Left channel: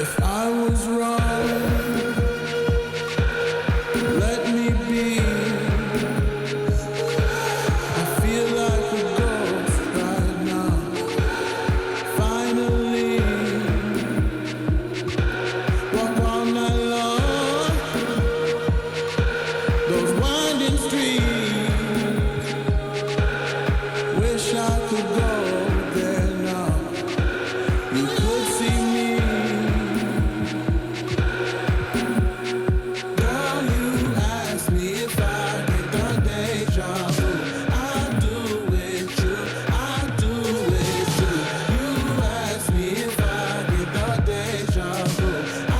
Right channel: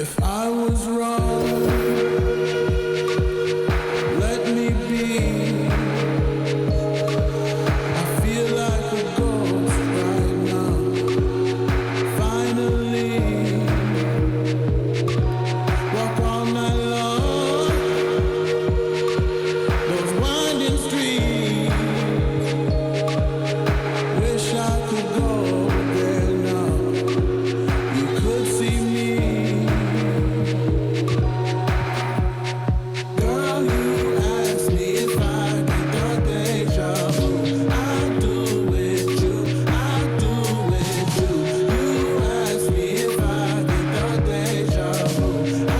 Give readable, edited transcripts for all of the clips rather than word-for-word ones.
If I was wrong, let me be. I feel like a ghost right now. Finally, walk all night long. Those winding streets. Wish I could go there now. You could see me. Girl, you asked me if I get the deja vu. I do with you, I do with you. You asked me if I get the deja vu. I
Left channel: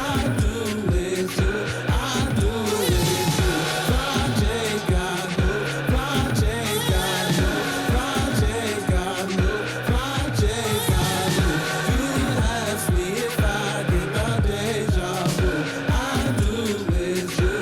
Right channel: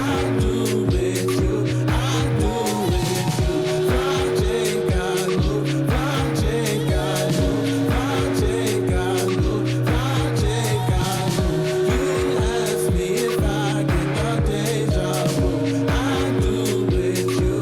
do with you, I do with you. Project I knew, project I knew, project I knew, project I knew. You asked me if I get the deja vu. I do with you.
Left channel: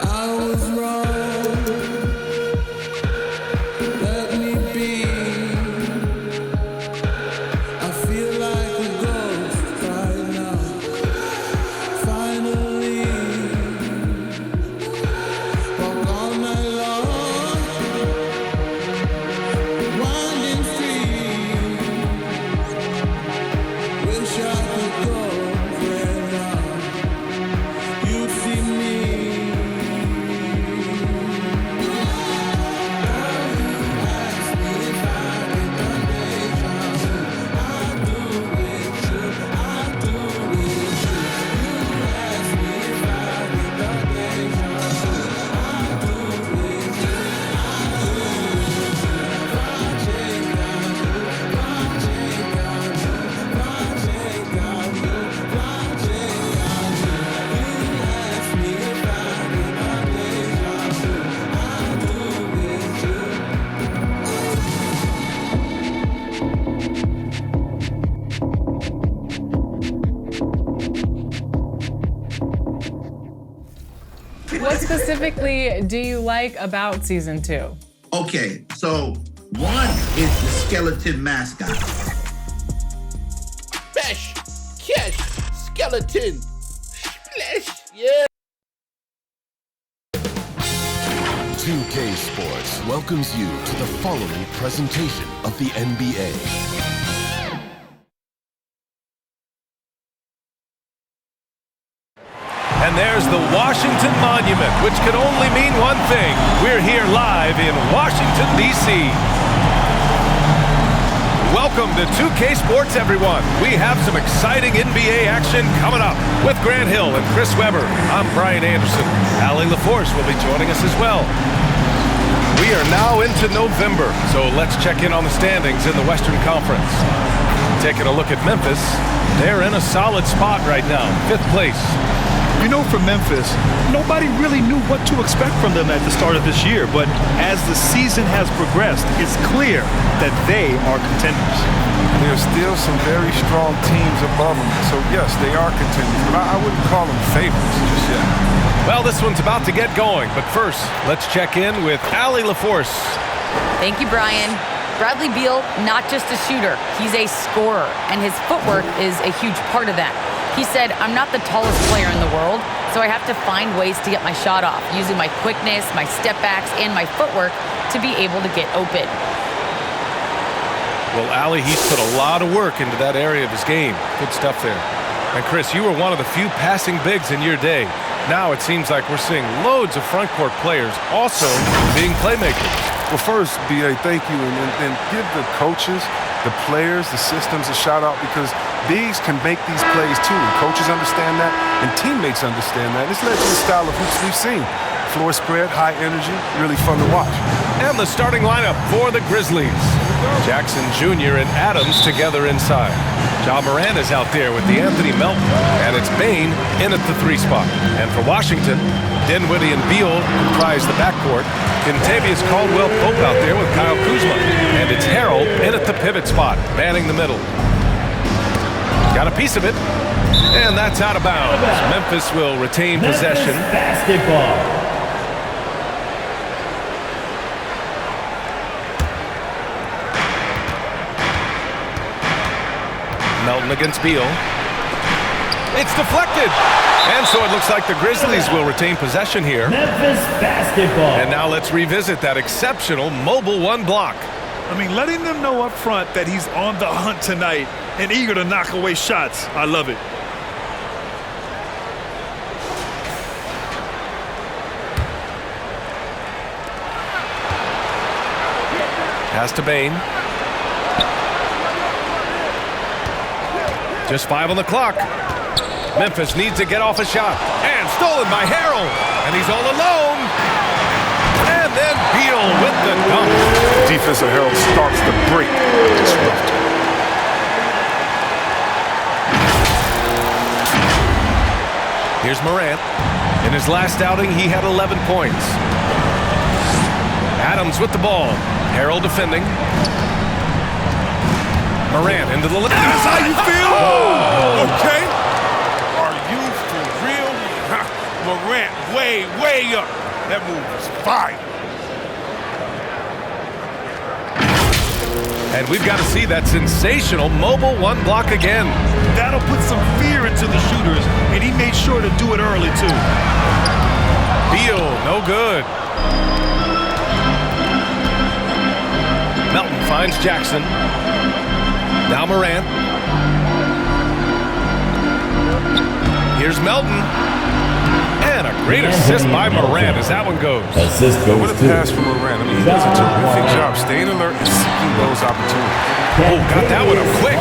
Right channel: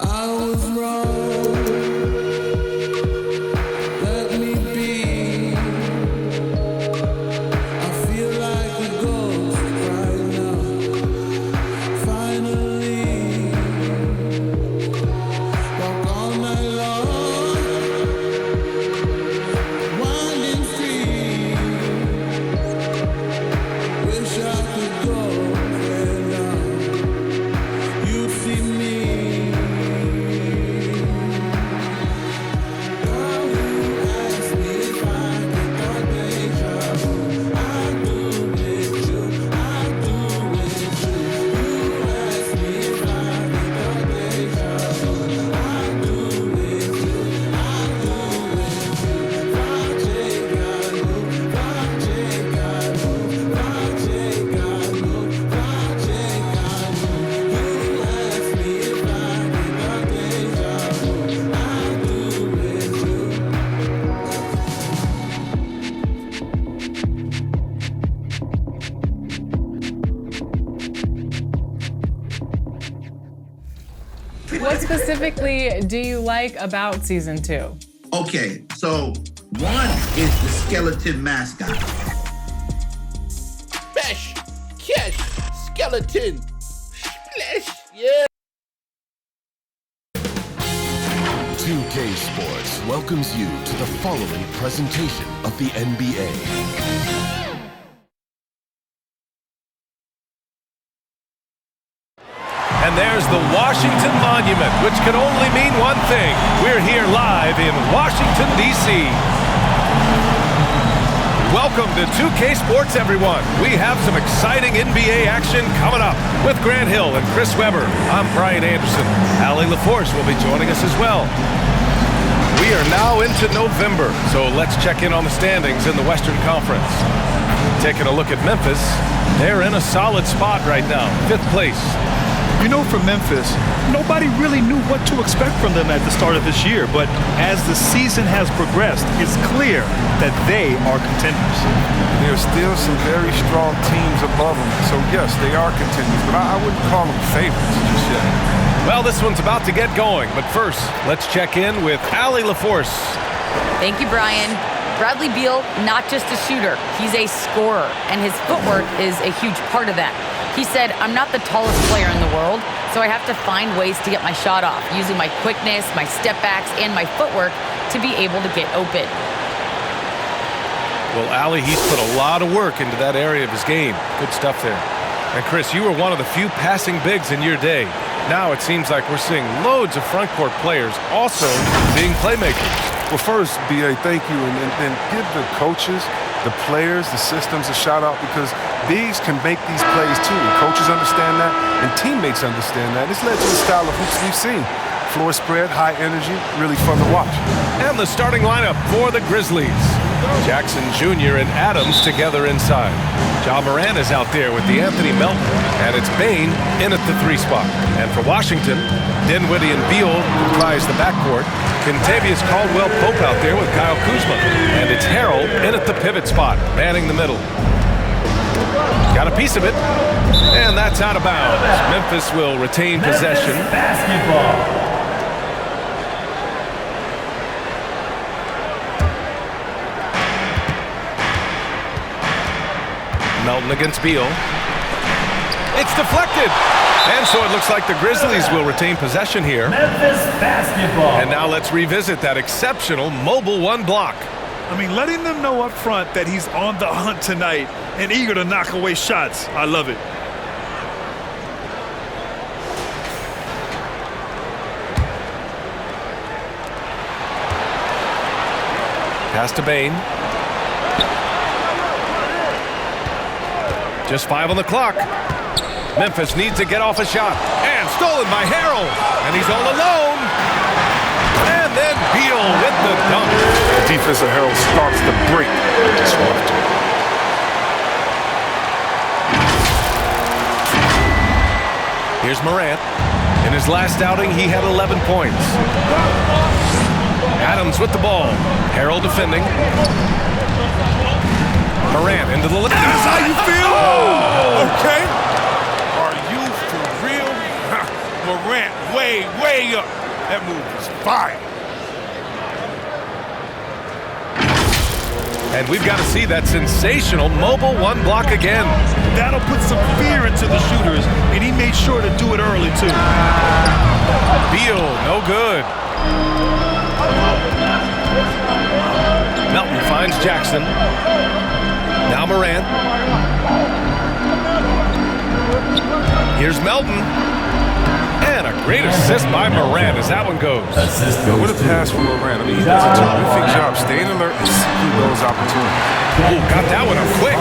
I was wrong. Let me be. I feel like a ghost right now. Finally, walk all night long. Winding streets. Wish I could go there now. You'd see me. Girl, you asked me if I get the deja vu. I do with you, I do with you. You asked me if I get the deja vu. I do with you, I do with you. Project I knew, project I knew, project I knew, project I knew. You asked me if I get the deja vu. I do with you. What specifically do you like about season 2? Okay, so one is the skeleton mascot. Bash, cash, skeleton, splash, yeah. 2K Sports welcomes you to the following presentation of the NBA. And there's the Washington Monument, which can only mean one thing. We're here live in Washington, D.C. Welcome to 2K Sports, everyone. We have some exciting NBA action coming up. With Grant Hill and Chris Webber, I'm Brian Anderson. Allie LaForce will be joining us as well. We are now into November, so let's check in on the standings in the Western Conference. Taking a look at Memphis, they're in a solid spot right now, 5th place. You know, for Memphis, nobody really knew what to expect from them at the start of this year, but as the season has progressed, it's clear that they are contenders. There's still some very strong teams above them, so yes, they are contenders, but I wouldn't call them favorites just yet. Well, this one's about to get going, but first, let's check in with Allie LaForce. Thank you, Brian. Bradley Beal, not just a shooter, he's a scorer, and his footwork is a huge part of that. He said, I'm not the tallest player in the world, so I have to find ways to get my shot off, using my quickness, my step backs, and my footwork to be able to get open. Well, Allie, he's put a lot of work into that area of his game. Good stuff there. And Chris, you were one of the few passing bigs in your day. Now it seems like we're seeing loads of front court players also being playmakers. Well, first, B.A., thank you, and give the coaches, the players, the systems a shout-out, because bigs can make these plays too, and coaches understand that, and teammates understand that. It's led to the style of hoops we've seen. Floor spread, high energy, really fun to watch. And the starting lineup for the Grizzlies. Jackson Jr. and Adams together inside. Ja Morant is out there with Anthony Melton, and it's Bane in at the 3 spot. And for Washington, Dinwiddie and Beal comprise the backcourt. Kentavious Caldwell-Pope out there with Kyle Kuzma. And it's Harrell in at the pivot spot, manning the middle. Got a piece of it, and that's out of bounds. Memphis will retain possession. Basketball. Melton against Beal. It's deflected. And so it looks like the Grizzlies will retain possession here. Memphis basketball. And now let's revisit that exceptional mobile 1 block. I mean, letting them know up front that he's on the hunt tonight and eager to knock away shots. I love it. Pass to Bane. Just 5 on the clock. Memphis needs to get off a shot. And stolen by Harrell. And he's all alone. And then Beal with the dunk. The defensive Herald starts the break. Disruptor. Here's Morant. In his last outing, he had 11 points. Adams with the ball. Harrell defending. Morant into the... That's how you feel? Oh! Okay. Are you for real? Morant way up. That move was fire. And we've got to see that sensational mobile 1 block again. That'll put some fear into the shooters, and he made sure to do it early, too. Beal, no good. Melton finds Jackson. Now Morant. Here's Melton. And a great assist by Morant as that one goes. Assist goes What a pass from Morant. I mean, he does a terrific job staying alert and seeking those opportunities. Oh, got that one up quick.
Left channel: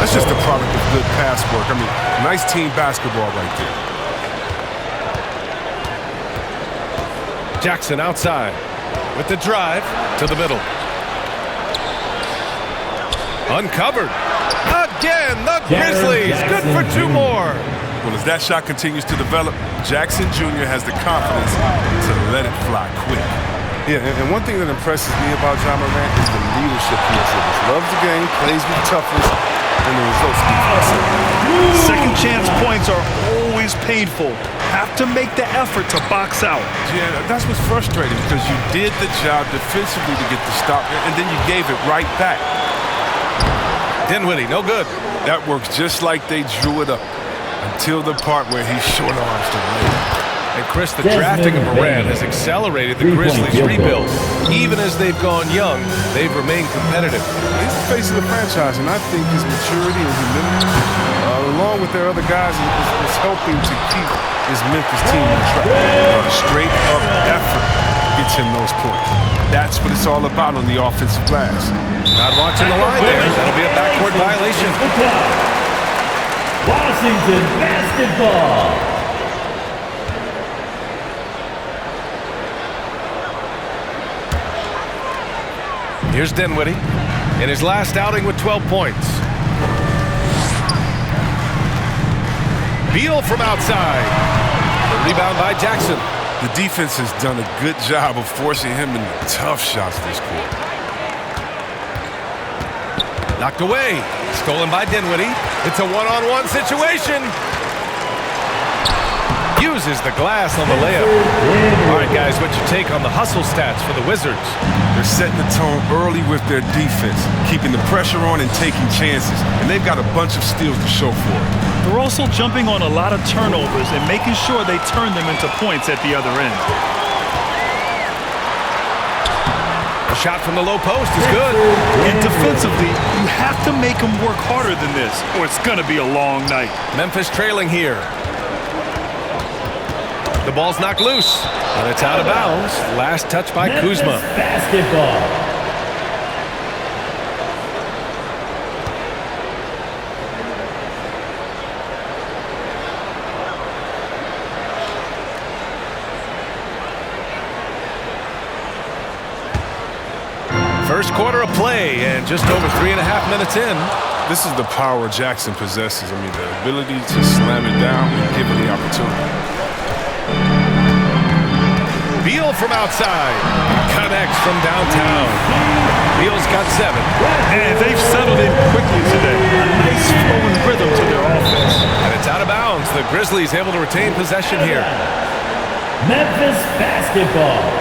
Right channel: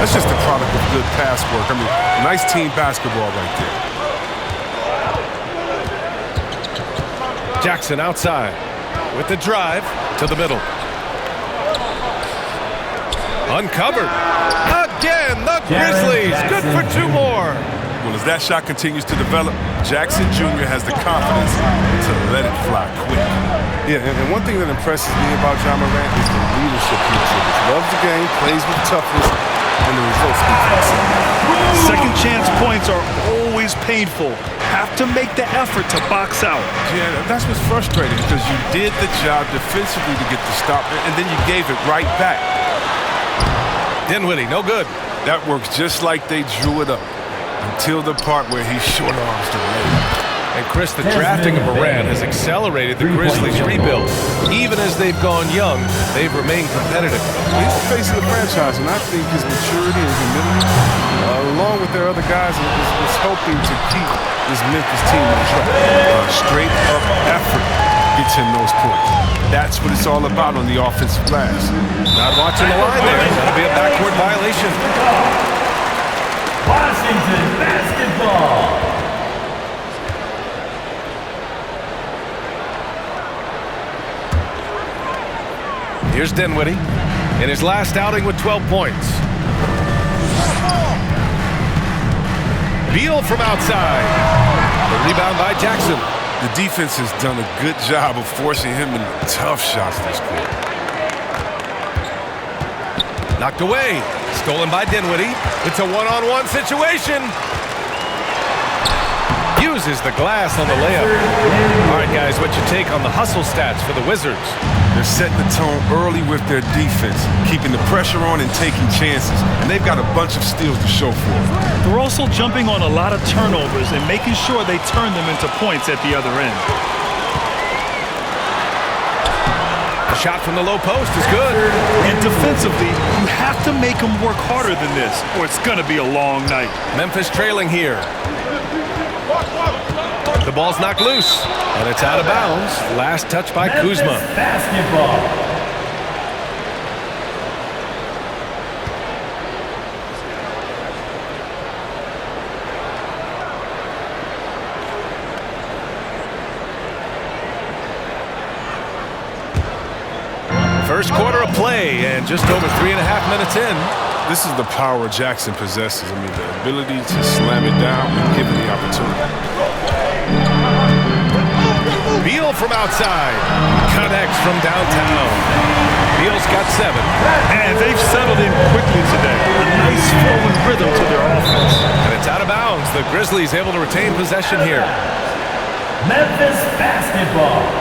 That's just the product of good pass work. I mean, nice team basketball right there. Jackson outside with the drive to the middle. Uncovered. Again, the Grizzlies. Good for 2 more. Well, as that shot continues to develop, Jackson Jr. has the confidence to let it fly quick. Yeah, and one thing that impresses me about Ja Morant is the leadership he exhibits. Loves the game, plays with toughness, and the results speak for themselves. Second chance points are always painful. Have to make the effort to box out. Yeah, that's what's frustrating because you did the job defensively to get the stop, and then you gave it right back. Dinwiddie, no good. That works just like they drew it up until the part where he short arms the layup. And Chris, the drafting of Morant has accelerated the Grizzlies' rebuild. Even as they've gone young, they've remained competitive. He's the face of the franchise, and I think his maturity and humility, along with their other guys, is helping to keep this Memphis team on track. Straight up effort gets him those points. That's what it's all about on the offensive glass. Not watching the line there. That'll be a backcourt violation. Washington basketball. Here's Dinwiddie in his last outing with 12 points. Beal from outside. The rebound by Jackson. The defense has done a good job of forcing him into tough shots this quarter. Knocked away. Stolen by Dinwiddie. It's a one-on-one situation. Uses the glass on the layup. All right, guys, what's your take on the hustle stats for the Wizards? They're setting the tone early with their defense, keeping the pressure on and taking chances. And they've got a bunch of steals to show for it. They're also jumping on a lot of turnovers and making sure they turn them into points at the other end. A shot from the low post is good. And defensively, you have to make them work harder than this, or it's going to be a long night. Memphis trailing here. The ball's knocked loose, and it's out of bounds. Last touch by Kuzma. Basketball. First quarter of play and just over 3.5 minutes in. This is the power Jackson possesses. I mean, the ability to slam it down when given the opportunity. Beal from outside. Connects from downtown. Beal's got 7. And they've settled in quickly today. A nice flowing rhythm to their offense. And it's out of bounds. The Grizzlies able to retain possession here. Memphis basketball.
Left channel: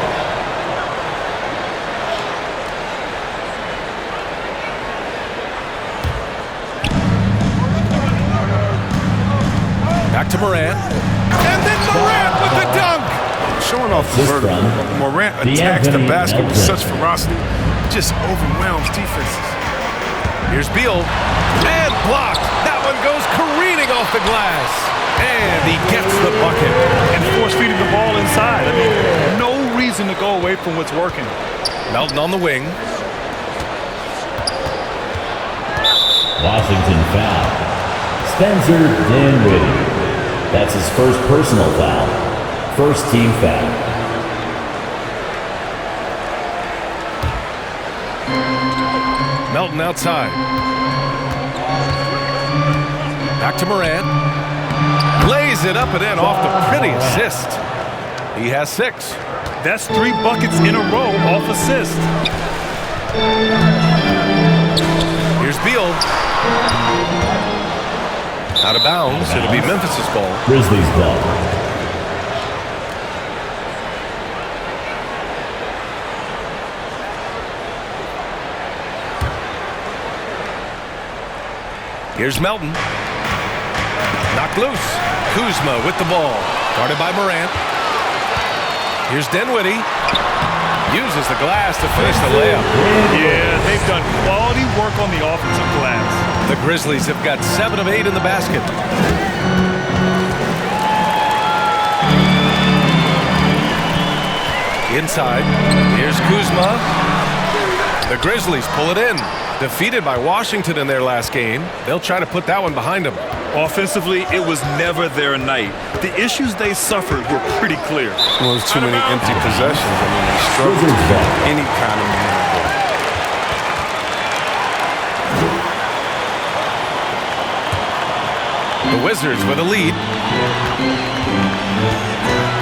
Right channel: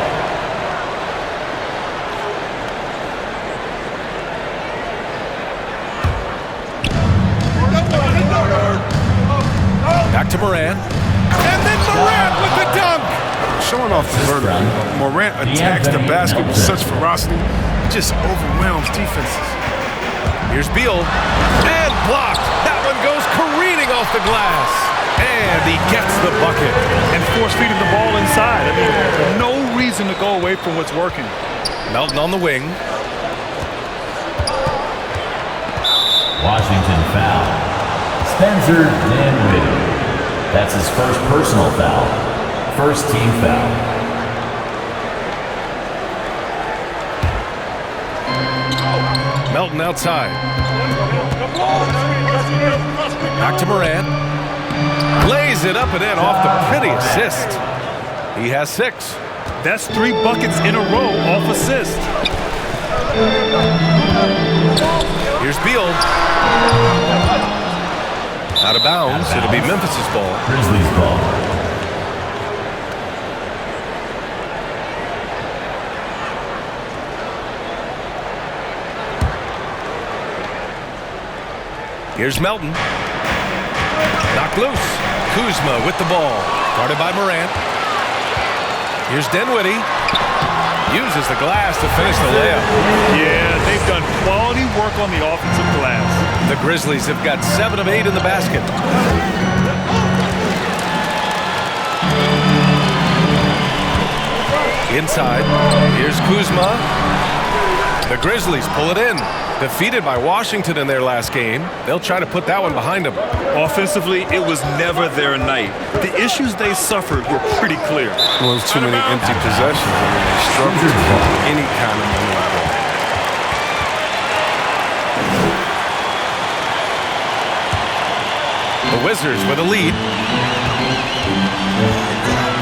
Back to Morant. And then Morant with the dunk. Showing off the vertical. Morant attacks the basket with such ferocity. Just overwhelms defenses. Here's Beal. And blocked. That one goes careening off the glass. And he gets the bucket. And force-feeding the ball inside. I mean, no reason to go away from what's working. Melton on the wing. Washington foul. Spencer Dinwiddie. That's his first personal foul. First team foul. Melton outside. Back to Morant. Lays it up and in off the pretty assist. He has 6. That's 3 buckets in a row off assist. Here's Beal. Out of bounds. It'll be Memphis's ball. Grizzlies ball. Here's Melton. Knocked loose. Kuzma with the ball. Guarded by Morant. Here's Dinwiddie. Uses the glass to finish the layup. Yeah, they've done quality work on the offensive glass. The Grizzlies have got 7 of 8 in the basket. Inside. Here's Kuzma. The Grizzlies pull it in. Defeated by Washington in their last game. They'll try to put that one behind them. Offensively, it was never their night. The issues they suffered were pretty clear. Well, there's too many empty possessions. I mean, they struggle to keep any kind of momentum going. The Wizards with a lead.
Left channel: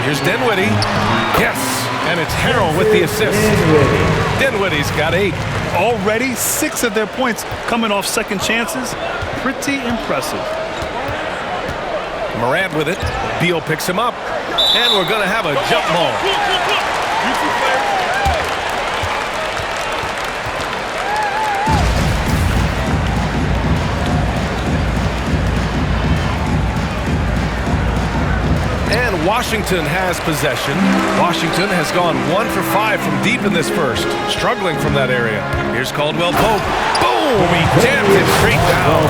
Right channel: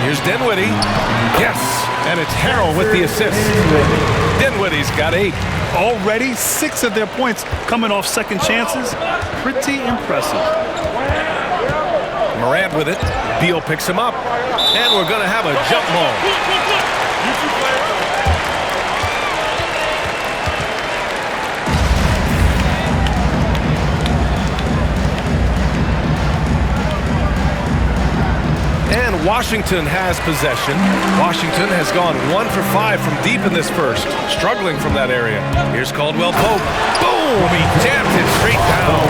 Here's Dinwiddie. Yes, and it's Harrell with the assist. Dinwiddie's got 8. Already 6 of their points coming off second chances. Pretty impressive. Morant with it. Beal picks him up. And we're going to have a jump ball. And Washington has possession. Washington has gone 1 for 5 from deep in this first, struggling from that area. Here's Caldwell Pope. Boom! He jammed it straight down.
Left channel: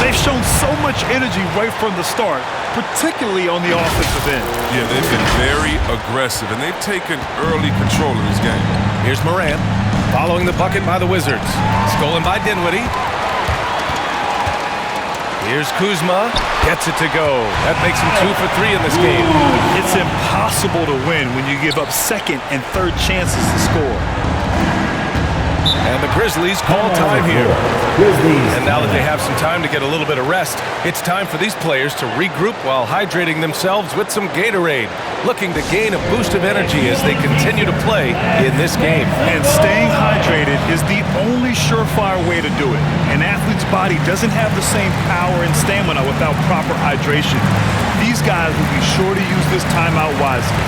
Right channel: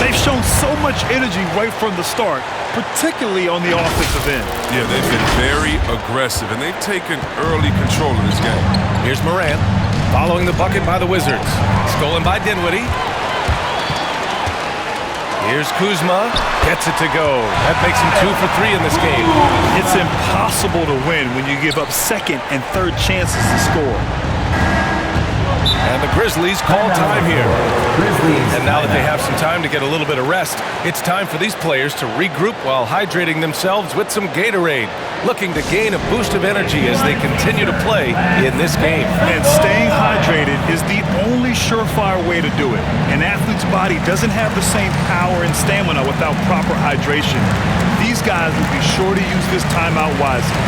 They've shown so much energy right from the start, particularly on the offensive end. Yeah, they've been very aggressive, and they've taken early control of this game. Here's Morant, following the bucket by the Wizards. Stolen by Dinwiddie. Here's Kuzma, gets it to go. That makes him 2 for 3 in this game. It's impossible to win when you give up second and third chances to score. And the Grizzlies call time here. Grizzlies. And now that they have some time to get a little bit of rest, it's time for these players to regroup while hydrating themselves with some Gatorade, looking to gain a boost of energy as they continue to play in this game. And staying hydrated is the only surefire way to do it. An athlete's body doesn't have the same power and stamina without proper hydration. These guys will be sure to use this timeout wisely.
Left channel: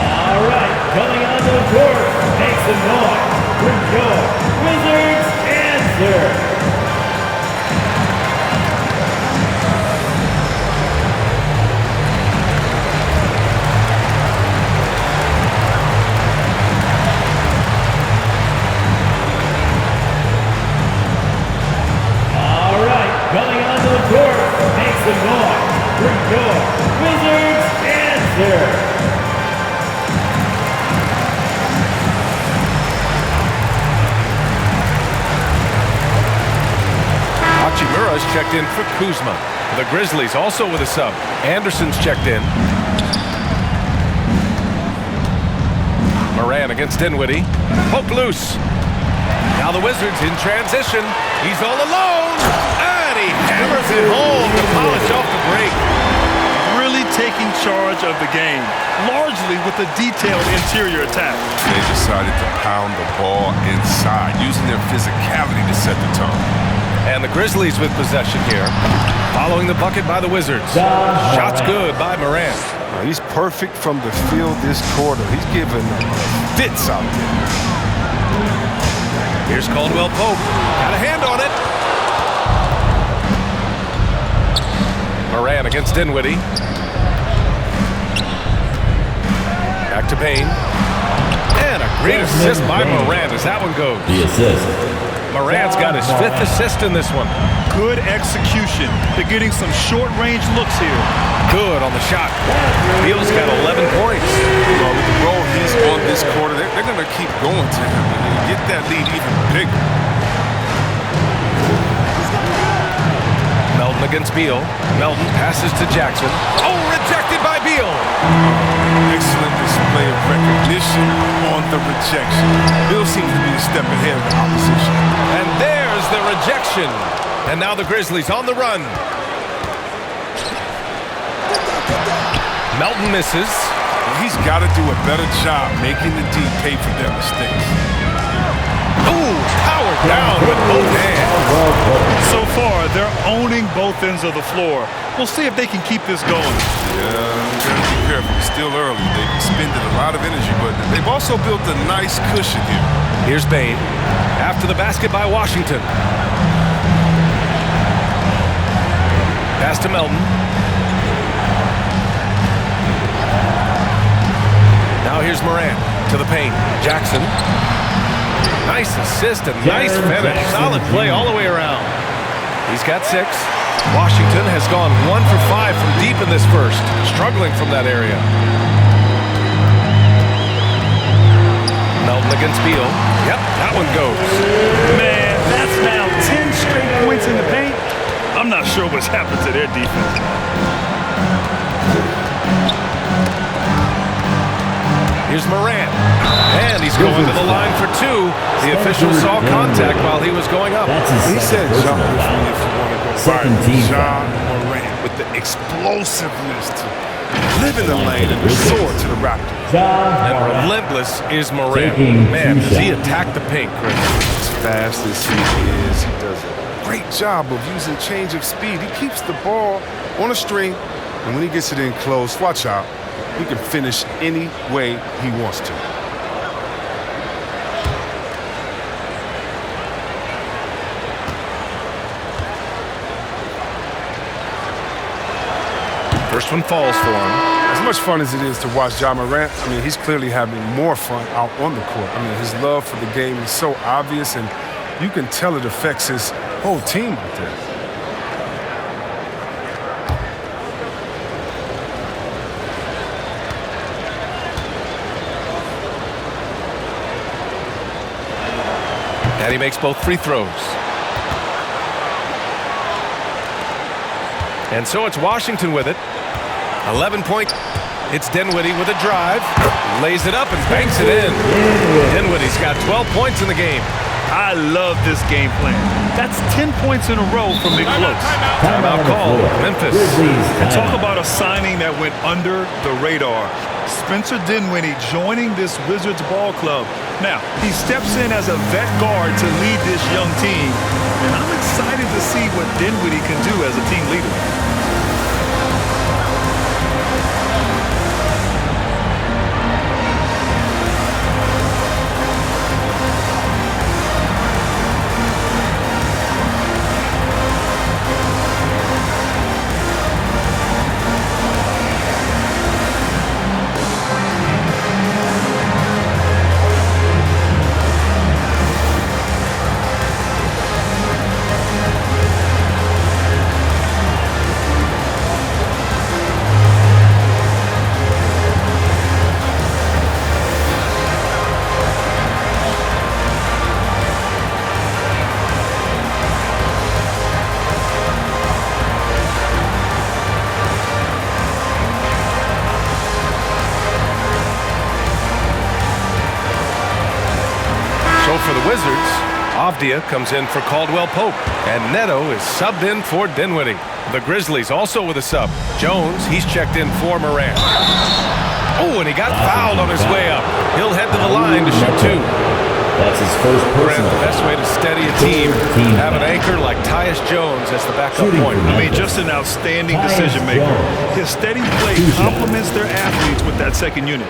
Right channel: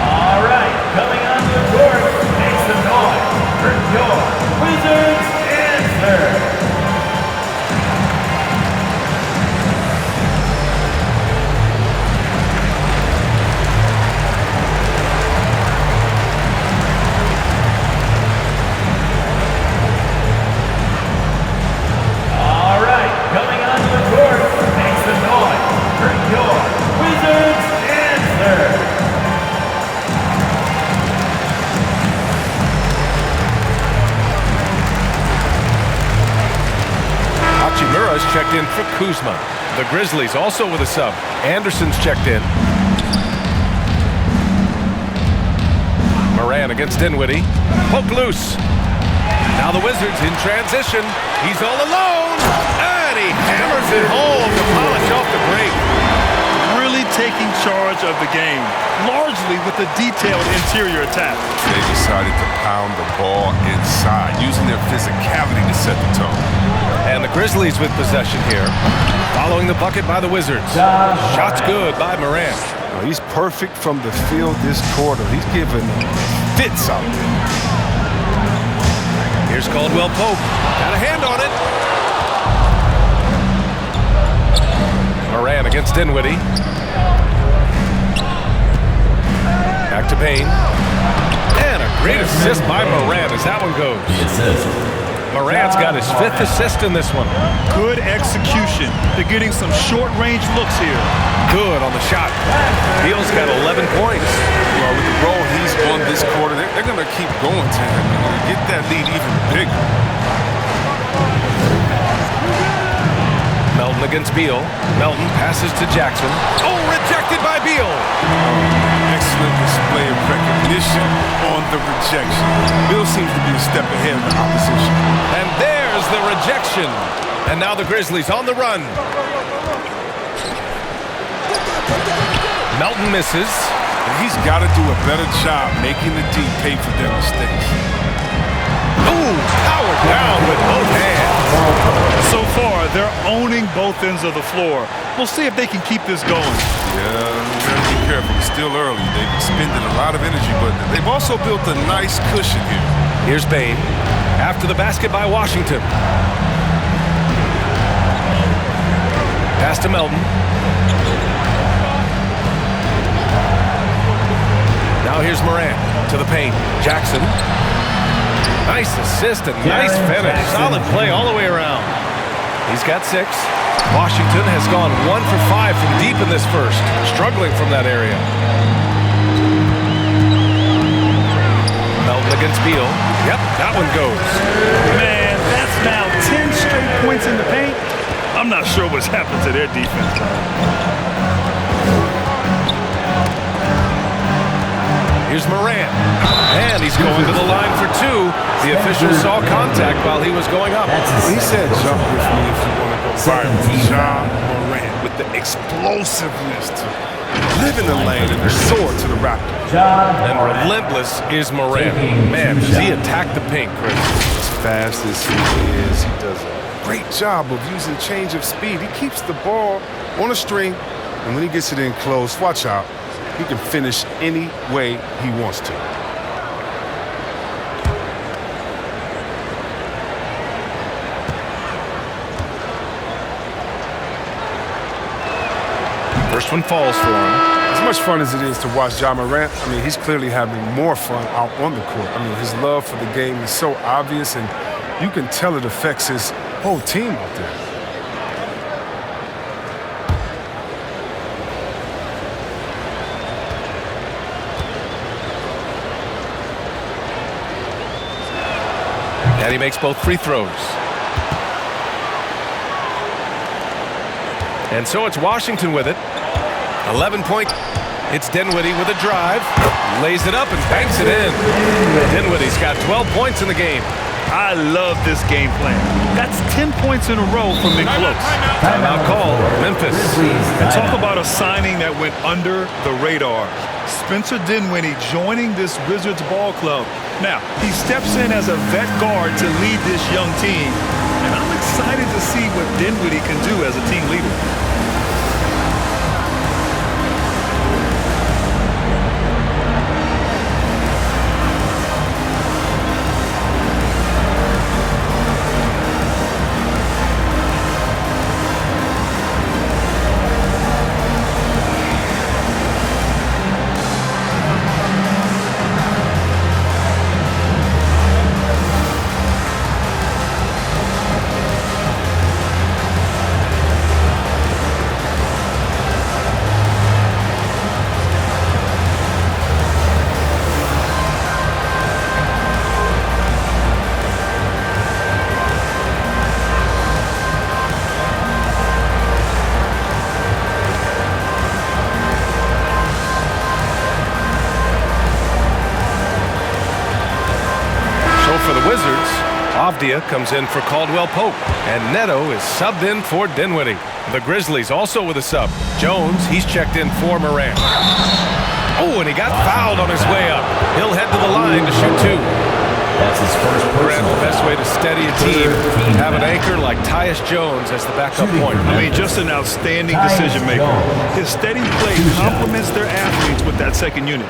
All right, coming onto the court, make some noise for your Wizards answer. All right, coming onto the court, make some noise for your Wizards answer. Hachimura's checked in for Kuzma. The Grizzlies also with a sub. Anderson's checked in. Morant against Dinwiddie. Poke loose. Now the Wizards in transition. He's all alone. And he hammers it home to polish off the break. Really taking charge of the game, largely with a detailed interior attack. They decided to pound the ball inside, using their physicality to set the tone. And the Grizzlies with possession here. Following the bucket by the Wizards. Shots good by Morant. He's perfect from the field this quarter. He's giving them the fits out there. Here's Caldwell Pope. Got a hand on it. Morant against Dinwiddie. Back to Payne. And a great assist by Morant as that one goes. The assist. Morant's got his 5th assist in this one. Good execution. They're getting some short-range looks here. Good on the shot. Beal's got 11 points. Well, with the role he's on this quarter, they're going to keep going to him and get that lead even bigger. Melton against Beal. Melton passes to Jackson. Oh, rejected by Beal. Excellent display of recognition on the rejection. Beal seems to be a step ahead of the opposition. And there's the rejection. And now the Grizzlies on the run. Melton misses. He's got to do a better job making the D pay for their mistakes. Ooh, powered down with both hands. So far, they're owning both ends of the floor. We'll see if they can keep this going. Yeah, gotta be careful. It's still early. They've expended a lot of energy, but they've also built a nice cushion here. Here's Payne. After the basket by Washington. Pass to Melton. Now here's Morant to the paint. Jackson. Nice assist and nice finish. Solid play all the way around. He's got 6. Washington has gone 1 for 5 from deep in this first. Struggling from that area. Melton against Beal. Yep, that one goes. Man, that's now 10 straight points in the paint. I'm not sure what's happened to their defense, man. Here's Morant. And he's going to the line for 2. The official saw contact while he was going up. He said jump with me if you want to go viral. John Morant with the explosiveness to live in the lane and the sword to the Raptors. And relentless is Morant. Man, does he attack the paint, Chris. As fast as he is, he does a great job of using change of speed. He keeps the ball on a string, and when he gets it in close, watch out. He can finish any way he wants to. First one falls for him. As much fun as it is to watch Ja Morant, I mean, he's clearly having more fun out on the court. I mean, his love for the game is so obvious, and you can tell it affects his whole team out there. And he makes both free throws. And so it's Washington with it. 11-point. It's Dinwiddie with a drive. Lays it up and banks it in. Dinwiddie's got 12 points in the game. I love this game plan. That's 10 points in a row from close. Timeout called. Memphis. And talk about a signing that went under the radar. Spencer Dinwiddie joining this Wizards ball club. Now, he steps in as a vet guard to lead this young team. And I'm excited to see what Dinwiddie can do as a team leader. Avdia comes in for Caldwell Pope, and Neto is subbed in for Dinwiddie. The Grizzlies also with a sub. Jones, he's checked in for Morant. Oh, and he got fouled on his way up. He'll head to the line to shoot 2. That's his first personal. The best way to steady a team, have an anchor like Tyus Jones as the backup point. I mean, just an outstanding decision maker. His steady play complements their athletes with that second unit.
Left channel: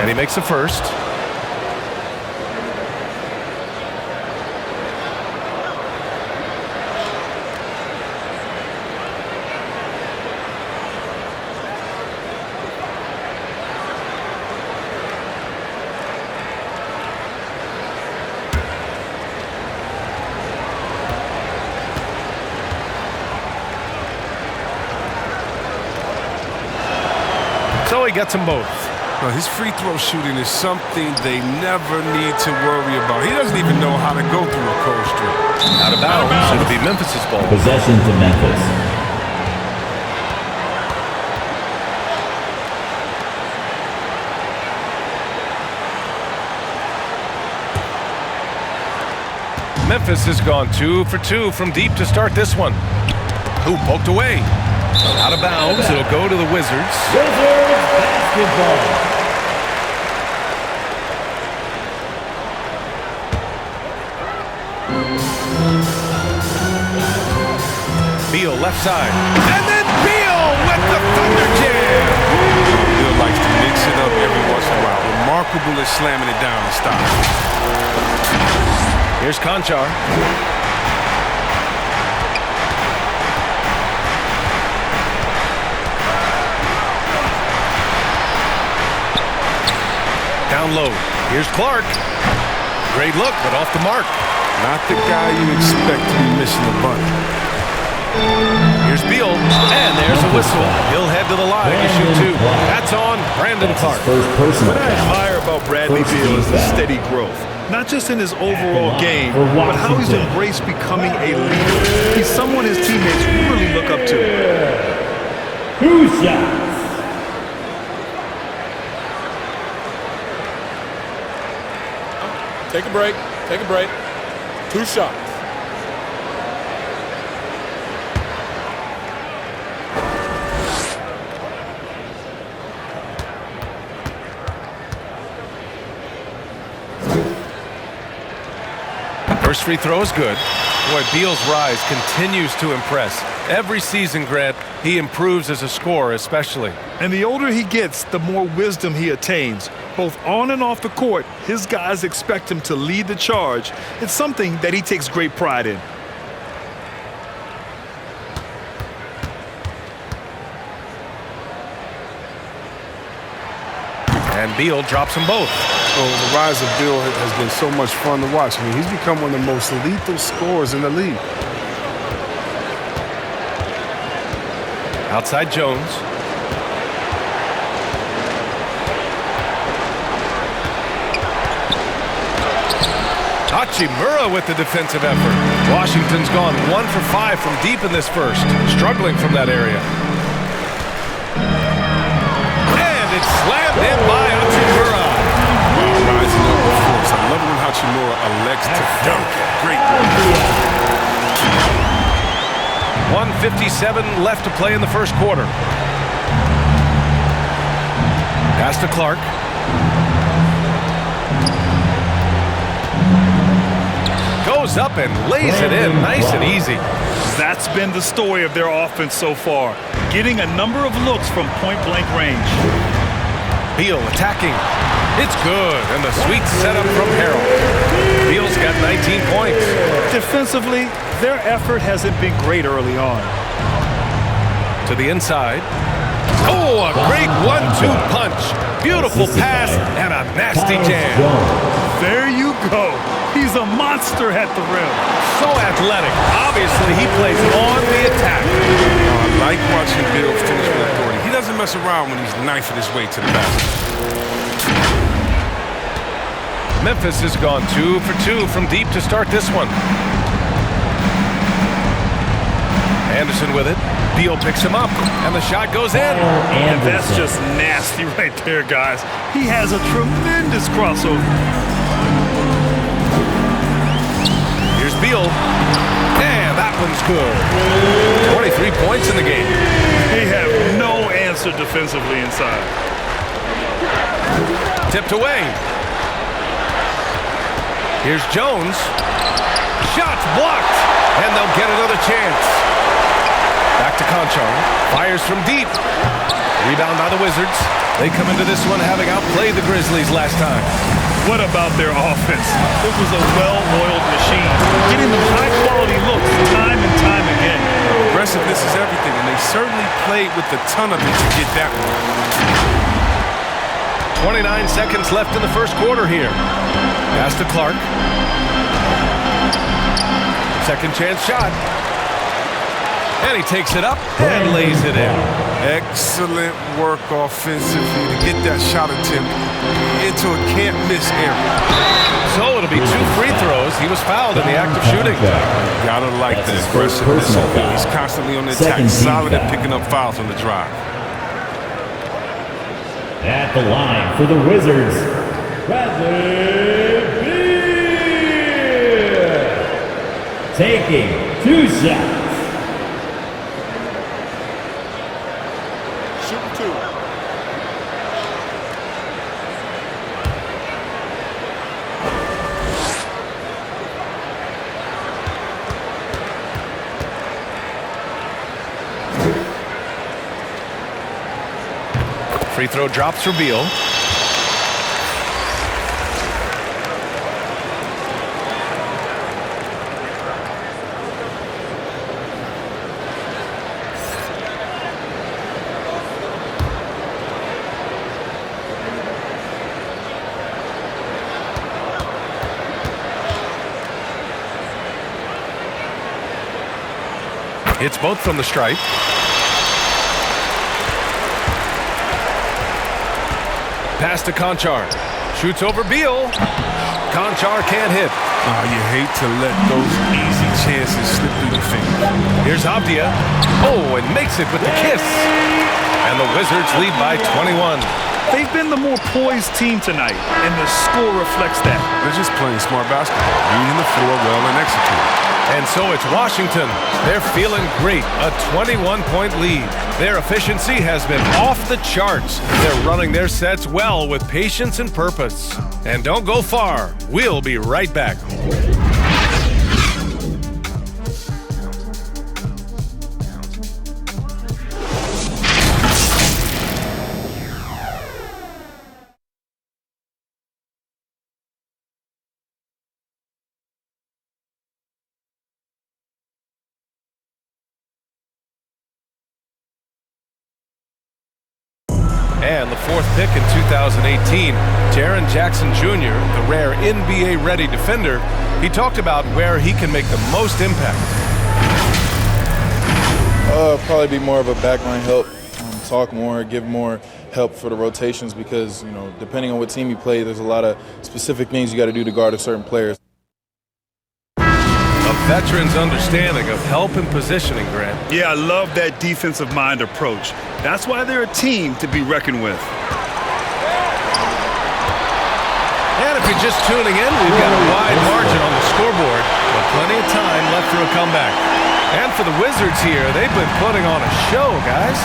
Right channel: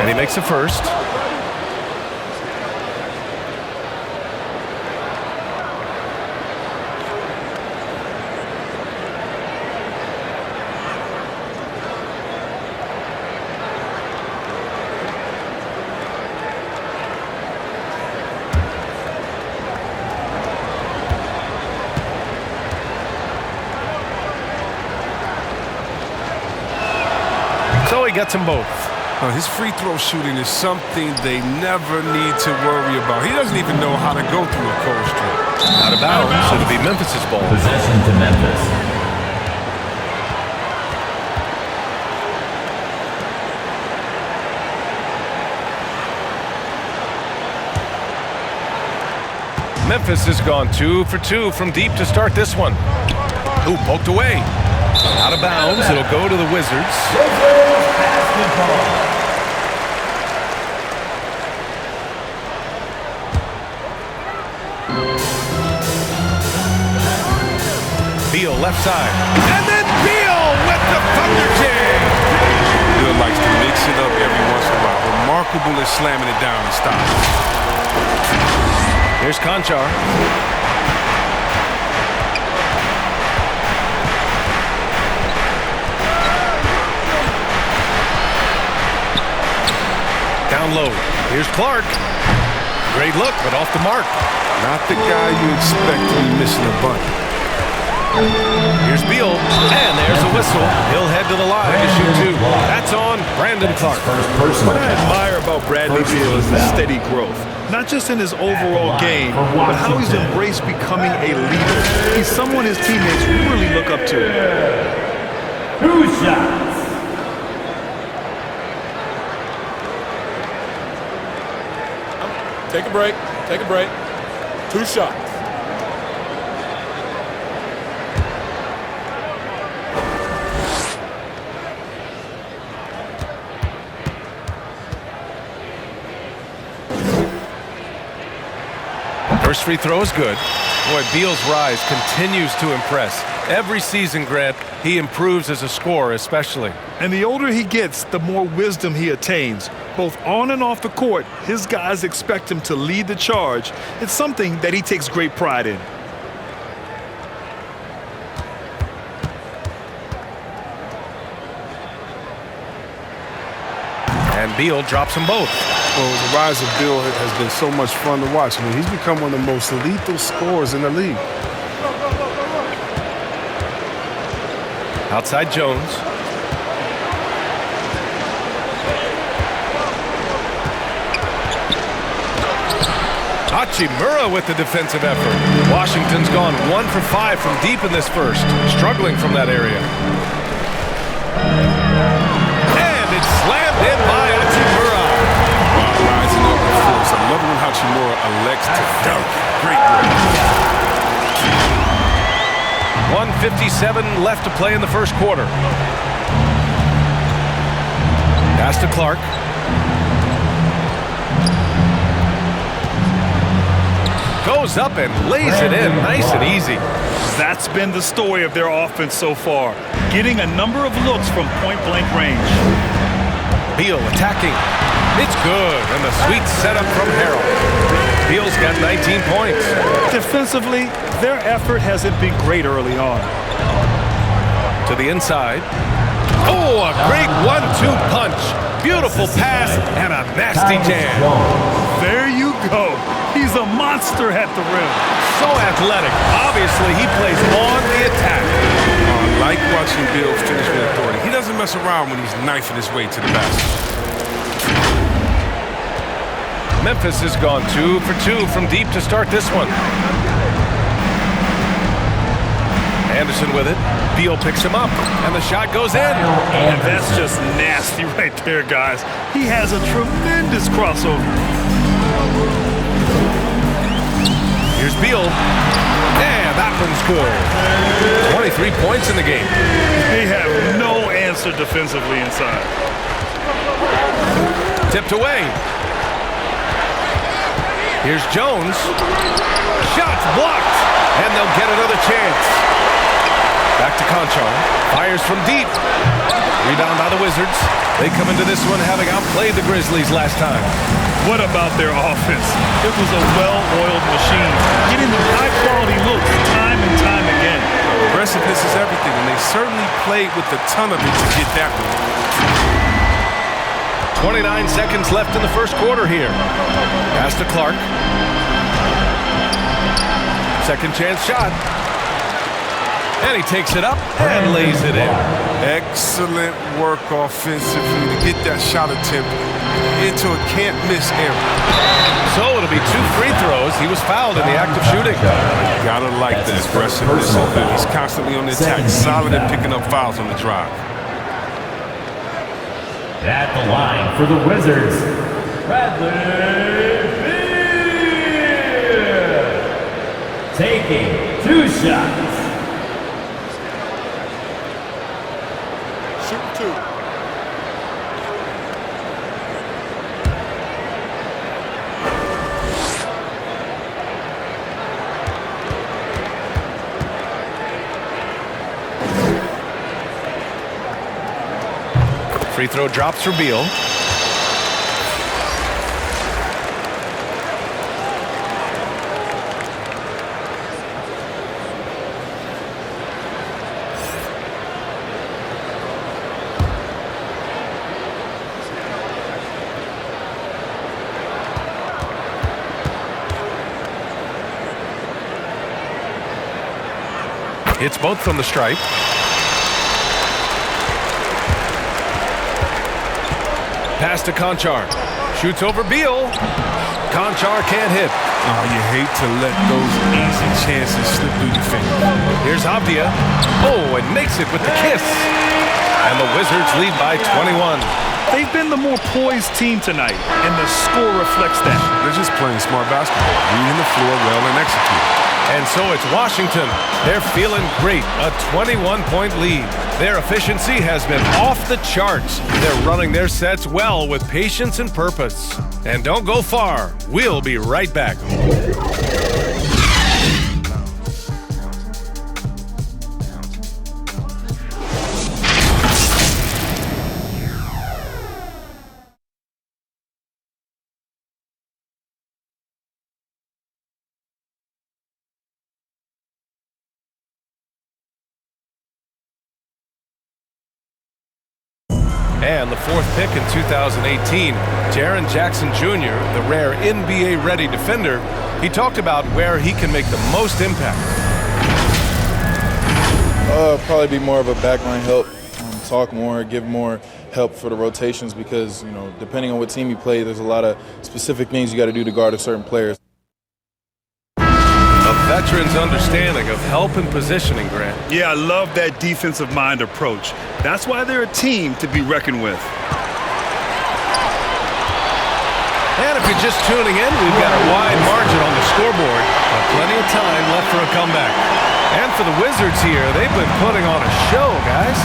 And he makes the first. So he gets them both. His free throw shooting is something they never need to worry about. He doesn't even know how to go through a cold streak. Out of bounds, it'll be Memphis' ball. Possession to Memphis. Memphis has gone 2 for 2 from deep to start this one. Who poked away? Out of bounds, it'll go to the Wizards. Wizards basketball. Beal left side. And then Beal with the Thunder Jam. Beal likes to mix it up every once in a while. Remarkable at slamming it down and stopping. Here's Conchar. Down low. Here's Clark. Great look, but off the mark. Not the guy you expect to be missing a bunny. Here's Beal, and there's a whistle. He'll head to the line to shoot 2. That's on Brandon Clark. What I admire about Bradley Beal is the steady growth. Not just in his overall game, but how he's embraced becoming a leader. He's someone his teammates really look up to. 2 shots. Take a break. Take a break. 2 shots. First free throw is good. Boy, Beal's rise continues to impress. Every season, Grant, he improves as a scorer especially. And the older he gets, the more wisdom he attains. Both on and off the court, his guys expect him to lead the charge. It's something that he takes great pride in. And Beal drops them both. Oh, the rise of Beal has been so much fun to watch. I mean, he's become one of the most lethal scorers in the league. Outside Jones. Hachimura with the defensive effort. Washington's gone 1 for 5 from deep in this first, struggling from that area. And it's slammed in by Hachimura. Wow, rising up with force. I love it when Hachimura elects to dunk it. Great work. 1:57 left to play in the first quarter. Pass to Clark. Goes up and lays it in nice and easy. That's been the story of their offense so far, getting a number of looks from point-blank range. Beal attacking. It's good, and the sweet setup from Harold. Beal's got 19 points. Defensively, their effort hasn't been great early on. To the inside. Oh, a great 1-2 punch. Beautiful pass and a nasty jam. There you go. He's a monster at the rim. So athletic. Obviously, he plays on the attack. I like watching Bill finish with authority. He doesn't mess around when he's knifing his way to the basket. Memphis has gone 2 for 2 from deep to start this one. Anderson with it. Beal picks him up, and the shot goes in. And that's just nasty right there, guys. He has a tremendous crossover. Here's Beal. And that one's good. 23 points in the game. They have no answer defensively inside. Tipped away. Here's Jones. Shots blocked. And they'll get another chance. Back to Conchar. Fires from deep. Rebound by the Wizards. They come into this one having outplayed the Grizzlies last time. What about their offense? It was a well-oiled machine, getting them high-quality looks time and time again. Aggressiveness is everything, and they certainly played with a ton of it to get that one. 29 seconds left in the first quarter here. Pass to Clark. Second chance shot. And he takes it up and lays it in. Excellent work offensively to get that shot attempt into a can't-miss area. So it'll be 2 free throws. He was fouled in the act of shooting. You gotta like the aggressiveness of him. He's constantly on the attack, solid at picking up fouls on the drive. At the line for the Wizards, Bradley Beal. Taking 2 shots. Shooting 2. Free throw drops for Beal. Hits both from the stripe. Pass to Conchar. Shoots over Beal. Conchar can't hit. Oh, you hate to let those easy chances slip through your fingers. Here's Avdia. Oh, and makes it with the kiss. And the Wizards lead by 21. They've been the more poised team tonight, and the score reflects that. They're just playing smart basketball, reading the floor well and executing. And so it's Washington. They're feeling great. A 21-point lead. Their efficiency has been off the charts. They're running their sets well with patience and purpose. And don't go far. We'll be right back. And the 4th pick in 2018, Jaren Jackson Jr., the rare NBA-ready defender, he talked about where he can make the most impact. Probably be more of a backline help, talk more, give more help for the rotations because, you know, depending on what team you play, there's a lot of specific things you got to do to guard a certain player. A veteran's understanding of help and positioning, Grant. Yeah, I love that defensive mind approach. That's why they're a team to be reckoned with. And if you're just tuning in, we've got a wide margin on the scoreboard, but plenty of time left for a comeback. And for the Wizards here, they've been putting on a show, guys.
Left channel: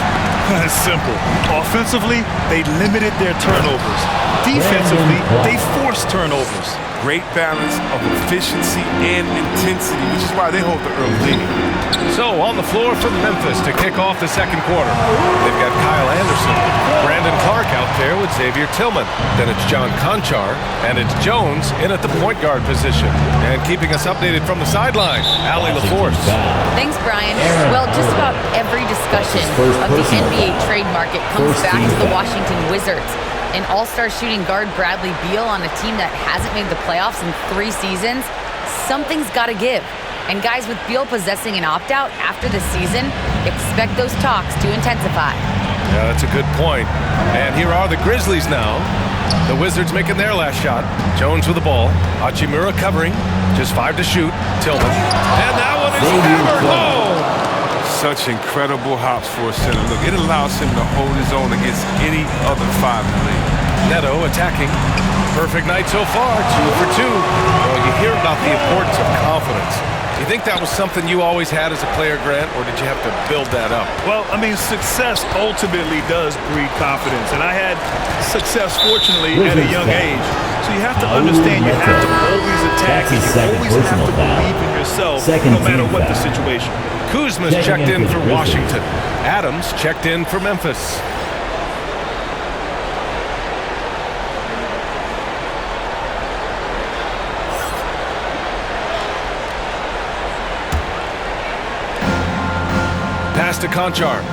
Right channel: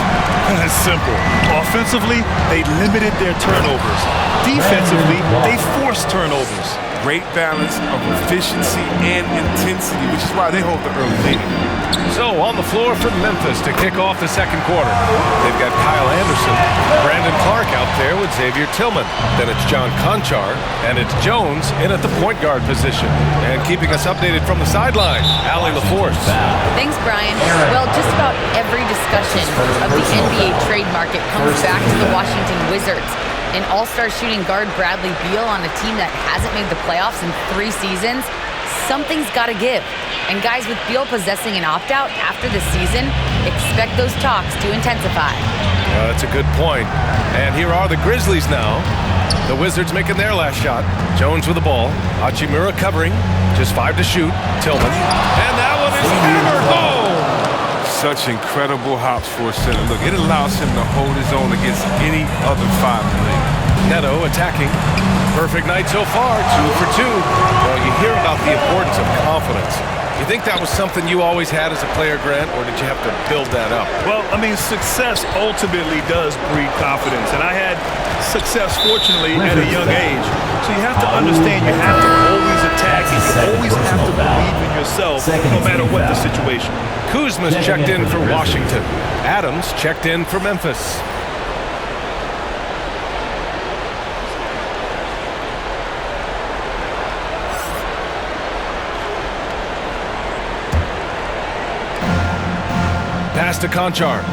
It's simple. Offensively, they limited their turnovers. Defensively, they forced turnovers. Great balance of efficiency and intensity, which is why they hold the early lead. So on the floor for Memphis to kick off the second quarter. They've got Kyle Anderson, Brandon Clark out there with Xavier Tillman. Then it's John Conchar, and it's Jones in at the point guard position. And keeping us updated from the sideline, Allie LaForce. Thanks, Brian. Well, just about every discussion of the NBA trade market comes back to the Washington Wizards. An all-star shooting guard Bradley Beal on a team that hasn't made the playoffs in 3 seasons. Something's got to give. And guys, with Beal possessing an opt-out after the season, expect those talks to intensify. Yeah, that's a good point. And here are the Grizzlies now. The Wizards making their last shot. Jones with the ball. Hachimura covering. Just 5 to shoot. Tillman. And that one is hammered home. Such incredible hops for a center. Look, it allows him to hold his own against any other 5 in the league. Neto attacking. Perfect night so far, 2 for 2. Well, you hear about the importance of confidence. You think that was something you always had as a player, Grant, or did you have to build that up? Well, I mean, success ultimately does breed confidence. And I had success, fortunately, at a young age. So you have to understand you have to always attack and you always have to believe in yourself no matter what the situation. Kuzma's checked in for Washington. Adams checked in for Memphis. Pass to Conchar.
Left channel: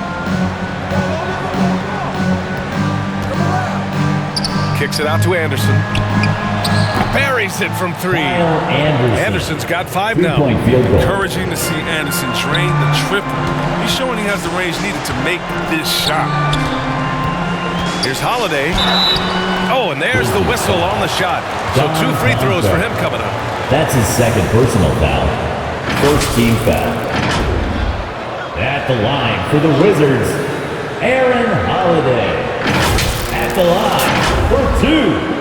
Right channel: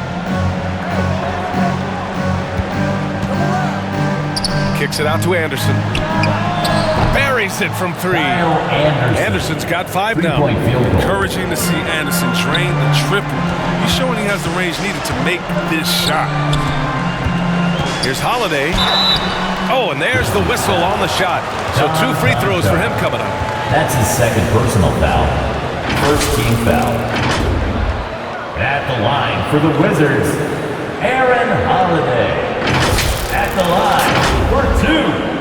Kicks it out to Anderson. Buries it from 3. Anderson's got 5 now. Encouraging to see Anderson drain the triple. He's showing he has the range needed to make this shot. Here's Holiday. Oh, and there's the whistle on the shot. So 2 free throws for him coming up. That's his second personal foul. First team foul. At the line for the Wizards, Aaron Holiday. At the line for 2.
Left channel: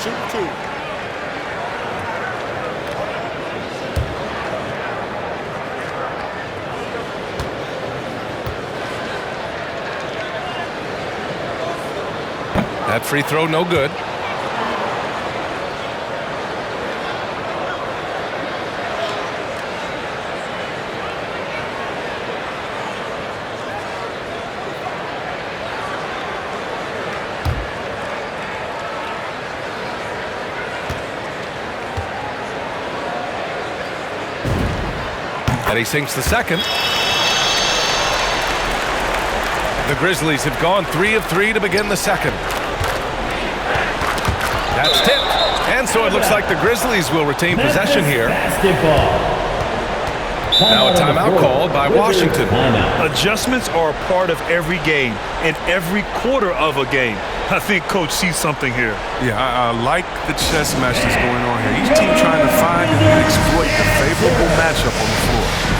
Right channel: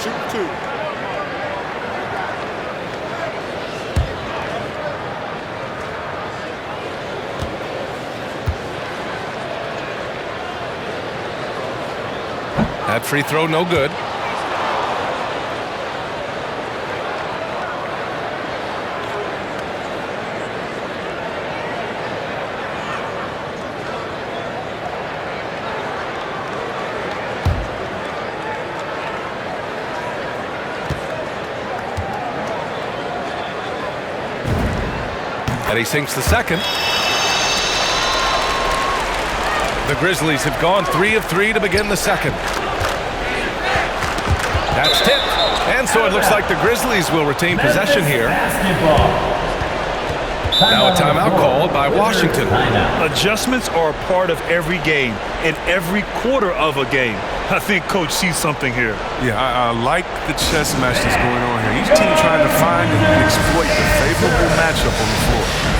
Shoot 2. That free throw, no good. And he sinks the second. The Grizzlies have gone 3 of 3 to begin the second. That's tipped. And so it looks like the Grizzlies will retain possession here. Now a timeout called by Washington. Adjustments are a part of every game and every quarter of a game. I think Coach sees something here. Yeah, I like the chess match that's going on here. Each team trying to find and exploit the favorable matchup on the floor.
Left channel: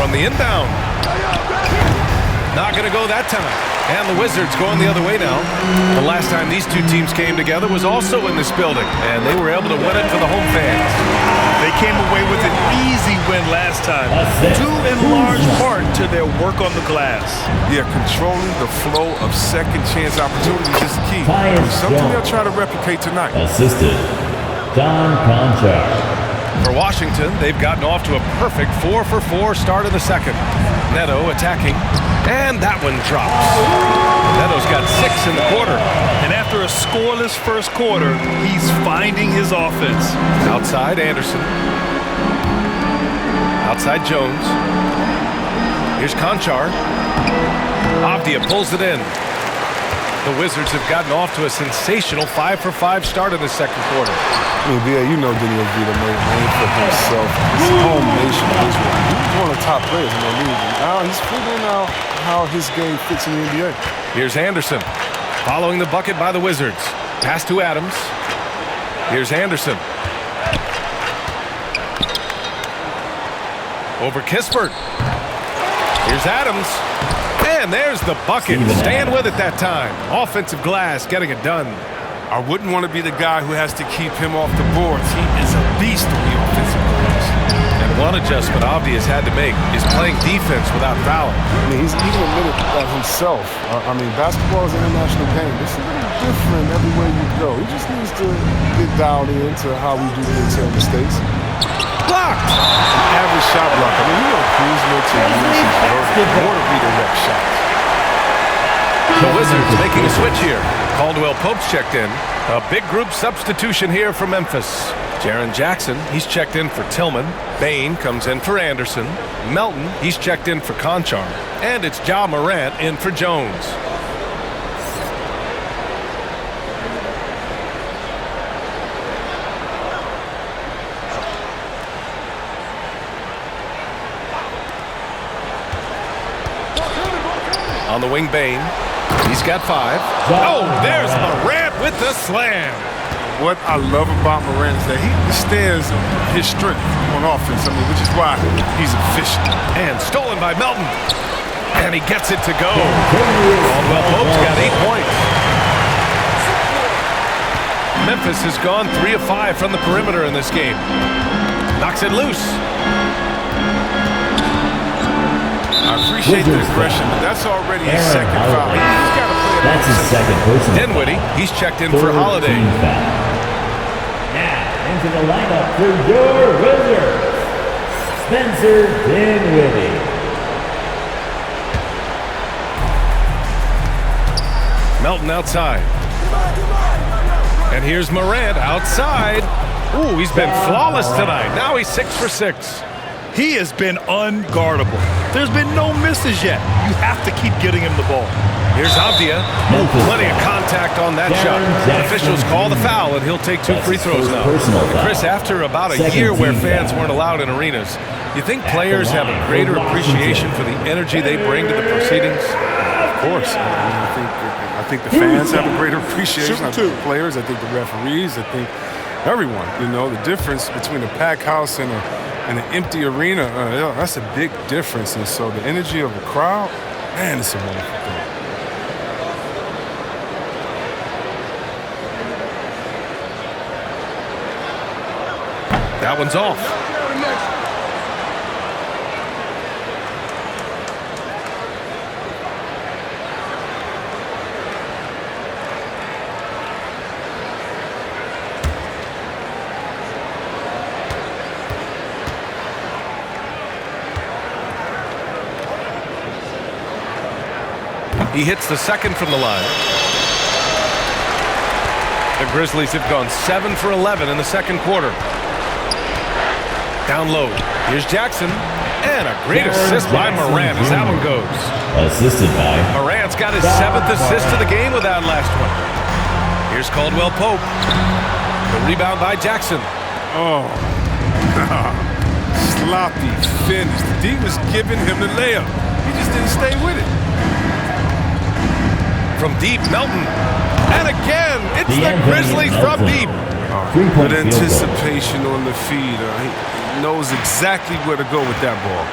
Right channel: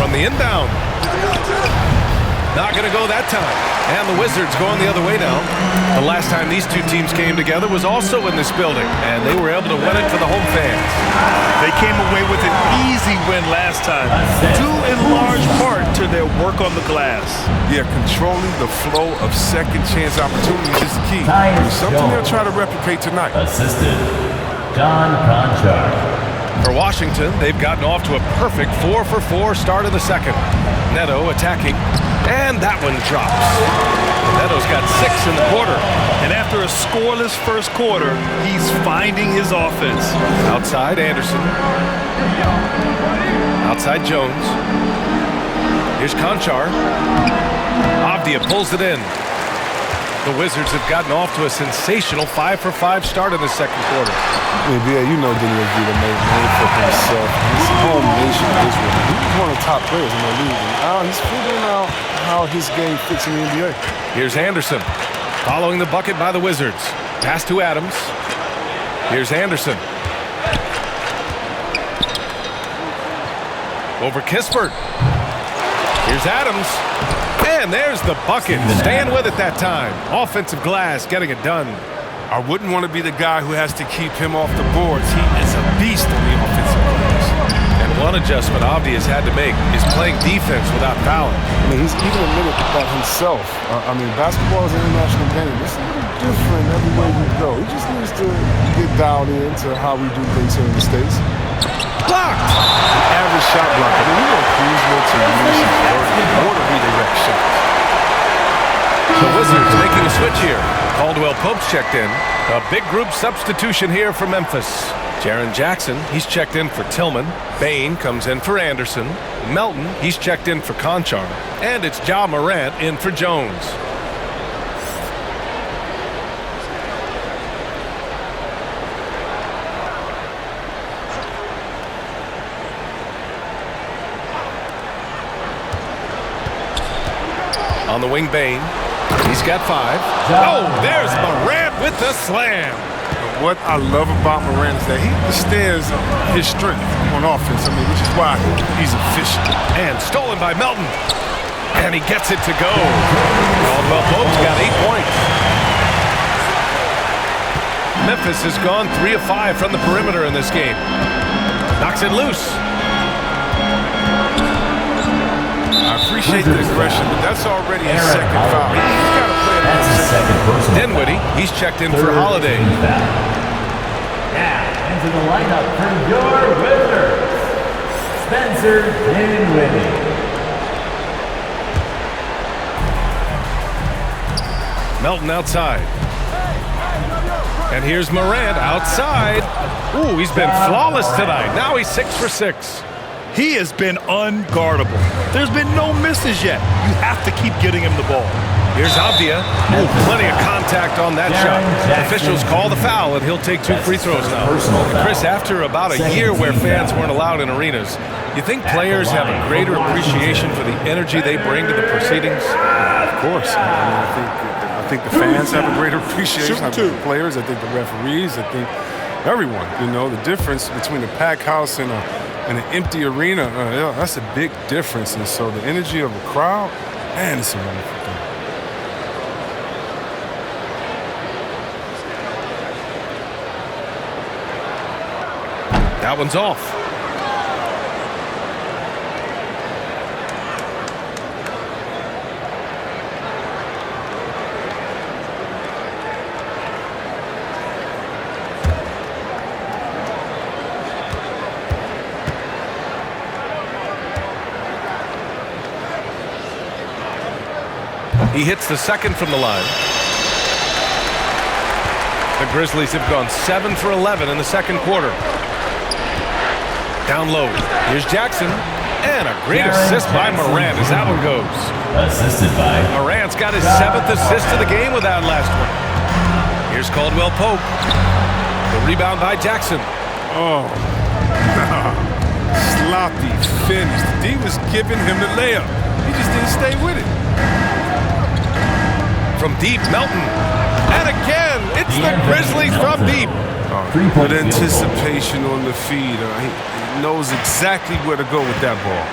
From the inbound. Not going to go that time. And the Wizards going the other way now. The last time these two teams came together was also in this building, and they were able to win it for the home fans. They came away with an easy win last time, due in large part to their work on the glass. Yeah, controlling the flow of second chance opportunities is the key. I mean, something they'll try to replicate tonight. Assisted, John Conchar. For Washington, they've gotten off to a perfect 4-for-4 start in the second. Neto attacking, and that one drops. Neto's got 6 in the quarter. And after a scoreless first quarter, he's finding his offense. Outside Anderson. Outside Jones. Here's Conchar. Avdia pulls it in. The Wizards have gotten off to a sensational 5-for-5 start in the second quarter. I mean, BA, you know Dinwiddie made a name for himself. His home nation of Israel. He was one of the top players in the league. And now he's figuring out how his game fits in the NBA. Here's Anderson. Following the bucket by the Wizards. Pass to Adams. Here's Anderson. Over Kispert. Here's Adams. And there's the bucket. Staying with it that time. Offensive glass getting it done. I wouldn't want to be the guy who has to keep him off the boards. He is a beast on the offensive glass. And one adjustment Avdia's had to make is playing defense without fouling. I mean, he's even admitted that himself. I mean, basketball is an international game. It's a little different everywhere you go. He just needs to get dialed into how we do things here in the States. Blocked! An average shot block. I mean, you want Kuzma to use his vertical more to redirect shots. The Wizards making a switch here. Caldwell Pope's checked in. A big group substitution here for Memphis. Jaren Jackson, he's checked in for Tillman. Bain comes in for Anderson. Melton, he's checked in for Conchar. And it's Ja Morant in for Jones. On the wing, Bain. He's got 5. Oh, there's Morant with the slam. What I love about Morant is that he understands his strength on offense. I mean, which is why he's efficient. And stolen by Melton. And he gets it to go. Caldwell Pope's got 8 points. Memphis has gone 3 of 5 from the perimeter in this game. Knocks it loose. I appreciate the aggression, but that's already his second foul. He's got to play it That's his second personal. Dinwiddie, he's checked in for Holiday. Now, into the lineup for your Wizards, Spencer Dinwiddie. Melton outside. And here's Morant outside. Ooh, he's been flawless tonight. Now he's 6 for 6. He has been unguardable. There's been no misses yet. You have to keep getting him the ball. Here's Avdia. Oh, plenty of contact on that shot. Officials call the foul, and he'll take 2 free throws now. And Chris, after about a year where fans weren't allowed in arenas, you think players have a greater appreciation for the energy they bring to the proceedings? Of course. I think the fans have a greater appreciation. I think the players, I think the referees, I think everyone. You know, the difference between a packed house and an empty arena, that's a big difference. And so the energy of a crowd, man, it's a wonderful thing. That one's off. He hits the second from the line. The Grizzlies have gone 7 for 11 in the second quarter. Down low. Here's Jackson. And a great assist by Morant as that one goes. Assisted by Morant's got his 7th assist of the game with that last one. Here's Caldwell Pope. The rebound by Jackson. Oh, sloppy finish. The D was giving him the layup. He just didn't stay with it. From deep, Melton. And again, it's the Grizzlies from deep. Good anticipation on the feed. He knows exactly where to go with that ball.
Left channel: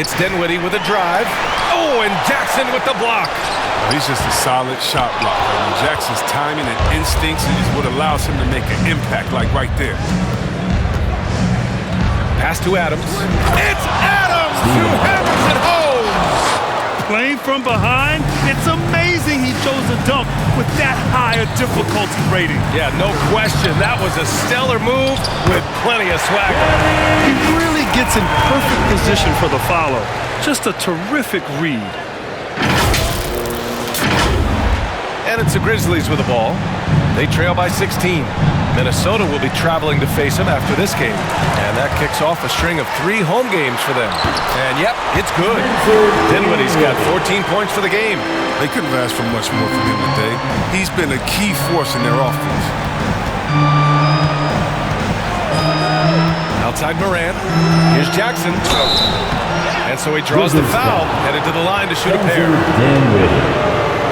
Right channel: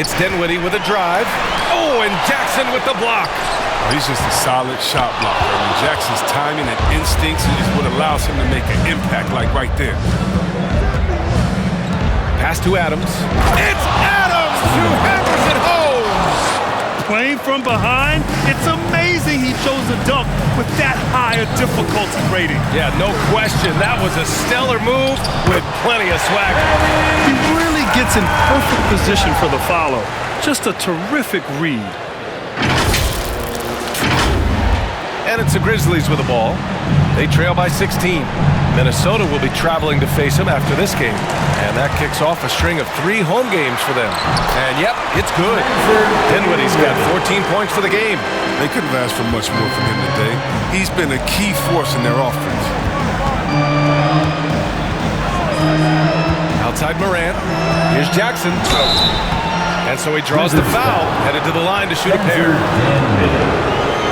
It's Dinwiddie with a drive. Oh, and Jackson with the block. Oh, he's just a solid shot blocker. I mean, Jackson's timing and instincts is what allows him to make an impact like right there. Pass to Adams. It's Adams who hammers it home. Playing from behind, it's amazing he chose a dunk with that high a difficulty rating. Yeah, no question. That was a stellar move with plenty of swagger. He really gets in perfect position for the follow. Just a terrific read. And it's the Grizzlies with the ball. They trail by 16. Minnesota will be traveling to face them after this game. And that kicks off a string of 3 home games for them. And yep, it's good. Dinwiddie's got 14 points for the game. They couldn't have asked for much more from him today. He's been a key force in their offense. Outside Morant. Here's Jackson. And so he draws the foul, headed to the line to shoot a pair.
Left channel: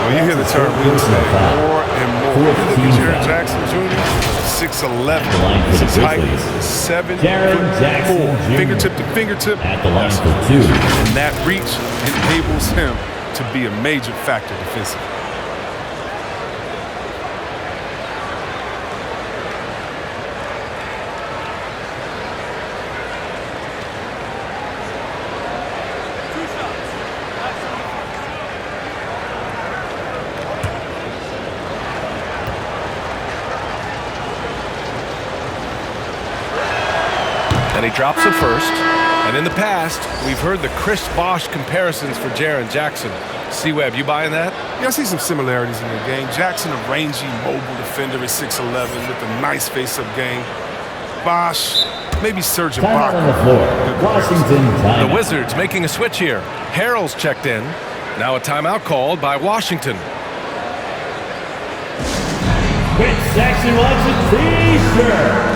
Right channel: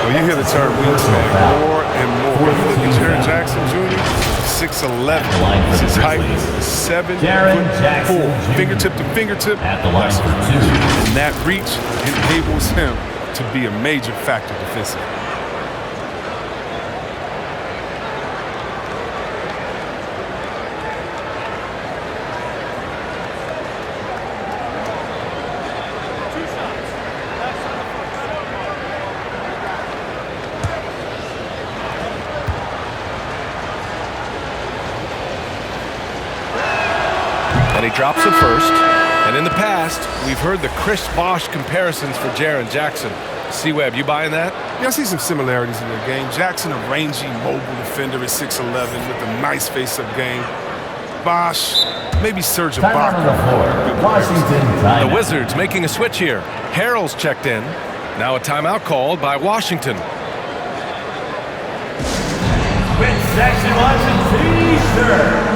When you hear the term wingspan more and more, when you look at Jaren Jackson Jr., 6'11", his height is 7'4", fingertip to fingertip. At the line for 2. And that reach enables him to be a major factor defensively. And he drops it first. And in the past, we've heard the Chris Bosh comparisons for Jaren Jackson. C-Web, you buying that? Yeah, I see some similarities in their game. Jackson, a rangy, mobile defender at 6'11", with a nice face-up game. Bosh, maybe Serge Ibaka. On the floor. Washington timeout. The Wizards making a switch here. Harrell's checked in. Now a timeout called by Washington. Which section wants a T-shirt?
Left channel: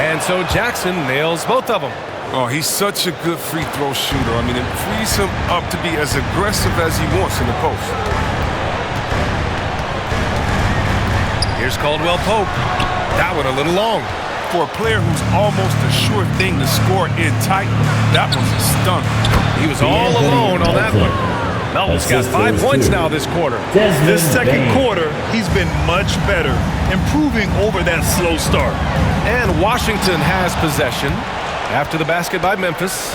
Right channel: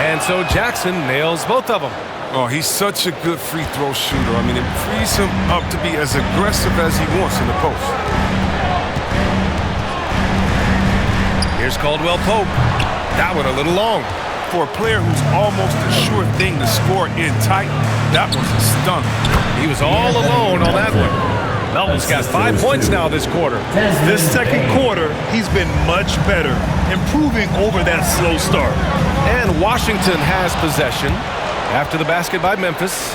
And so Jackson nails both of them. Oh, he's such a good free throw shooter. I mean, it frees him up to be as aggressive as he wants in the post. Here's Caldwell Pope. That one a little long. For a player who's almost a sure thing to score in tight, that one's a stunner. He was all alone on that one. Melton's got 5 points now this quarter. This second quarter, he's been much better, improving over that slow start. And Washington has possession after the basket by Memphis.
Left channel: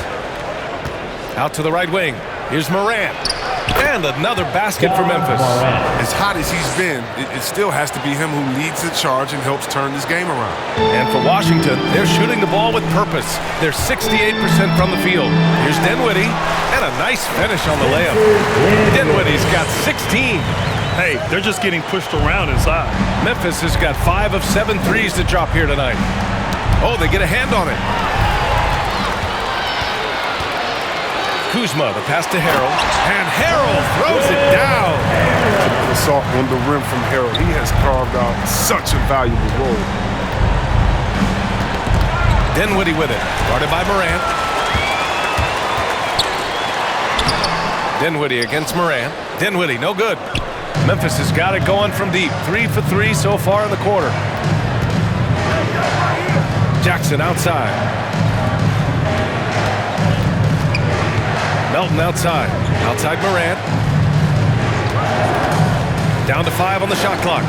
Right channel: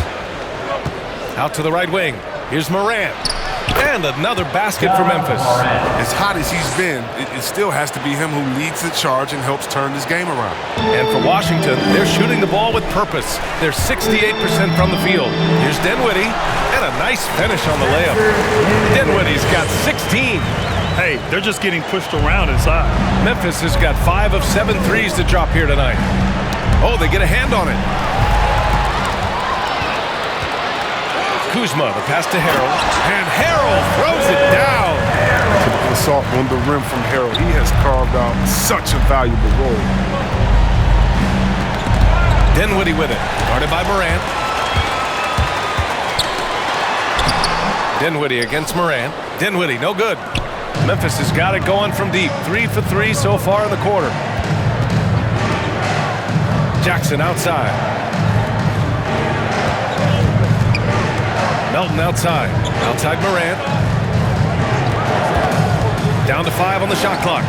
Out to the right wing. Here's Morant. And another basket for Memphis. As hot as he's been, it still has to be him who leads the charge and helps turn this game around. And for Washington, they're shooting the ball with purpose. They're 68% from the field. Here's Dinwiddie, and a nice finish on the layup. Dinwiddie's got 16. Hey, they're just getting pushed around inside. Memphis has got 5 of 7 threes to drop here tonight. Oh, they get a hand on it. Kuzma, the pass to Harrell, and Harrell throws it down. The assault on the rim from Harrell. He has carved out such a valuable role. Dinwiddie with it, guarded by Morant. Dinwiddie against Morant. Dinwiddie, no good. Memphis has got it going from deep. 3 for 3 so far in the quarter. Jackson outside. Melton outside. Outside Morant. Down to 5 on the shot clock.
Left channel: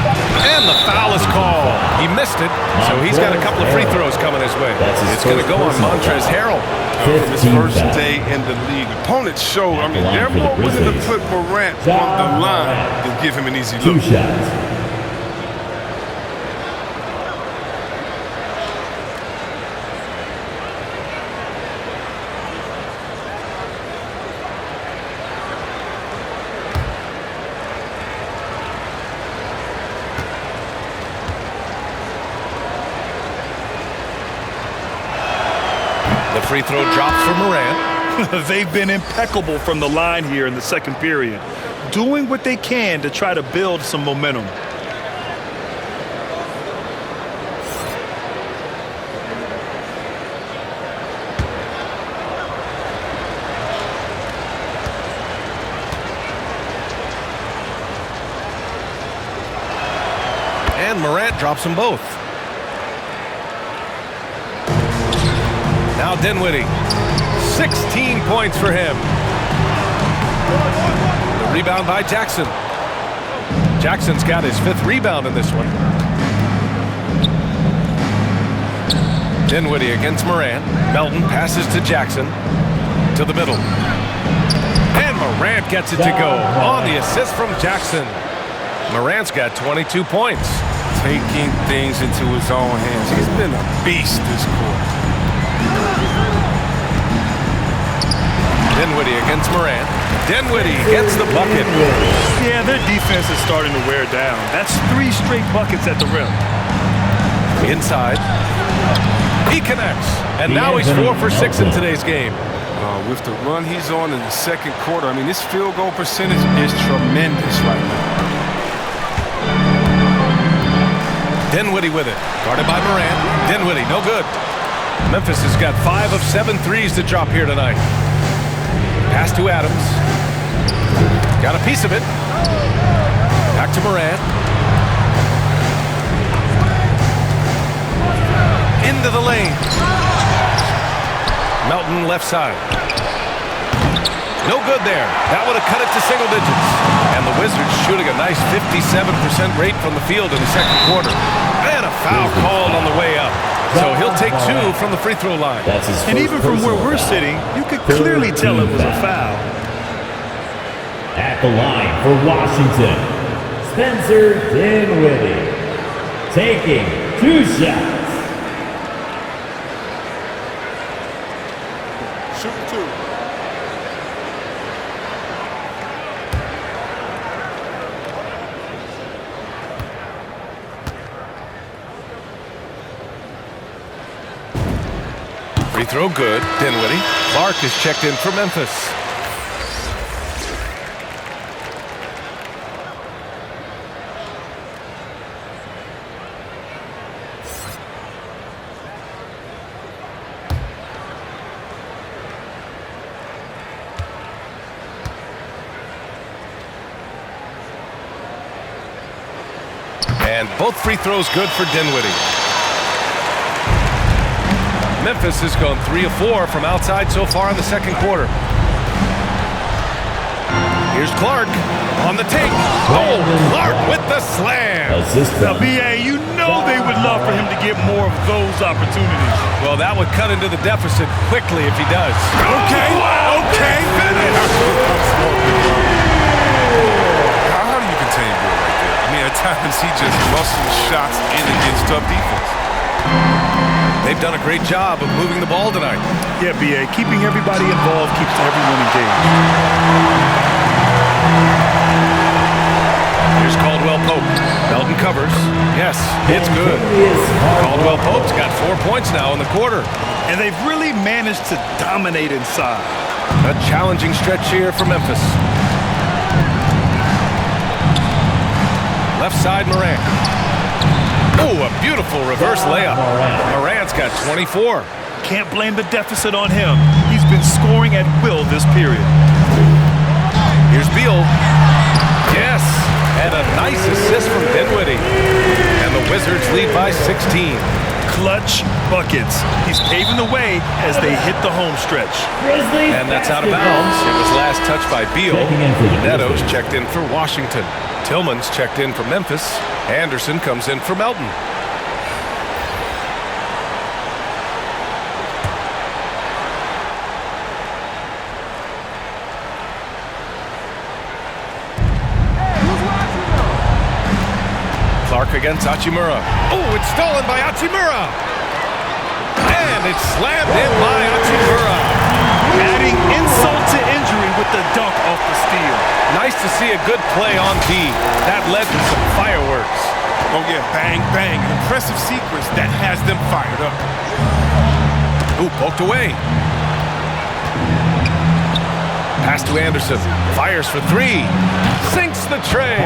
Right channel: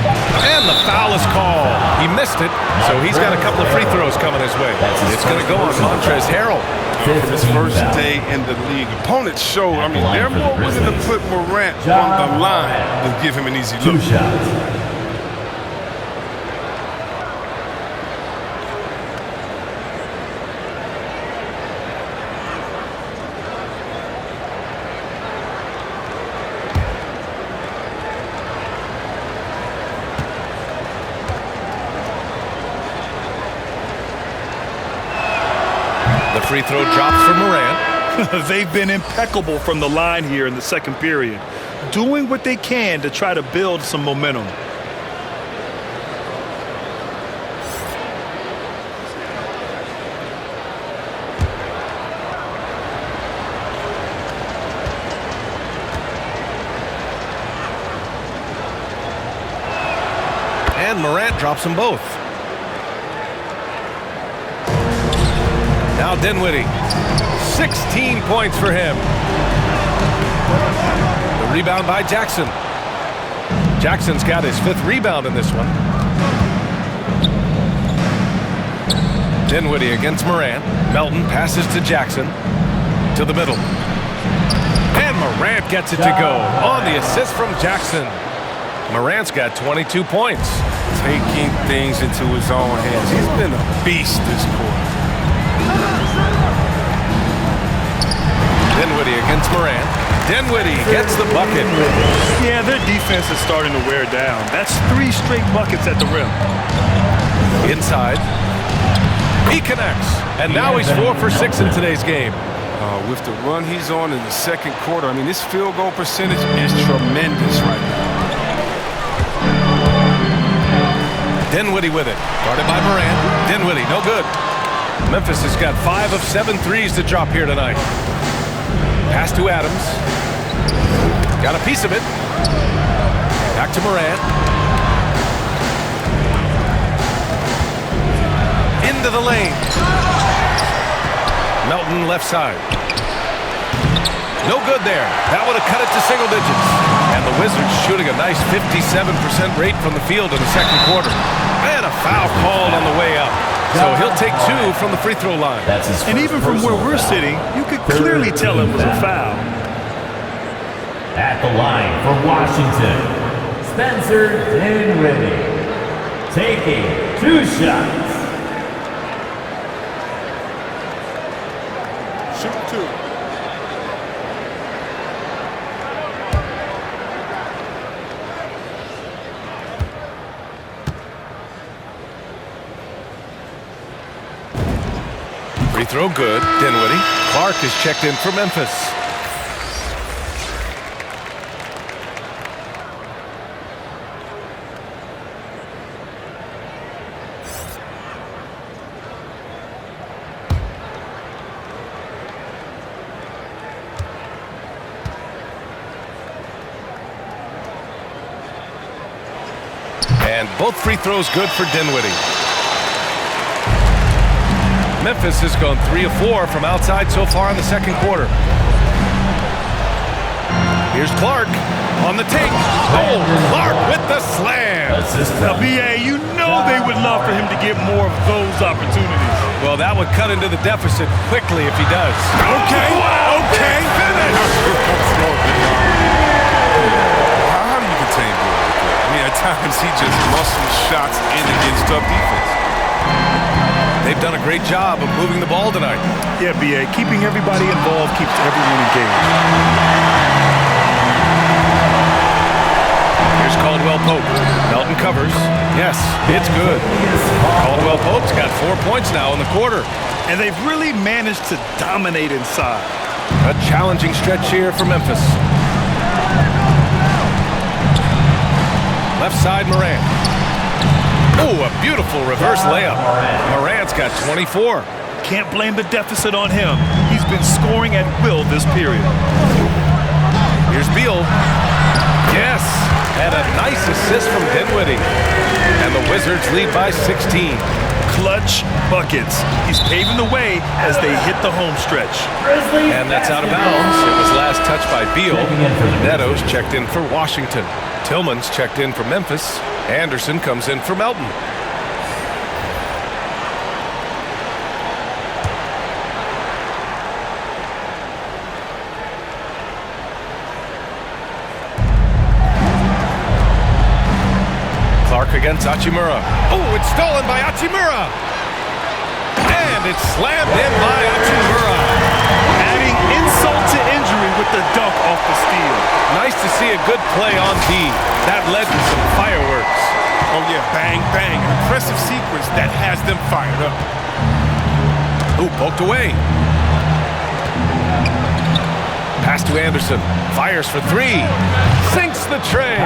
And the foul is called. He missed it, so he's got a couple of free throws coming his way. It's going to go on Montrezl Harrell. From his first day in the league, opponents show, I mean, they're more willing to put Morant on the line than give him an easy look. 2 shots. The free throw drops for Morant. They've been impeccable from the line here in the second period, doing what they can to try to build some momentum. And Morant drops them both. Now Dinwiddie, 16 points for him. The rebound by Jackson. Jackson's got his 5th rebound in this one. Dinwiddie against Morant. Melton passes to Jackson. To the middle. And Morant gets it to go on the assist from Jackson. Morant's got 22 points. Taking things into his own hands. He's been a beast this quarter. Dinwiddie against Morant. Dinwiddie gets the bucket. Yeah, their defense is starting to wear down. That's 3 straight buckets at the rim. Inside. He connects. And now he's 4 for 6 in today's game. With the run he's on in the second quarter, I mean, his field goal percentage is tremendous right now. Dinwiddie with it. Guarded by Morant. Dinwiddie, no good. Memphis has got 5 of 7 threes to drop here tonight. Pass to Adams. Got a piece of it. Back to Morant. Into the lane. Melton left side. No good there. That would have cut it to single digits. And the Wizards shooting a nice 57% rate from the field in the second quarter. And a foul called on the way up. So he'll take 2 from the free throw line. And even from where we're sitting, you could clearly tell it was a foul. At the line for Washington, Spencer Dinwiddie, taking 2 shots. Shooting 2. Free throw good. Dinwiddie. Clark is checked in for Memphis. And both free throws good for Dinwiddie. Memphis has gone 3 of 4 from outside so far in the second quarter. Here's Clark on the take. Oh, Clark with the slam. Now, B.A., you know they would love for him to get more of those opportunities. Well, that would cut into the deficit quickly if he does. Okay, wow, okay. Finish. How do you contain Bill right there? I mean, at times he just muscles shots in against tough defense. They've done a great job of moving the ball tonight. Yeah, B.A., keeping everybody involved keeps everyone engaged. Here's Caldwell Pope. Melton covers. Yes, it's good. Caldwell Pope's got 4 points now in the quarter. And they've really managed to dominate inside. A challenging stretch here for Memphis. Left side, Morant. Oh, a beautiful reverse layup. Morant's got 24. Can't blame the deficit on him. He's been scoring at will this period. Here's Beal. Yes, and a nice assist from Dinwiddie. And the Wizards lead by 16. Clutch buckets. He's paving the way as they hit the home stretch. And that's out of bounds. It was last touched by Beal. Neto's checked in for Washington. Tillman's checked in for Memphis. Anderson comes in for Melton. Clark against Hachimura. Oh, it's stolen by Hachimura. And it's slammed in by Hachimura. Adding insult to injury with the dunk off the steal. Nice to see a good play on D. That led to some fireworks. Oh, yeah, bang, bang. An impressive sequence that has them fired up. Ooh, poked away. Pass to Anderson. Fires for three. Sinks the tray.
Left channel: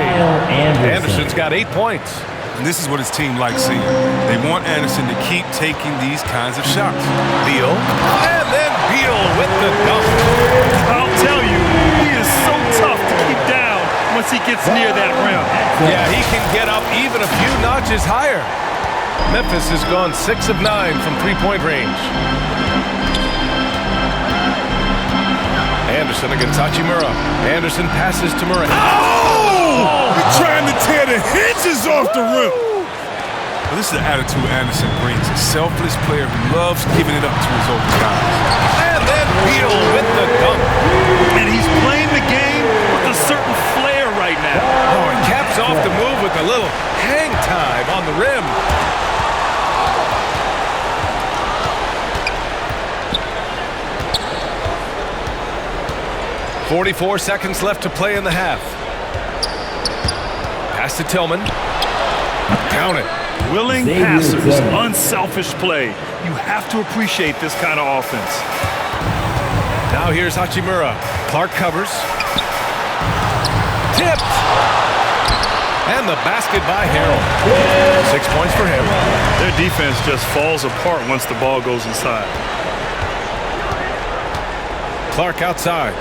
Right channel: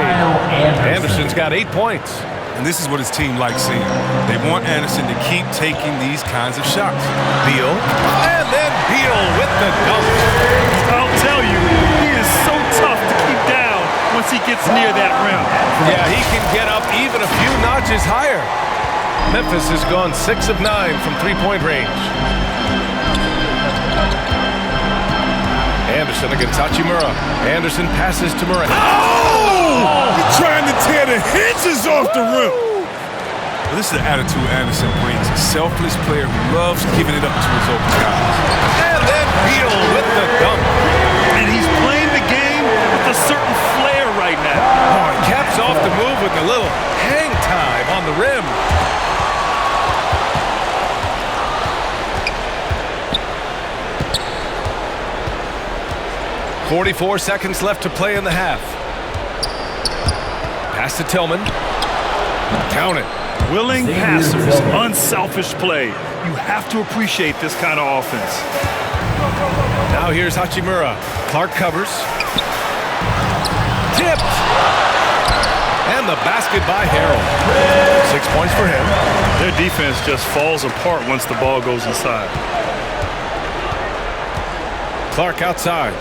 Anderson's got 8 points. And this is what his team likes seeing. They want Anderson to keep taking these kinds of shots. Beal. And then Beal with the dunk. I'll tell you, he is so tough to keep down once he gets near that rim. Yeah, he can get up even a few notches higher. Memphis has gone 6 of 9 from three-point range. Anderson against Hachimura. Anderson passes to Morant. Oh! He's trying to tear the hinges off the rim. Well, this is the attitude Anderson brings. A selfless player who loves giving it up to his open guys. And then Beal with the dunk. And he's playing the game with a certain flair right now. Oh, he caps off the move with a little hang time on the rim. .44 seconds left to play in the half. Pass to Tillman. Count it. Willing passers, unselfish play. You have to appreciate this kind of offense. Now here's Hachimura. Clark covers. Tipped. And the basket by Harrell. 6 points for him. Their defense just falls apart once the ball goes inside. Clark outside.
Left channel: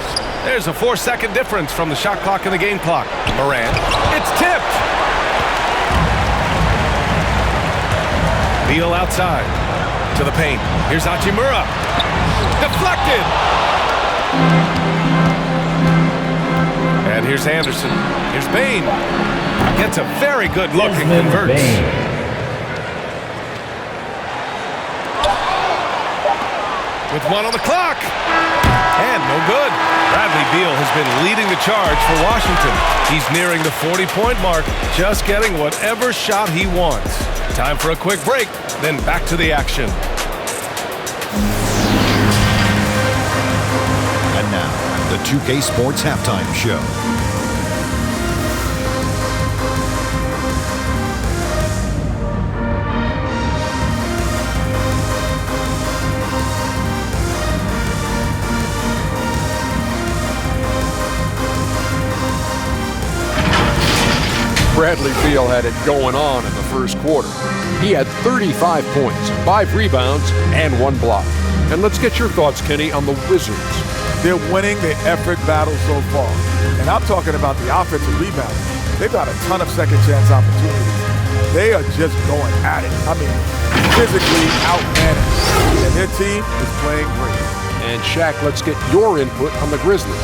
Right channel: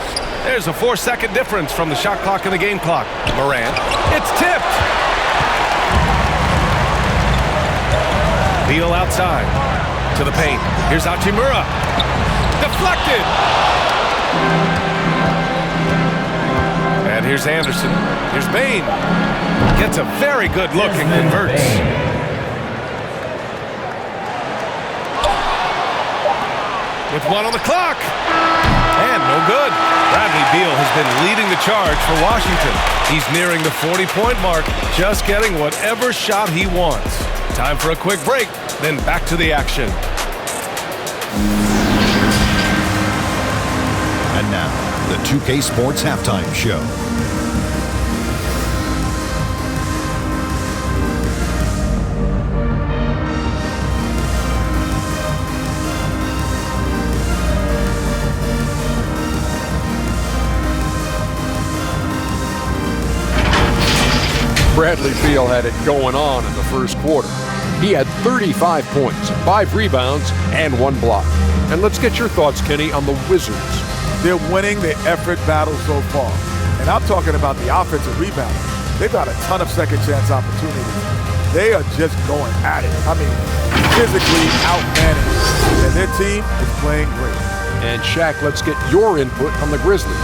There's a 4-second difference from the shot clock and the game clock. Morant. It's tipped. Beal outside. To the paint. Here's Hachimura. Deflected. And here's Anderson. Here's Bain. Gets a very good look and converts. With 1 on the clock. And no good. Bradley Beal has been leading the charge for Washington. He's nearing the 40-point mark, just getting whatever shot he wants. Time for a quick break, then back to the action. And now, the 2K Sports Halftime Show. Bradley Beal had it going on in the first quarter. He had 35 points, 5 rebounds, and 1 block. And let's get your thoughts, Kenny, on the Wizards. They're winning the effort battle so far. And I'm talking about the offensive rebounding. They've got a ton of second chance opportunities. They are just going at it. I mean, physically outmanaged. And their team is playing great. And Shaq, let's get your input on the Grizzlies.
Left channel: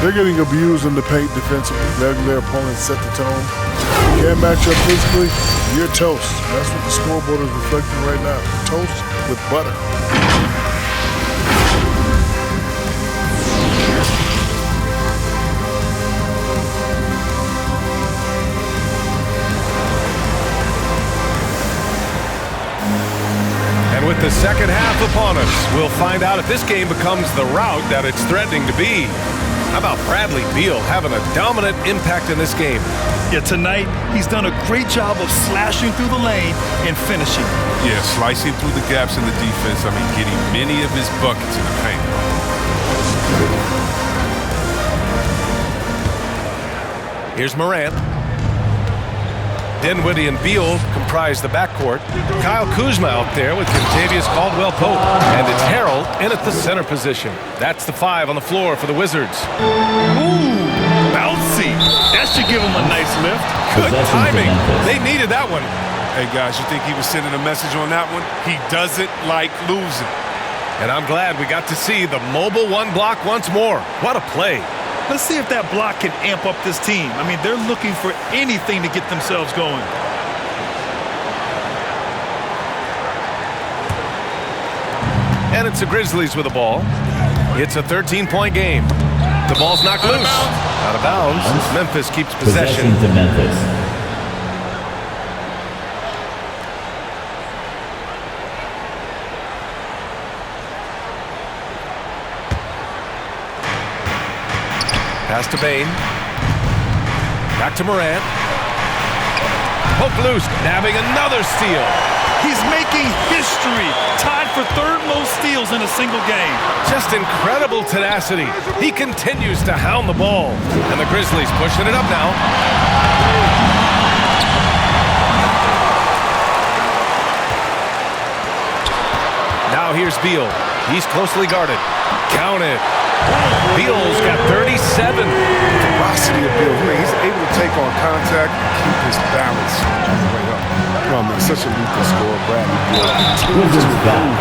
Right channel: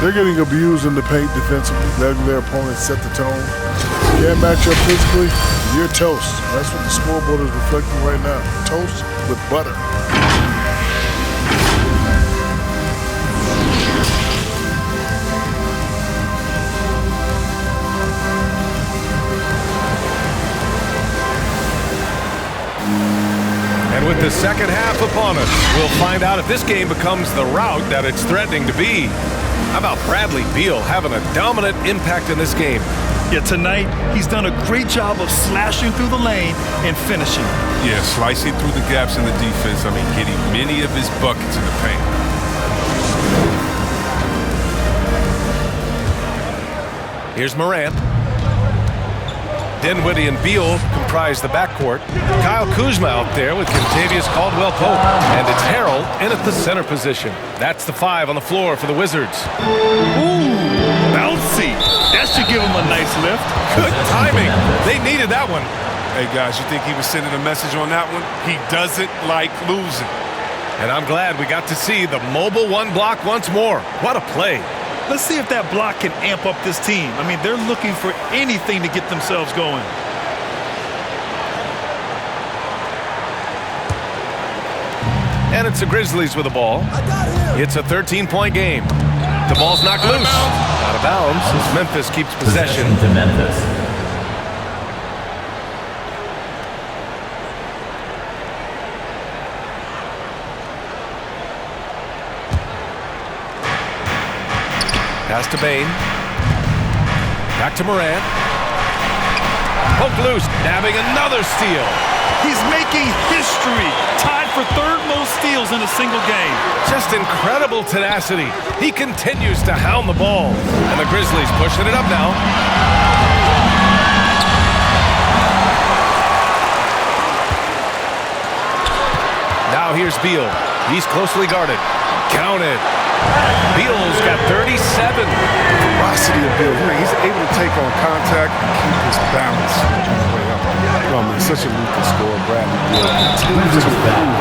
They're getting abused in the paint defensively, letting their opponents set the tone. You can't match up physically, you're toast. That's what the scoreboard is reflecting right now. Toast with butter. And with the second half upon us, we'll find out if this game becomes the rout that it's threatening to be. How about Bradley Beal having a dominant impact in this game? Yeah, tonight, he's done a great job of slashing through the lane and finishing. Yeah, slicing through the gaps in the defense. I mean, getting many of his buckets in the paint. Here's Morant. Dinwiddie and Beal comprise the backcourt. Kyle Kuzma out there with Kentavious Caldwell-Pope. And it's Harrell in at the center position. That's the 5 on the floor for the Wizards. Ooh, bouncy. That should give him a nice lift. Good timing. They needed that one. Hey, guys, you think he was sending a message on that one? He doesn't like losing. And I'm glad we got to see the mobile 1 block once more. What a play. Let's see if that block can amp up this team. I mean, they're looking for anything to get themselves going. And it's the Grizzlies with the ball. It's a 13-point game. The ball's knocked loose. Out of bounds as Memphis keeps possession. To Memphis. Pass to Bain. Back to Morant. Poke loose, nabbing another steal. He's making history, tied for third most steals in a single game. Just incredible tenacity. He continues to hound the ball. And the Grizzlies pushing it up now. Now here's Beal. He's closely guarded. Count it. Beal's got 37. Ferocity of Beal. He's able to take on contact and keep his balance on the way up. Oh, man, such a lethal scorer. Bradley Beal continues to improve.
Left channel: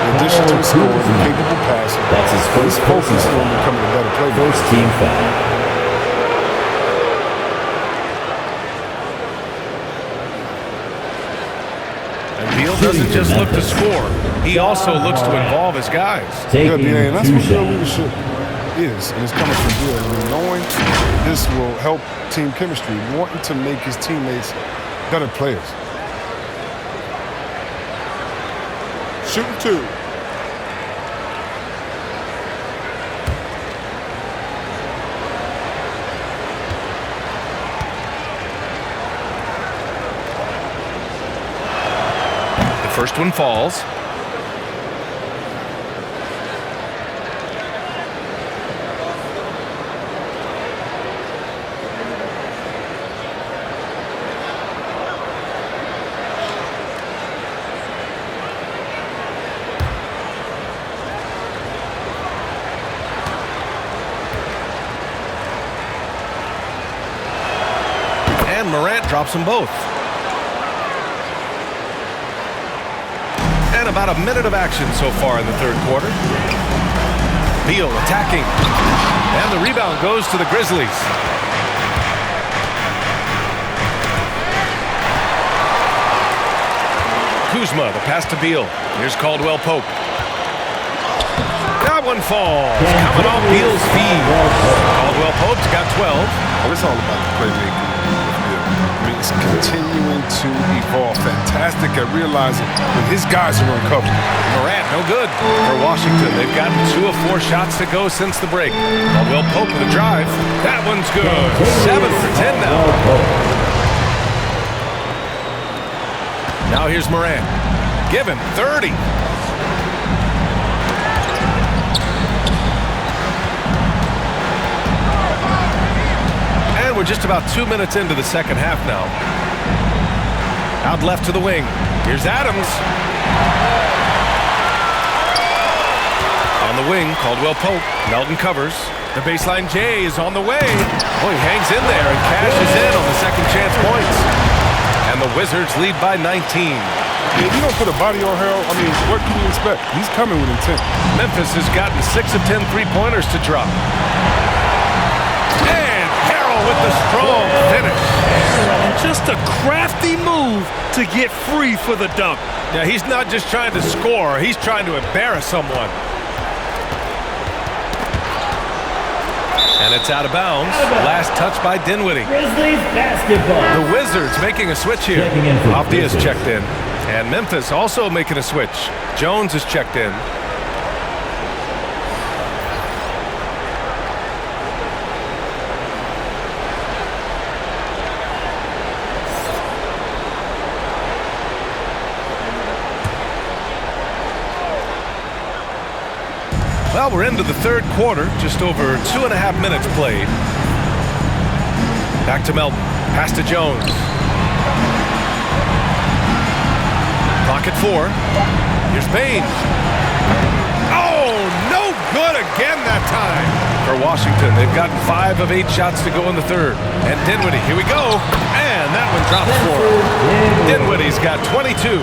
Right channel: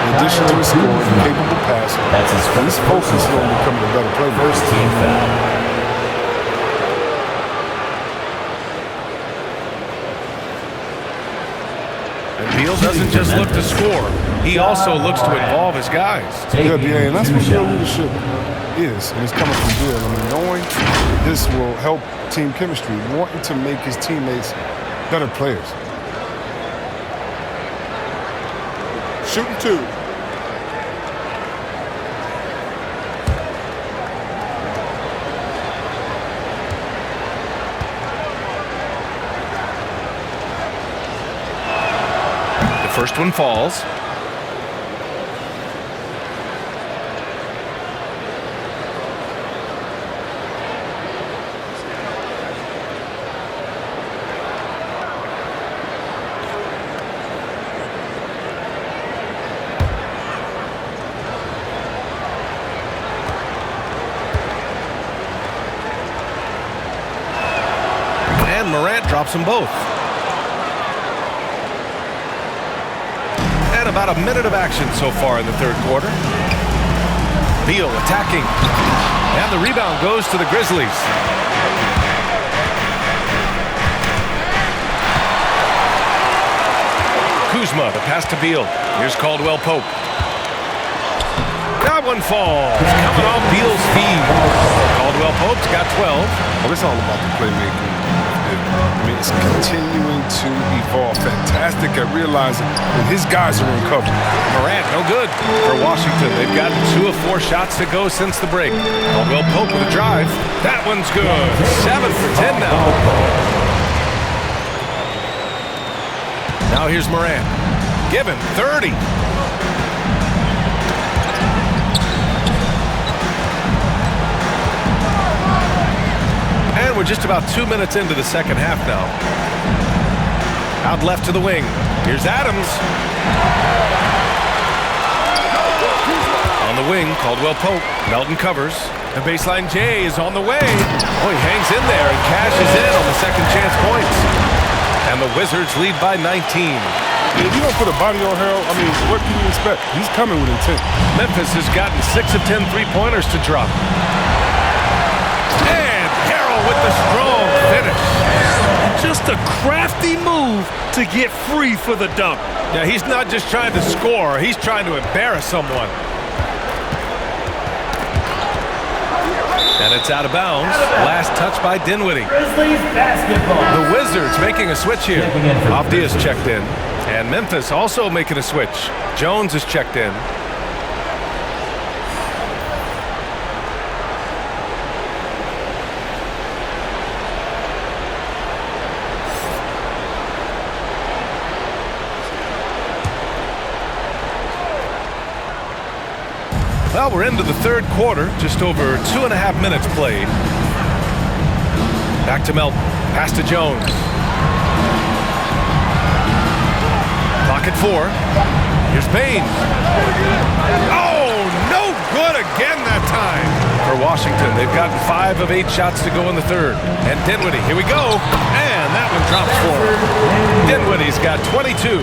In addition to his scoring, capable passer. That's his first focus on becoming a better player. First team foul. And Beal doesn't just look to score. He also looks to involve his guys. Yeah, BA, and that's what Beal leadership is, and it's coming from Beal. I mean, knowing this will help team chemistry, wanting to make his teammates better players. Shooting 2. The first one falls. And Morant drops them both. And about a minute of action so far in the third quarter. Beal attacking. And the rebound goes to the Grizzlies. Kuzma, the pass to Beal. Here's Caldwell Pope. That one falls. Coming off Beal's feed. Caldwell Pope's got 12. Well, it's all about the playmaking of Beal. I mean, it's continuing to evolve. Fantastic at realizing when his guys are uncovered. Morant, no good for Washington. They've gotten 2 of 4 shots to go since the break. Caldwell Pope with a drive. That one's good. 7 for 10 now. Now here's Morant. Give him 30. And we're just about 2 minutes into the second half now. Out left to the wing. Here's Adams. On the wing, Caldwell Pope. Melton covers. The baseline J is on the way. Oh, he hangs in there and cashes in on the second chance points. And the Wizards lead by 19. If you don't put a body on Harold, I mean, what can you expect? He's coming with intent. Memphis has gotten 6 of 10 three-pointers to drop. And Harold with the strong finish. And just a crafty move to get free for the dunk. Yeah, he's not just trying to score. He's trying to embarrass someone. And it's out of bounds. Last touch by Dinwiddie. Grizzlies basketball. The Wizards making a switch here. Avdia's checked in. And Memphis also making a switch. Jones is checked in. Well, we're into the third quarter, just over 2.5 minutes played. Back to Melton, pass to Jones. Clock at 4. Here's Bain. Oh, no good again that time. For Washington, they've gotten 5 of 8 shots to go in the third. And Dinwiddie, here we go. And that one drops for him. Dinwiddie's got 22.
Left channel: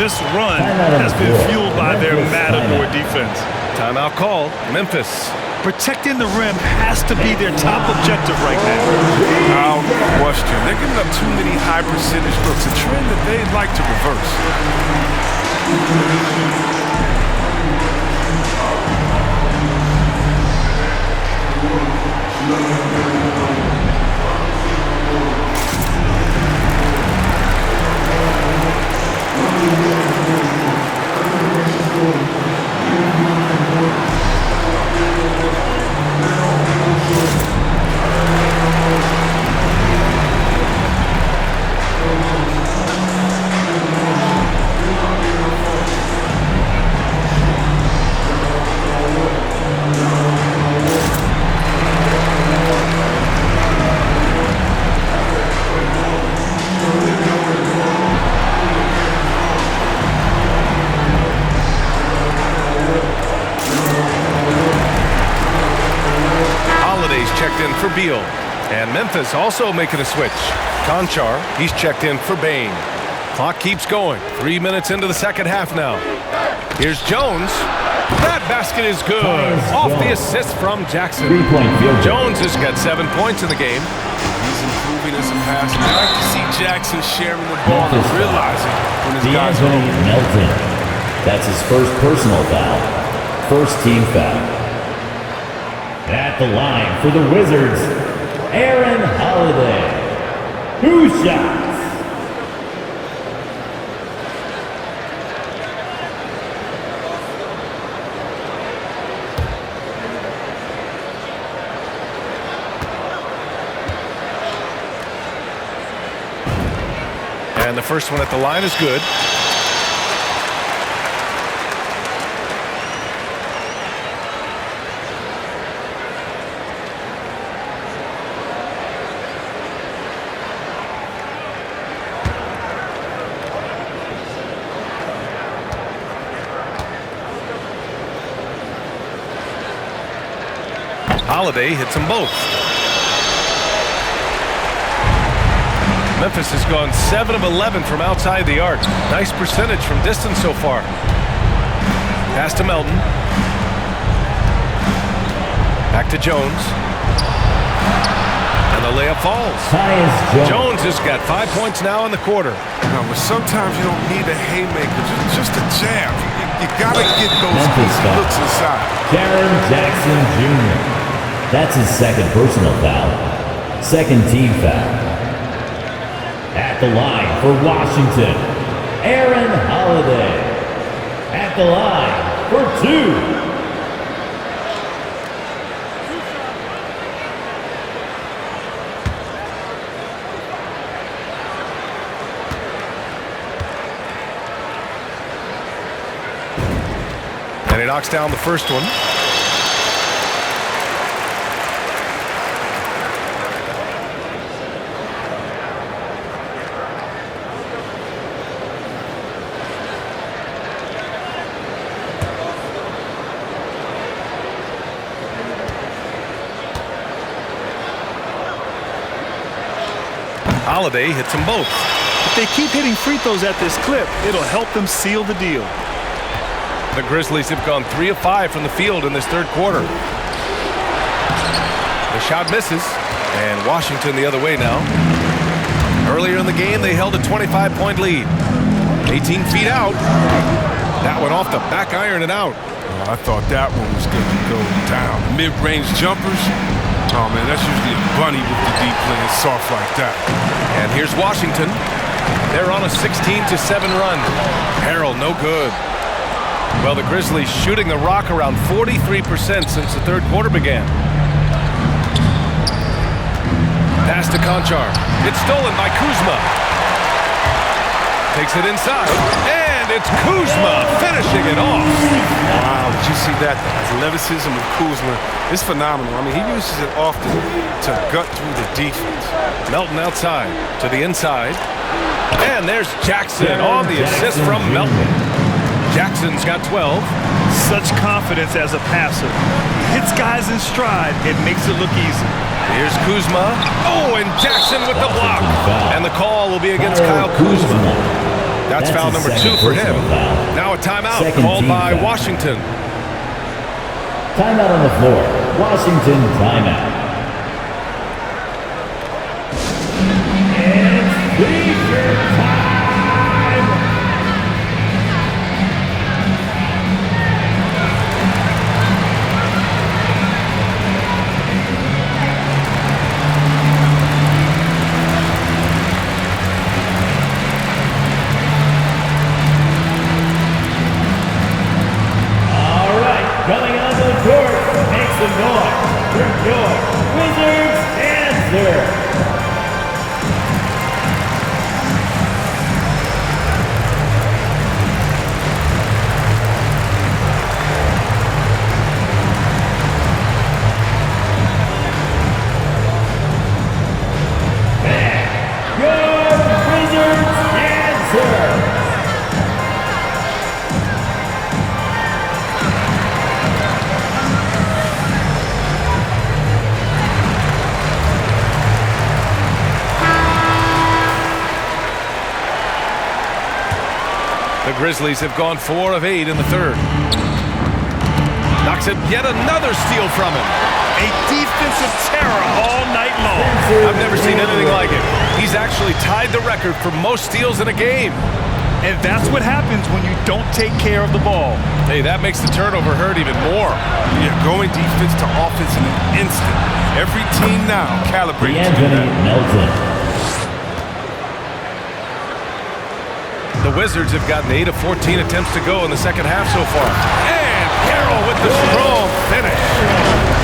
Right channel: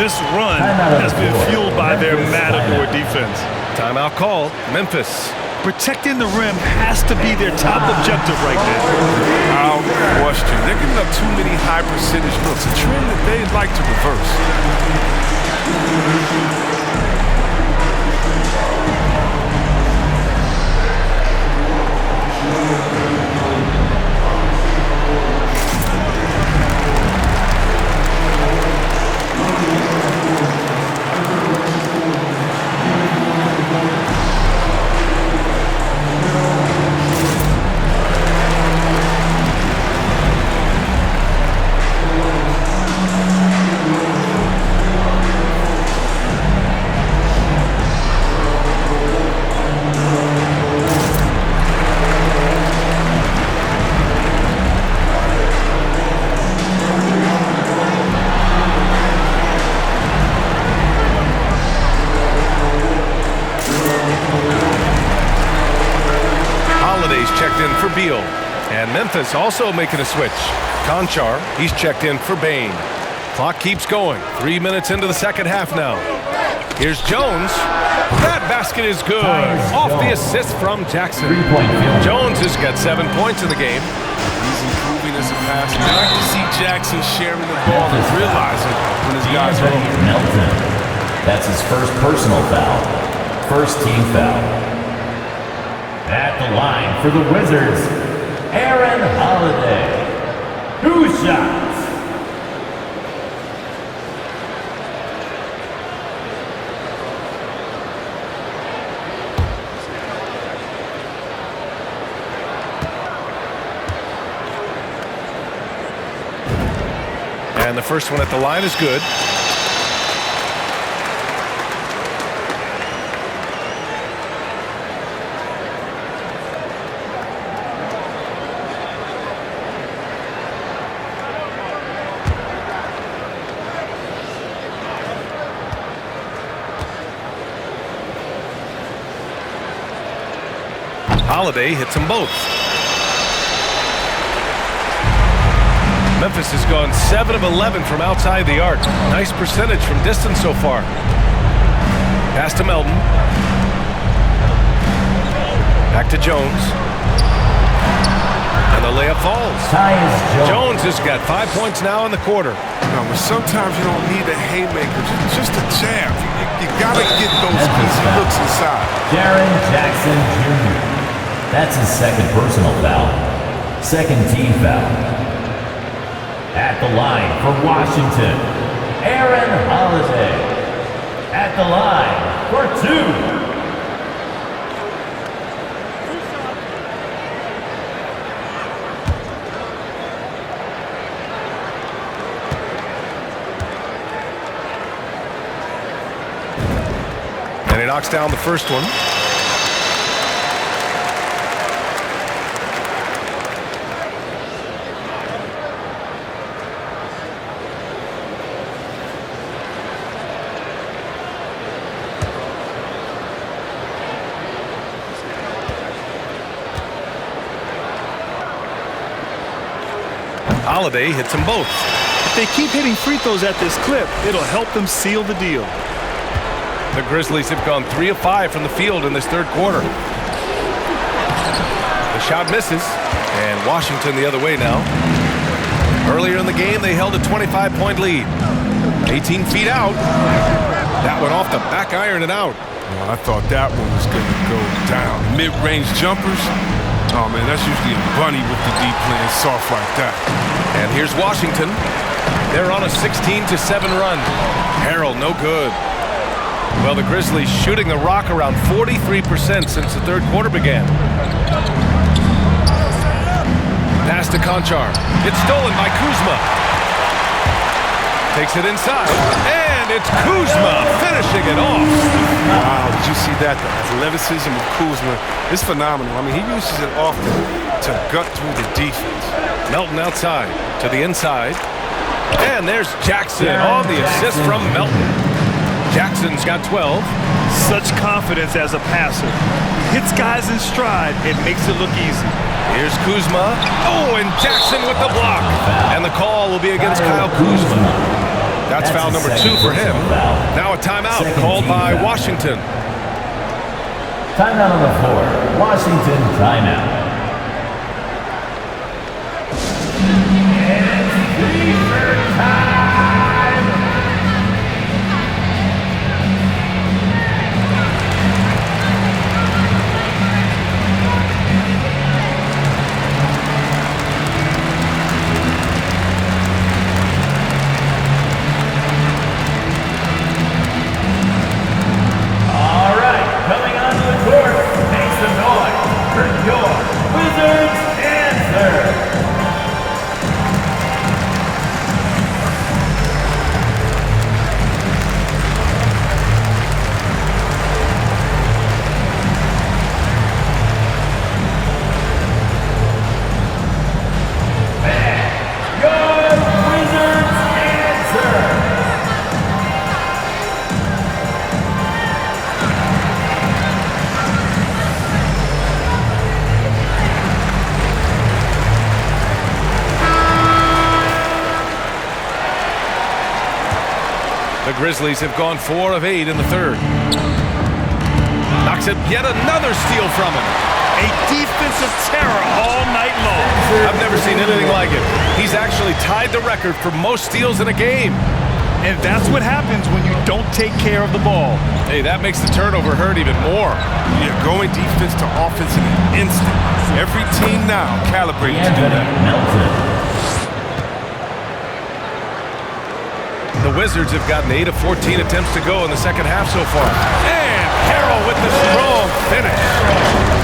This run has been fueled by their matador defense. Timeout called. Memphis. Protecting the rim has to be their top objective right now. Without question. They're giving up too many high percentage looks, a trend that they'd like to reverse. Checked in for Beal. And Memphis also making a switch. Conchar, he's checked in for Bain. Clock keeps going. 3 minutes into the second half now. Here's Jones. That basket is good. Off the assist from Jackson. Jones has got 7 points in the game. He's improving as a passer. I like to see Jackson sharing the ball and realizing when his guys are open. Melton. That's his first personal foul. First team foul. At the line for the Wizards, Aaron Holiday. 2 shots. And the first one at the line is good. Holiday hits them both. Memphis has gone 7 of 11 from outside the arc. Nice percentage from distance so far. Pass to Melton. Back to Jones. And the layup falls. Jones has got 5 points now in the quarter. No, but sometimes you don't need a haymaker, just a jab. You gotta get those easy looks inside. Jaren Jackson Jr. That's his second personal foul. Second team foul. At the line for Washington, Aaron Holiday. At the line for 2. And he knocks down the first one. Holiday hits them both. If they keep hitting free throws at this clip, it'll help them seal the deal. The Grizzlies have gone 3 of 5 from the field in this third quarter. The shot misses, and Washington the other way now. Earlier in the game, they held a 25-point lead. 18 feet out. That went off the back iron and out. Oh, I thought that one was going to go down. The mid-range jumpers. Oh, man, that's usually a bunny with the deep playing soft like that. And here's Washington. They're on a 16-7 run. Harrell, no good. Well, the Grizzlies shooting the rock around 43% since the third quarter began. Pass to Conchar. It's stolen by Kuzma. Takes it inside, and it's Kuzma finishing it off. Wow, did you see that? The athleticism of Kuzma is phenomenal. I mean, he uses it often to gut through the defense. Melton outside to the inside. And there's Jackson on the assist from Melton. Jackson's got 12. Such confidence as a passer. He hits guys in stride. It makes it look easy. Here's Kuzma. Oh, and Jackson with the block. And the call will be against Kyle Kuzma. That's foul number 2 for him. Now a timeout called by Washington. Timeout on the floor. Washington timeout. It's Fever time! All right, coming onto the court, make some noise for your Wizards answer. The Grizzlies have gone 4 of 8 in the third. Knocks it, yet another steal from him. A defensive terror all night long. I've never seen anything like it. He's actually tied the record for most steals in a game. And that's what happens when you don't take care of the ball. Hey, that makes the turnover hurt even more. Yeah, going defense to offense in an instant. Every team now calibrated to do that. The Wizards have gotten 8 of 14 attempts to go in the second half so far. And Harrell with the strong finish.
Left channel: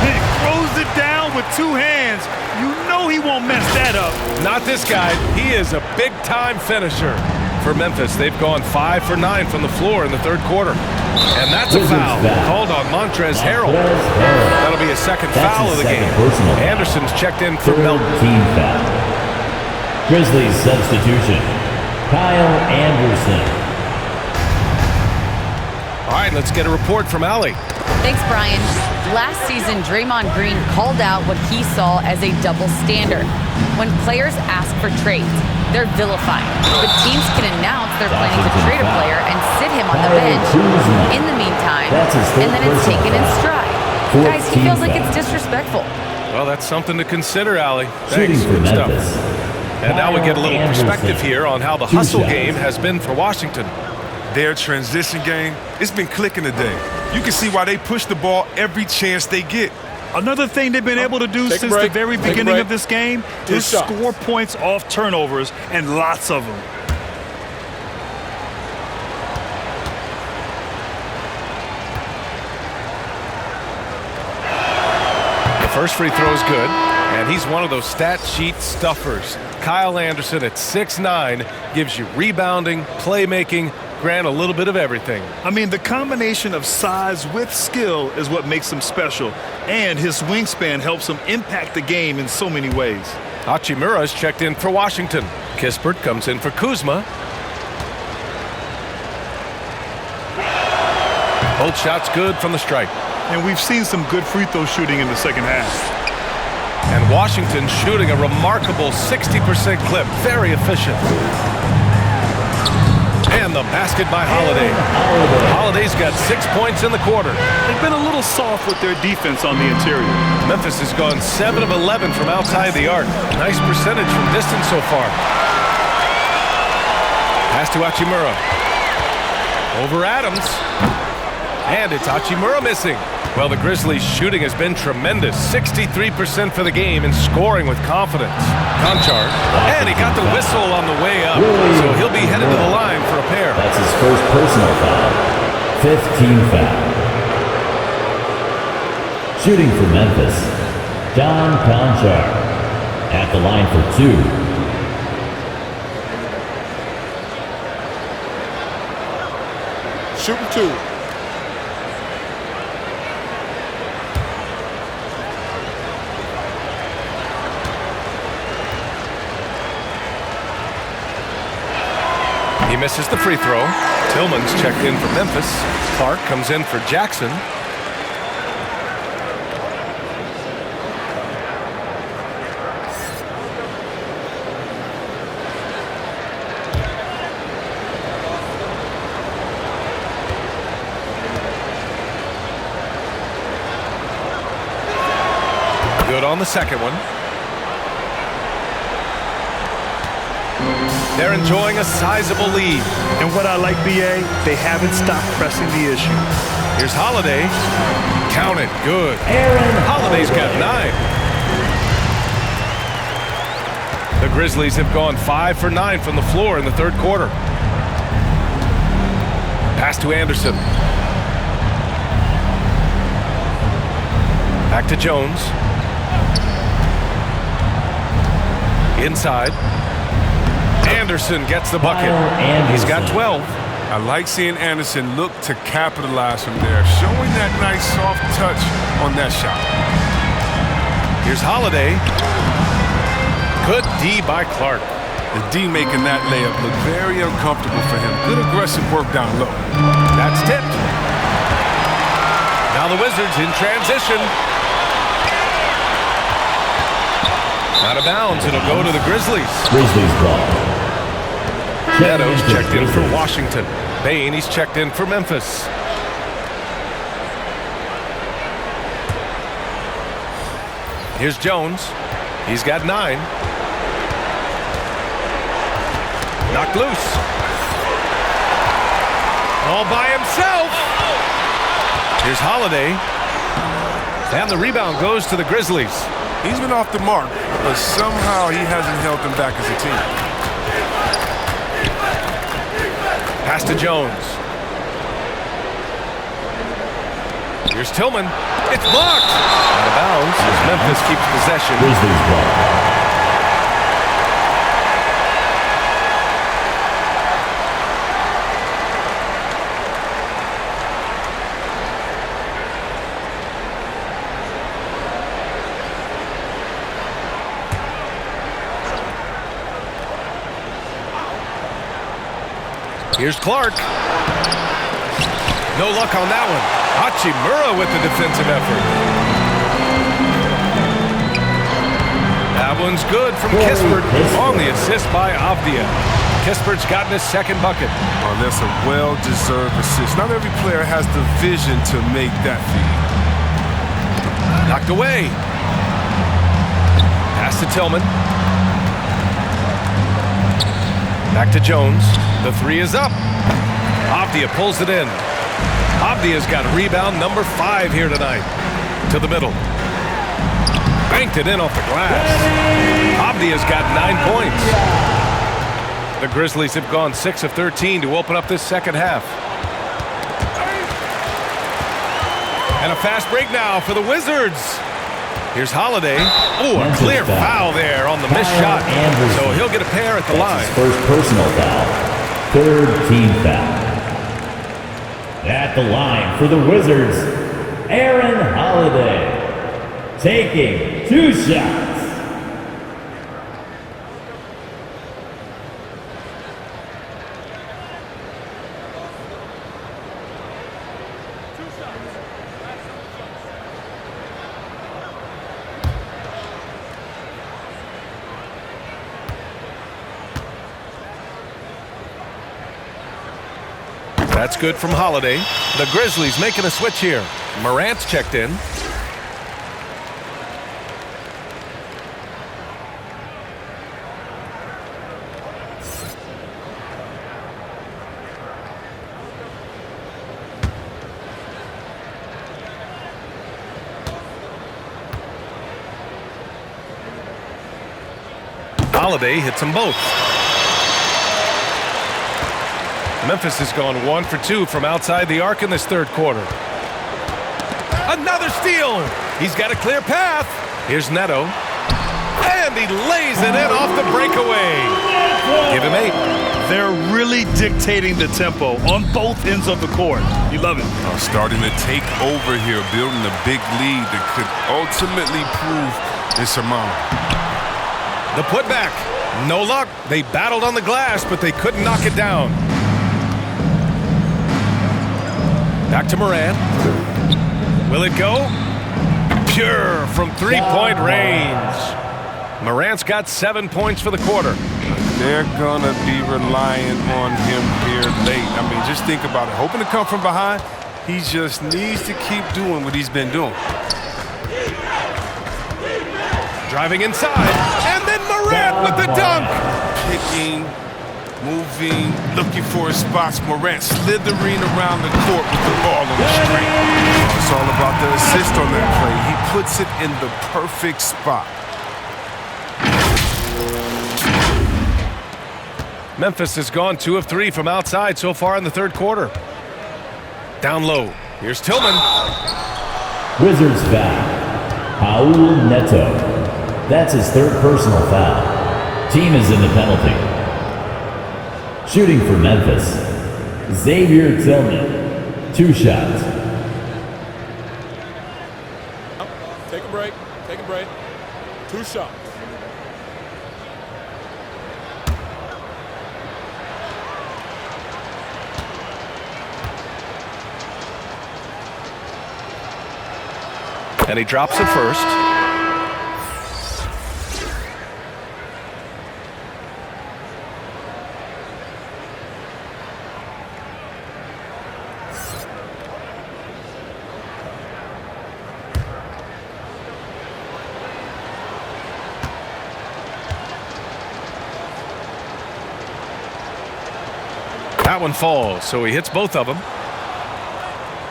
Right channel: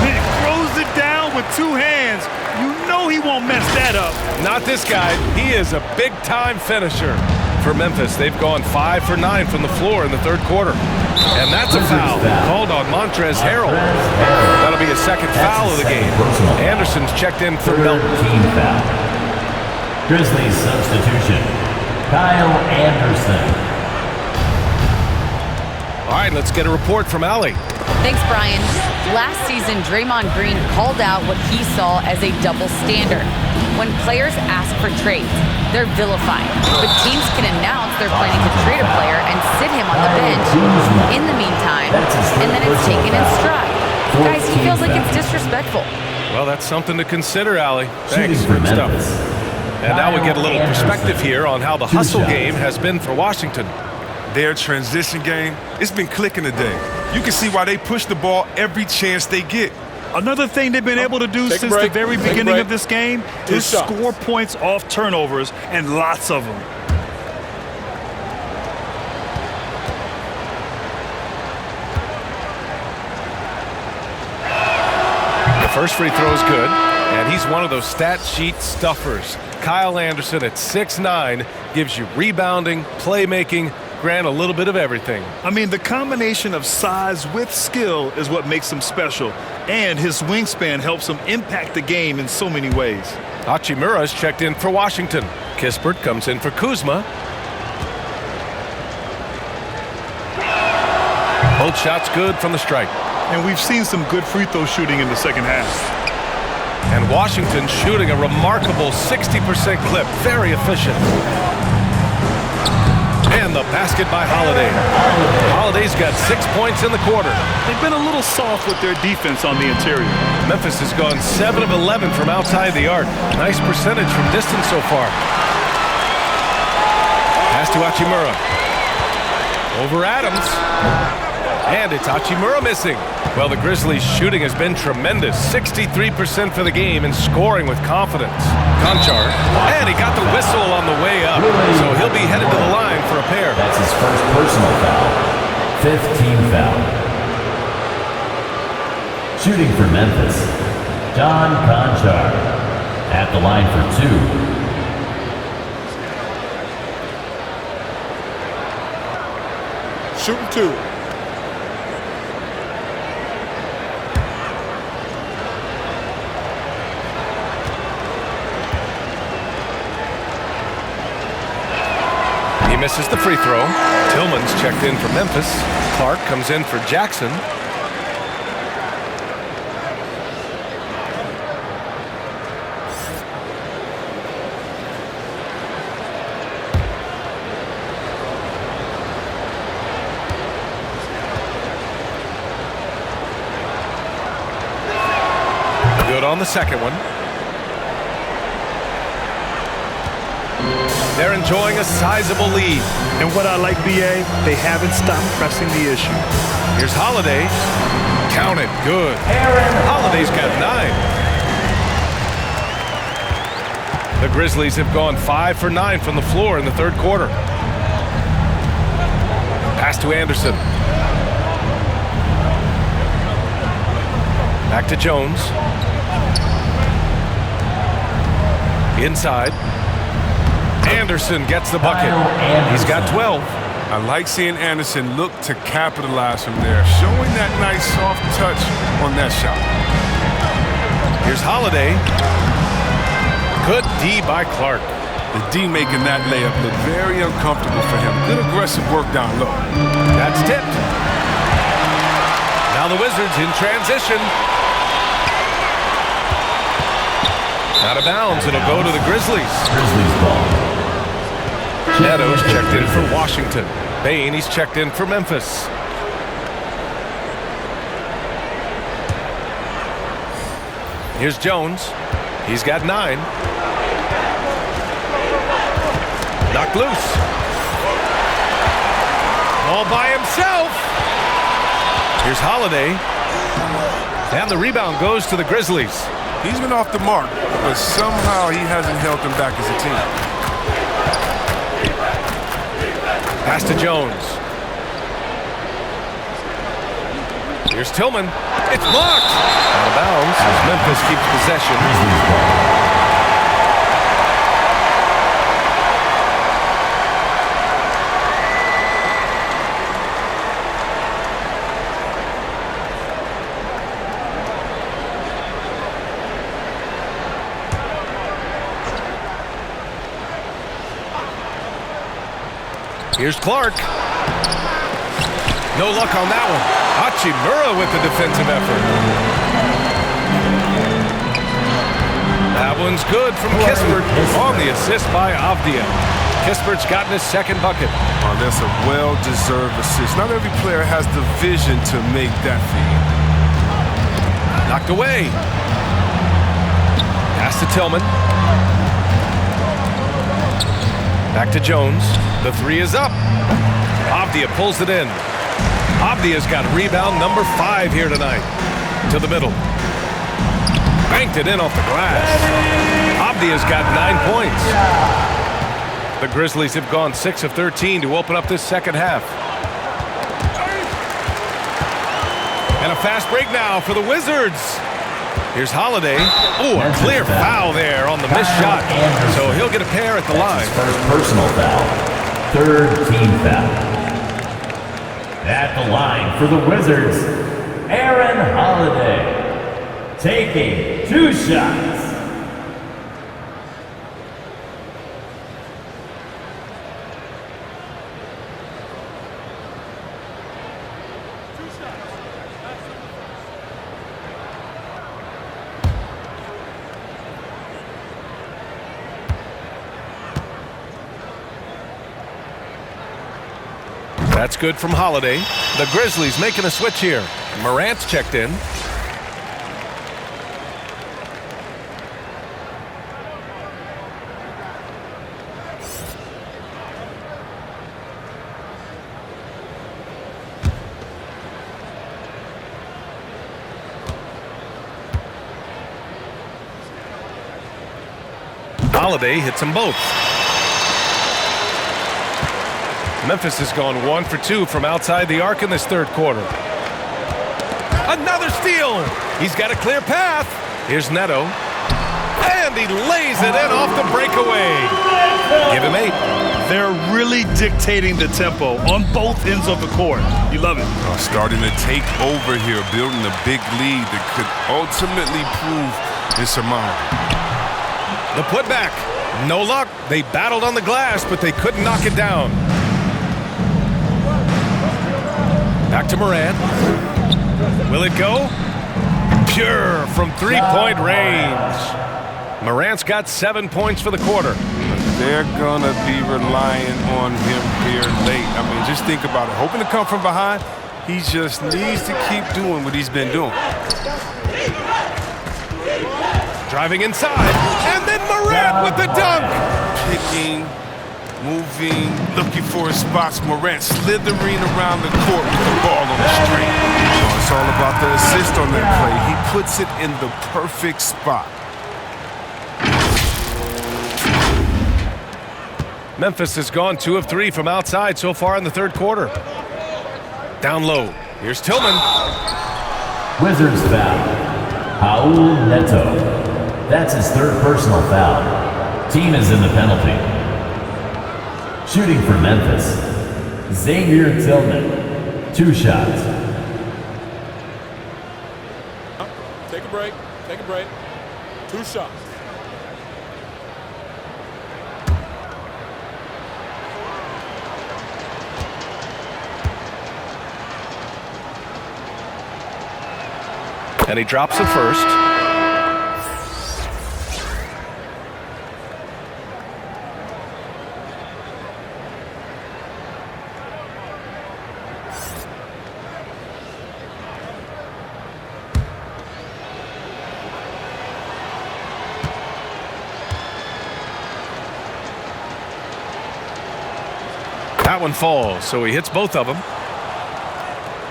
He throws it down with 2 hands. You know he won't mess that up. Not this guy. He is a big-time finisher. For Memphis, they've gone 5 for 9 from the floor in the third quarter. And that's a foul called on Montrezl Harrell. That'll be his second foul of the game. Anderson's checked in for Melton. Team foul. Grizzlies substitution. Kyle Anderson. All right, let's get a report from Allie. Thanks, Brian. Last season, Draymond Green called out what he saw as a double standard. When players ask for trades, they're vilified. But teams can announce they're planning to trade a player and sit him on the bench in the meantime, and then it's taken in stride. Guys, he feels like it's disrespectful. Well, that's something to consider, Allie. Thanks. Good stuff. And now we get a little perspective here on how the hustle game has been for Washington. Their transition game, it's been clicking today. You can see why they push the ball every chance they get. Another thing they've been able to do since the very beginning of this game is score points off turnovers, and lots of them. The first free throw is good, and he's one of those stat sheet stuffers. Kyle Anderson at 6'9" gives you rebounding, playmaking, Grant, a little bit of everything. I mean, the combination of size with skill is what makes him special, and his wingspan helps him impact the game in so many ways. Hachimura's checked in for Washington. Kispert comes in for Kuzma. Both shots good from the stripe. And we've seen some good free throw shooting in the second half. And Washington shooting a remarkable 60% clip. Very efficient. And the basket by Holiday. Holiday's got 6 points in the quarter. They've been a little soft with their defense on the interior. Memphis has gone 7 of 11 from outside the arc. Nice percentage from distance so far. Pass to Hachimura. Over Adams. And it's Hachimura missing. Well, the Grizzlies' shooting has been tremendous. 63% for the game and scoring with confidence. Conchar. And he got the whistle on the way up. So he'll be headed to the line for a pair. That's his first personal foul. 5th team foul. Shooting for Memphis, John Conchar. At the line for 2. Shooting 2. He misses the free throw. Tillman's checked in for Memphis. Clark comes in for Jackson. Good on the second one. They're enjoying a sizable lead. And what I like, BA, they haven't stopped pressing the issue. Here's Holiday. Count it. Good. Holiday's got 9. The Grizzlies have gone 5 for 9 from the floor in the third quarter. Pass to Anderson. Back to Jones. Inside. Anderson gets the bucket. He's got 12. I like seeing Anderson look to capitalize from there, showing that nice soft touch on that shot. Here's Holiday. Good D by Clark. The D making that layup look very uncomfortable for him. Good aggressive work down low. That's tipped. Now the Wizards in transition. Out of bounds. It'll go to the Grizzlies. Grizzlies ball. Neto's checked in for Washington. Bain, he's checked in for Memphis. Here's Jones. He's got 9. Knocked loose. All by himself. Here's Holiday. And the rebound goes to the Grizzlies. He's been off the mark, but somehow he hasn't held them back as a team. Pass to Jones. Here's Tillman. It's blocked. Out of bounds as Memphis keeps possession. Grizzlies ball. Here's Clark. No luck on that one. Hachimura with the defensive effort. That one's good from Kispert on the assist by Avdia. Kispert's gotten his second bucket. Oh, that's a well-deserved assist. Not every player has the vision to make that feed. Knocked away. Pass to Tillman. Back to Jones. The 3 is up. Avdia pulls it in. Avdia's got rebound number 5 here tonight. To the middle. Banked it in off the glass. Avdia's got 9 points. The Grizzlies have gone 6 of 13 to open up this second half. And a fast break now for the Wizards. Here's Holiday. Oh, a clear foul there on the missed shot. So he'll get a pair at the line. His first personal foul. Third team foul. At the line for the Wizards, Aaron Holiday. Taking 2 shots. That's good from Holiday. The Grizzlies making a switch here. Morant's checked in. Holiday hits them both. Memphis has gone 1 for 2 from outside the arc in this third quarter. Another steal. He's got a clear path. Here's Neto. And he lays it in off the breakaway. Give him 8. They're really dictating the tempo on both ends of the court. You love it. Starting to take over here, building a big lead that could ultimately prove insurmountable. The putback. No luck. They battled on the glass, but they couldn't knock it down. Back to Morant. Will it go? Pure from three-point range. Morant's got 7 points for the quarter. They're going to be relying on him here late. I mean, just think about it. Hoping to come from behind, he just needs to keep doing what he's been doing. Driving inside, and then Morant with the dunk. Picking, moving, looking for his spots. Morant slithering around the court with the ball on the string. Oh, it's all about the assist on that play. He puts it in the perfect spot. Memphis has gone 2 of 3 from outside so far in the third quarter. Down low. Here's Tillman. Wizards foul. Raul Neto. That's his third personal foul. Team is in the penalty. Shooting for Memphis, Xavier Tillman. 2 shots. Take a break. Take a break. 2 shots. And he drops it first. That one falls, so he hits both of them.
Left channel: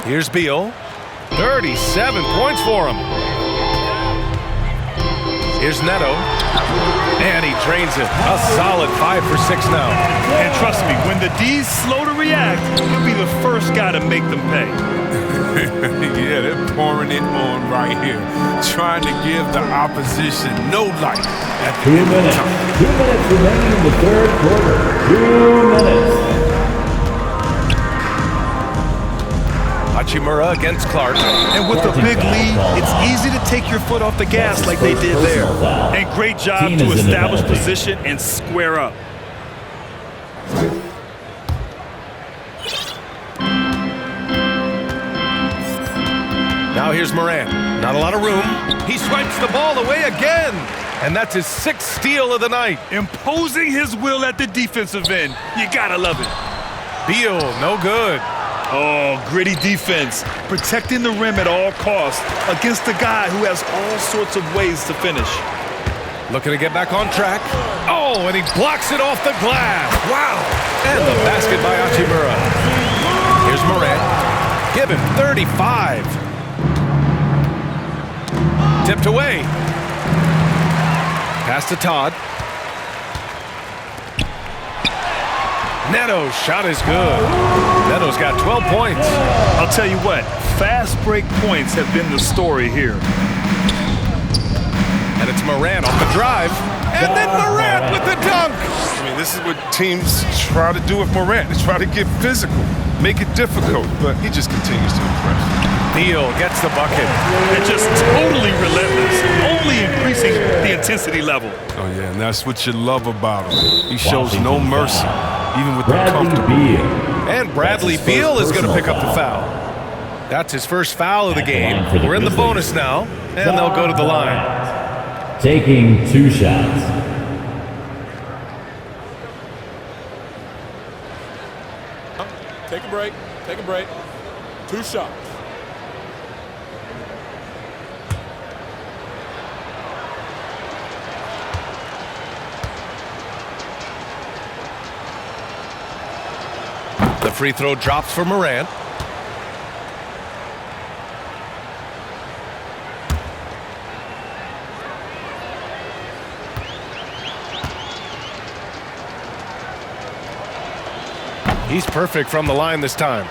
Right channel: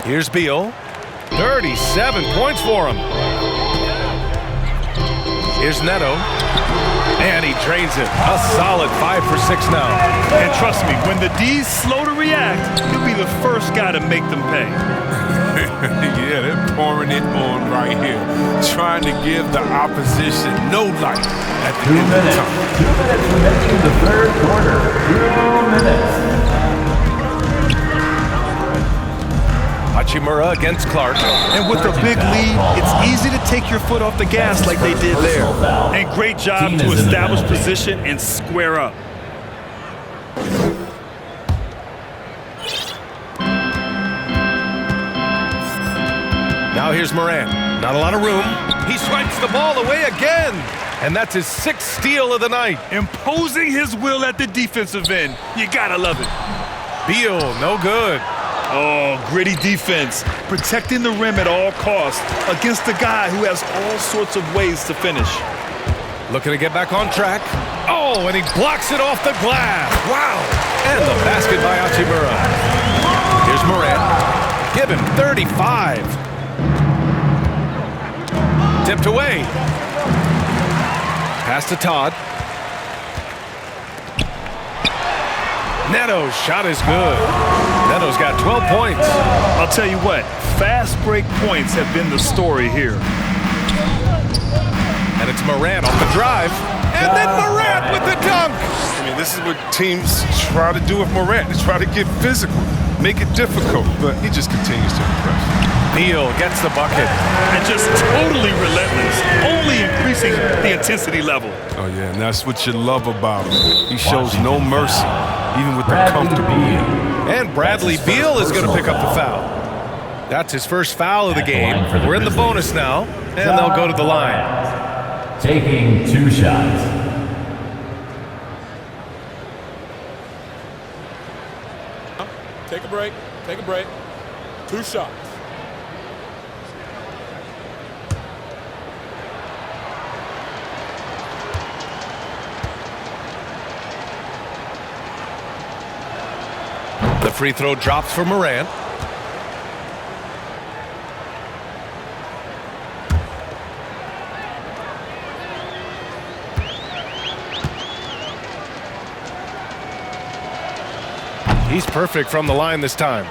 Here's Beal. 37 points for him. Here's Neto. And he drains it. A solid 5 for 6 now. And trust me, when the D's slow to react, he'll be the first guy to make them pay. Yeah, they're pouring it on right here. Trying to give the opposition no light at the 2 end minutes. of the time. 2 minutes remaining in the third quarter. 2 minutes. Hachimura against Clark. And with a big lead, it's easy to take your foot off the gas like they did there. And great job to establish position and square up. Now here's Morant. Not a lot of room. He swipes the ball away again. And that's his 6th steal of the night. Imposing his will at the defensive end. You gotta love it. Beal, no good. Oh, gritty defense. Protecting the rim at all costs against a guy who has all sorts of ways to finish. Looking to get back on track. Oh, and he blocks it off the glass. Wow. And the basket by Hachimura. Here's Morant. Give him 35. Tipped away. Pass to Todd. Neto's shot is good. Neto's got 12 points. I'll tell you what, fast break points have been the story here. And it's Morant off the drive. And then Morant with the dunk. I mean, this is what teams try to do with Morant. They try to get physical, make it difficult, but he just continues to impress. Beal gets the bucket. And just totally relentless, only increasing the intensity level. Oh, yeah, and that's what you love about him. He shows no mercy, even with the comfortable game. And Bradley Beal is going to pick up the foul. That's his first foul of the game. We're in the bonus now, and they'll go to the line. Taking 2 shots. Take a break. Take a break. 2 shots. The free throw drops for Morant. He's perfect from the line this time.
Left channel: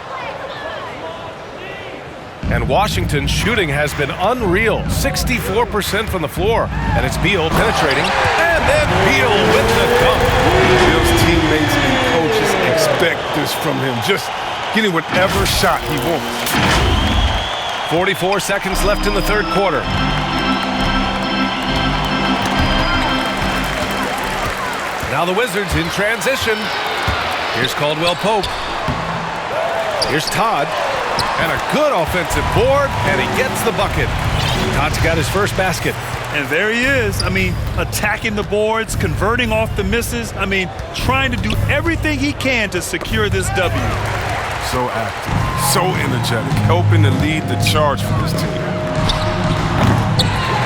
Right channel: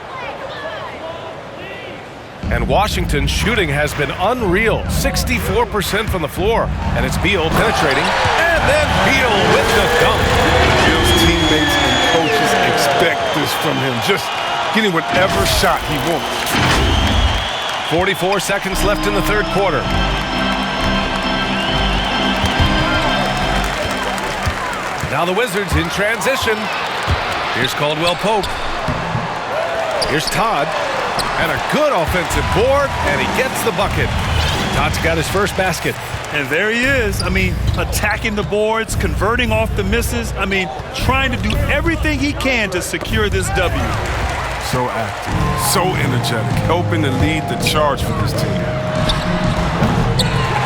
And Washington's shooting has been unreal. 64% from the floor. And it's Beal penetrating. And then Beal with the dunk. Beal's teammates and coaches expect this from him. Just getting whatever shot he wants. 44 seconds left in the third quarter. Now the Wizards in transition. Here's Caldwell Pope. Here's Todd. And a good offensive board, and he gets the bucket. Todd's got his first basket. And there he is. I mean, attacking the boards, converting off the misses. I mean, trying to do everything he can to secure this W. So active, so energetic, helping to lead the charge for this team.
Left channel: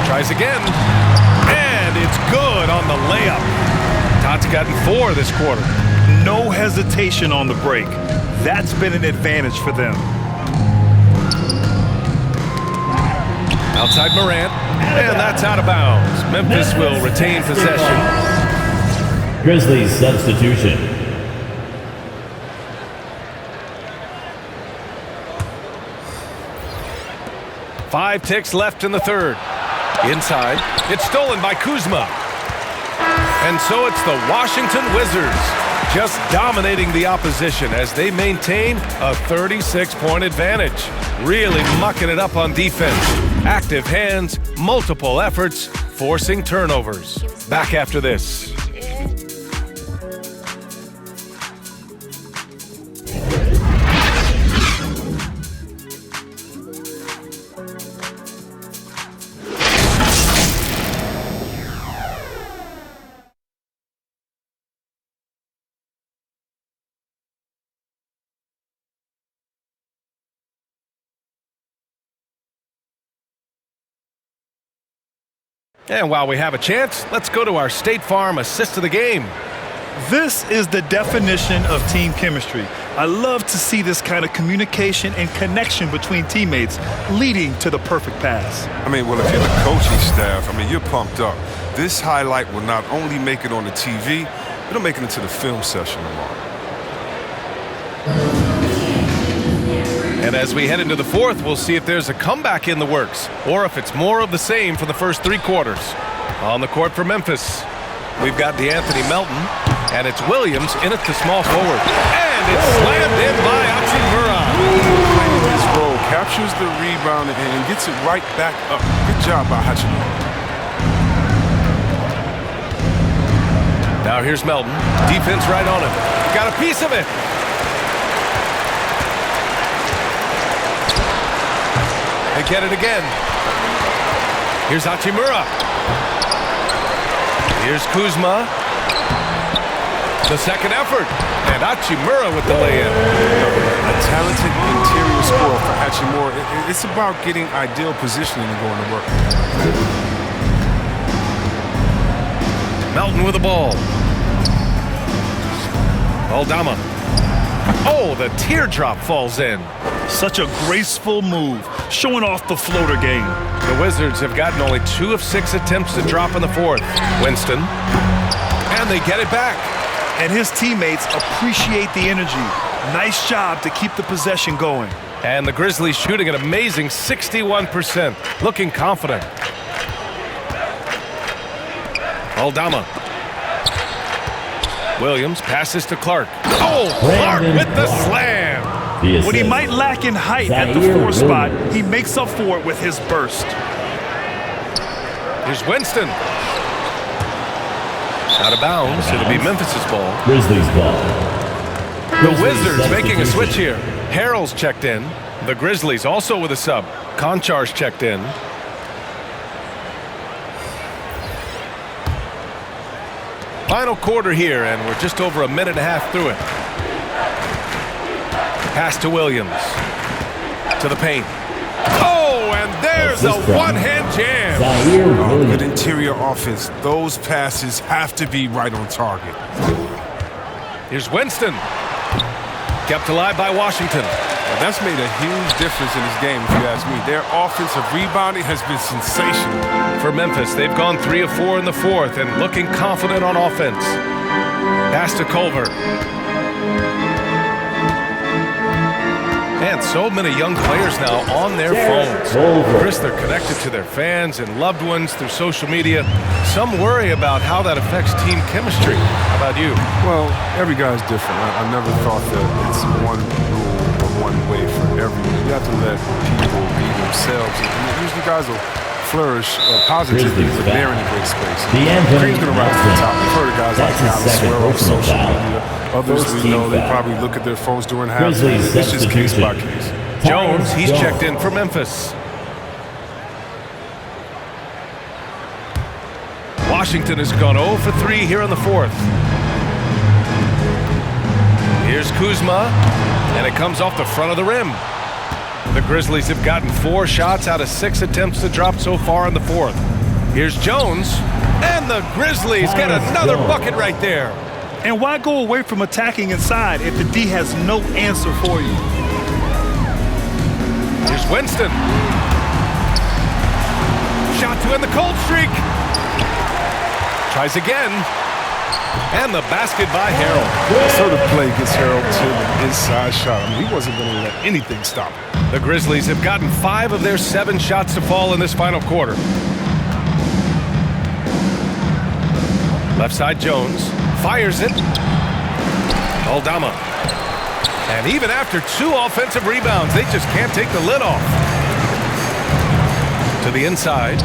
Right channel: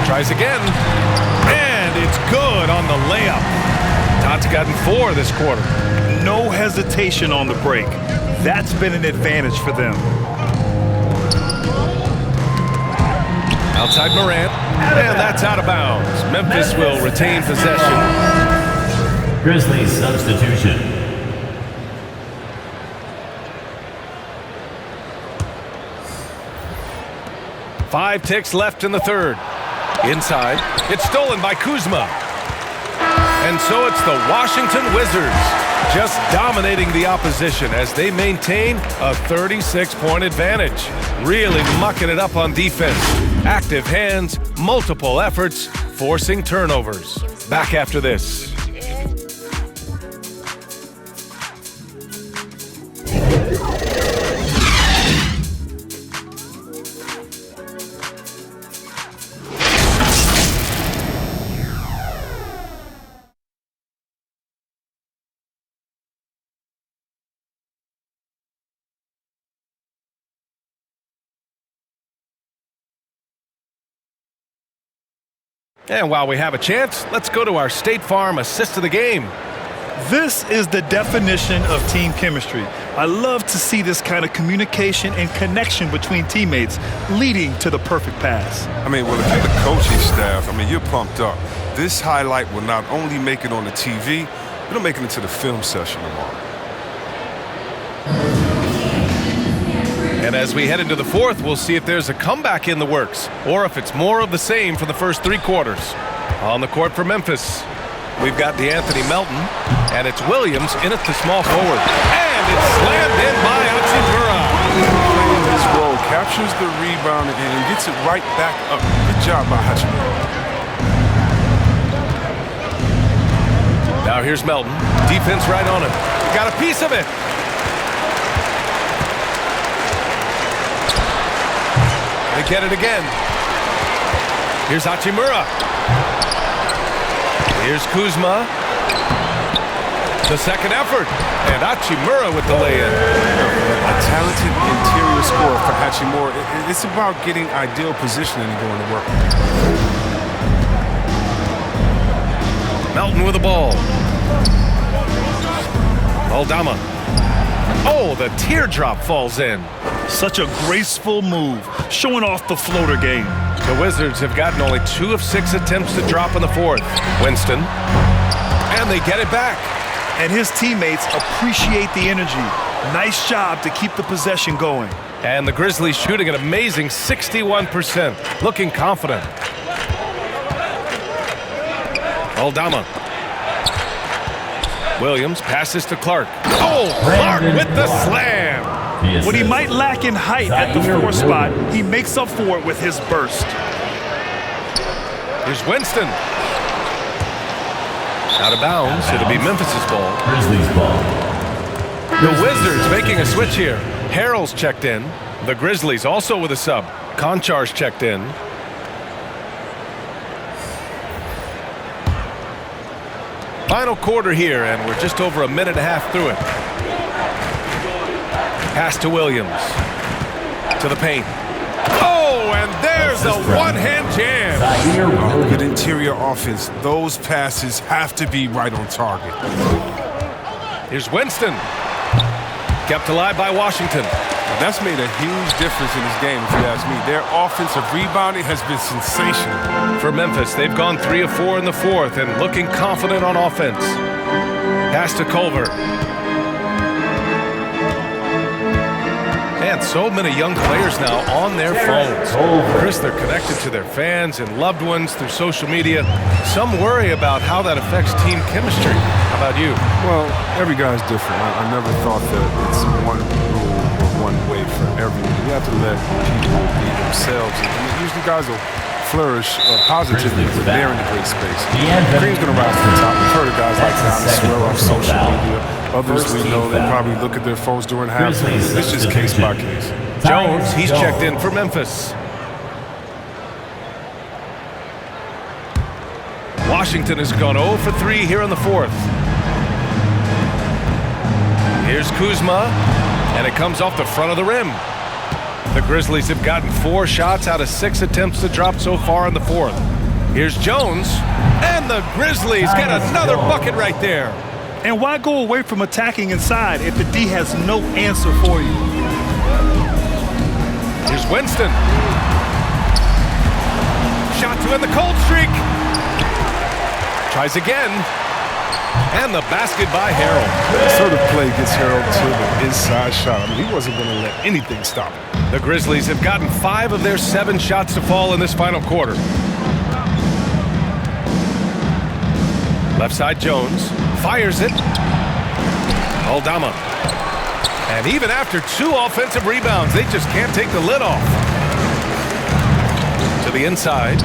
Tries again. And it's good on the layup. Todd's gotten 4 this quarter. No hesitation on the break. That's been an advantage for them. Outside Morant, and that's out of bounds. Memphis will retain possession. Grizzlies substitution. Five ticks left in the third. Inside, it's stolen by Kuzma. And so it's the Washington Wizards just dominating the opposition as they maintain a 36-point advantage. Really mucking it up on defense. Active hands, multiple efforts, forcing turnovers. Back after this. And while we have a chance, let's go to our State Farm assist of the game. This is the definition of team chemistry. I love to see this kind of communication and connection between teammates leading to the perfect pass. I mean, well, if you're the coaching staff, I mean, you're pumped up. This highlight will not only make it on the TV, it'll make it into the film session tomorrow. And as we head into the fourth, we'll see if there's a comeback in the works or if it's more of the same for the first 3 quarters. On the court for Memphis, we've got DeAnthony Melton, and it's Williams in at the small forward. And it's slammed in by Hachimura. Playing his role, captures the rebound and gets it right back up. Good job by Hachimura. Now here's Melton. Defense right on him. Got a piece of it. They get it again. Here's Hachimura. Here's Kuzma. The second effort. And Hachimura with the lay-in. A talented interior scorer for Hachimura. It's about getting ideal positioning and going to work. Melton with the ball. Aldama. Oh, the teardrop falls in. Such a graceful move, showing off the floater game. The Wizards have gotten only 2 of 6 attempts to drop in the fourth. Winston. And they get it back. And his teammates appreciate the energy. Nice job to keep the possession going. And the Grizzlies shooting an amazing 61%, looking confident. Aldama. Williams passes to Clark. Oh, Clark with the slam. What he might lack in height at the 4 spot, he makes up for it with his burst. Here's Winston. Out of bounds. It'll be Memphis's ball. Grizzlies ball. The Wizards making a switch here. Harrell's checked in. The Grizzlies also with a sub. Konchar's checked in. Final quarter here, and we're just over a minute and a half through it. Pass to Williams. To the paint. Oh, and there's a one-hand jam. Oh, good interior offense. Those passes have to be right on target. Here's Winston. Kept alive by Washington. Now, that's made a huge difference in this game, if you ask me. Their offensive rebounding has been sensational. For Memphis, they've gone 3 of 4 in the fourth and looking confident on offense. Pass to Culver. And so many young players now on their phones. Chris, they're connected to their fans and loved ones through social media. Some worry about how that affects team chemistry. How about you? Well, every guy's different. I never thought that it's one rule or one way for everyone. You have to let people be themselves. And usually guys will flourish positively when they're in a great space. Cream's going to rise to the top. We've heard of guys like Dallas swear off social media. Others we know they probably look at their phones during halftime. It's just case by case. Jones, he's checked in for Memphis. Washington has gone 0 for 3 here in the fourth. Here's Kuzma, and it comes off the front of the rim. The Grizzlies have gotten 4 shots out of 6 attempts to drop so far in the fourth. Here's Jones, and the Grizzlies get another bucket right there. And why go away from attacking inside if the D has no answer for you? Here's Winston. Shot to end the cold streak. Tries again. And the basket by Harrell. That sort of play gets Harrell to the inside shot. I mean, he wasn't going to let anything stop him. The Grizzlies have gotten 5 of their 7 shots to fall in this final quarter. Left side Jones. Fires it. Aldama. And even after 2 offensive rebounds, they just can't take the lid off. To the inside.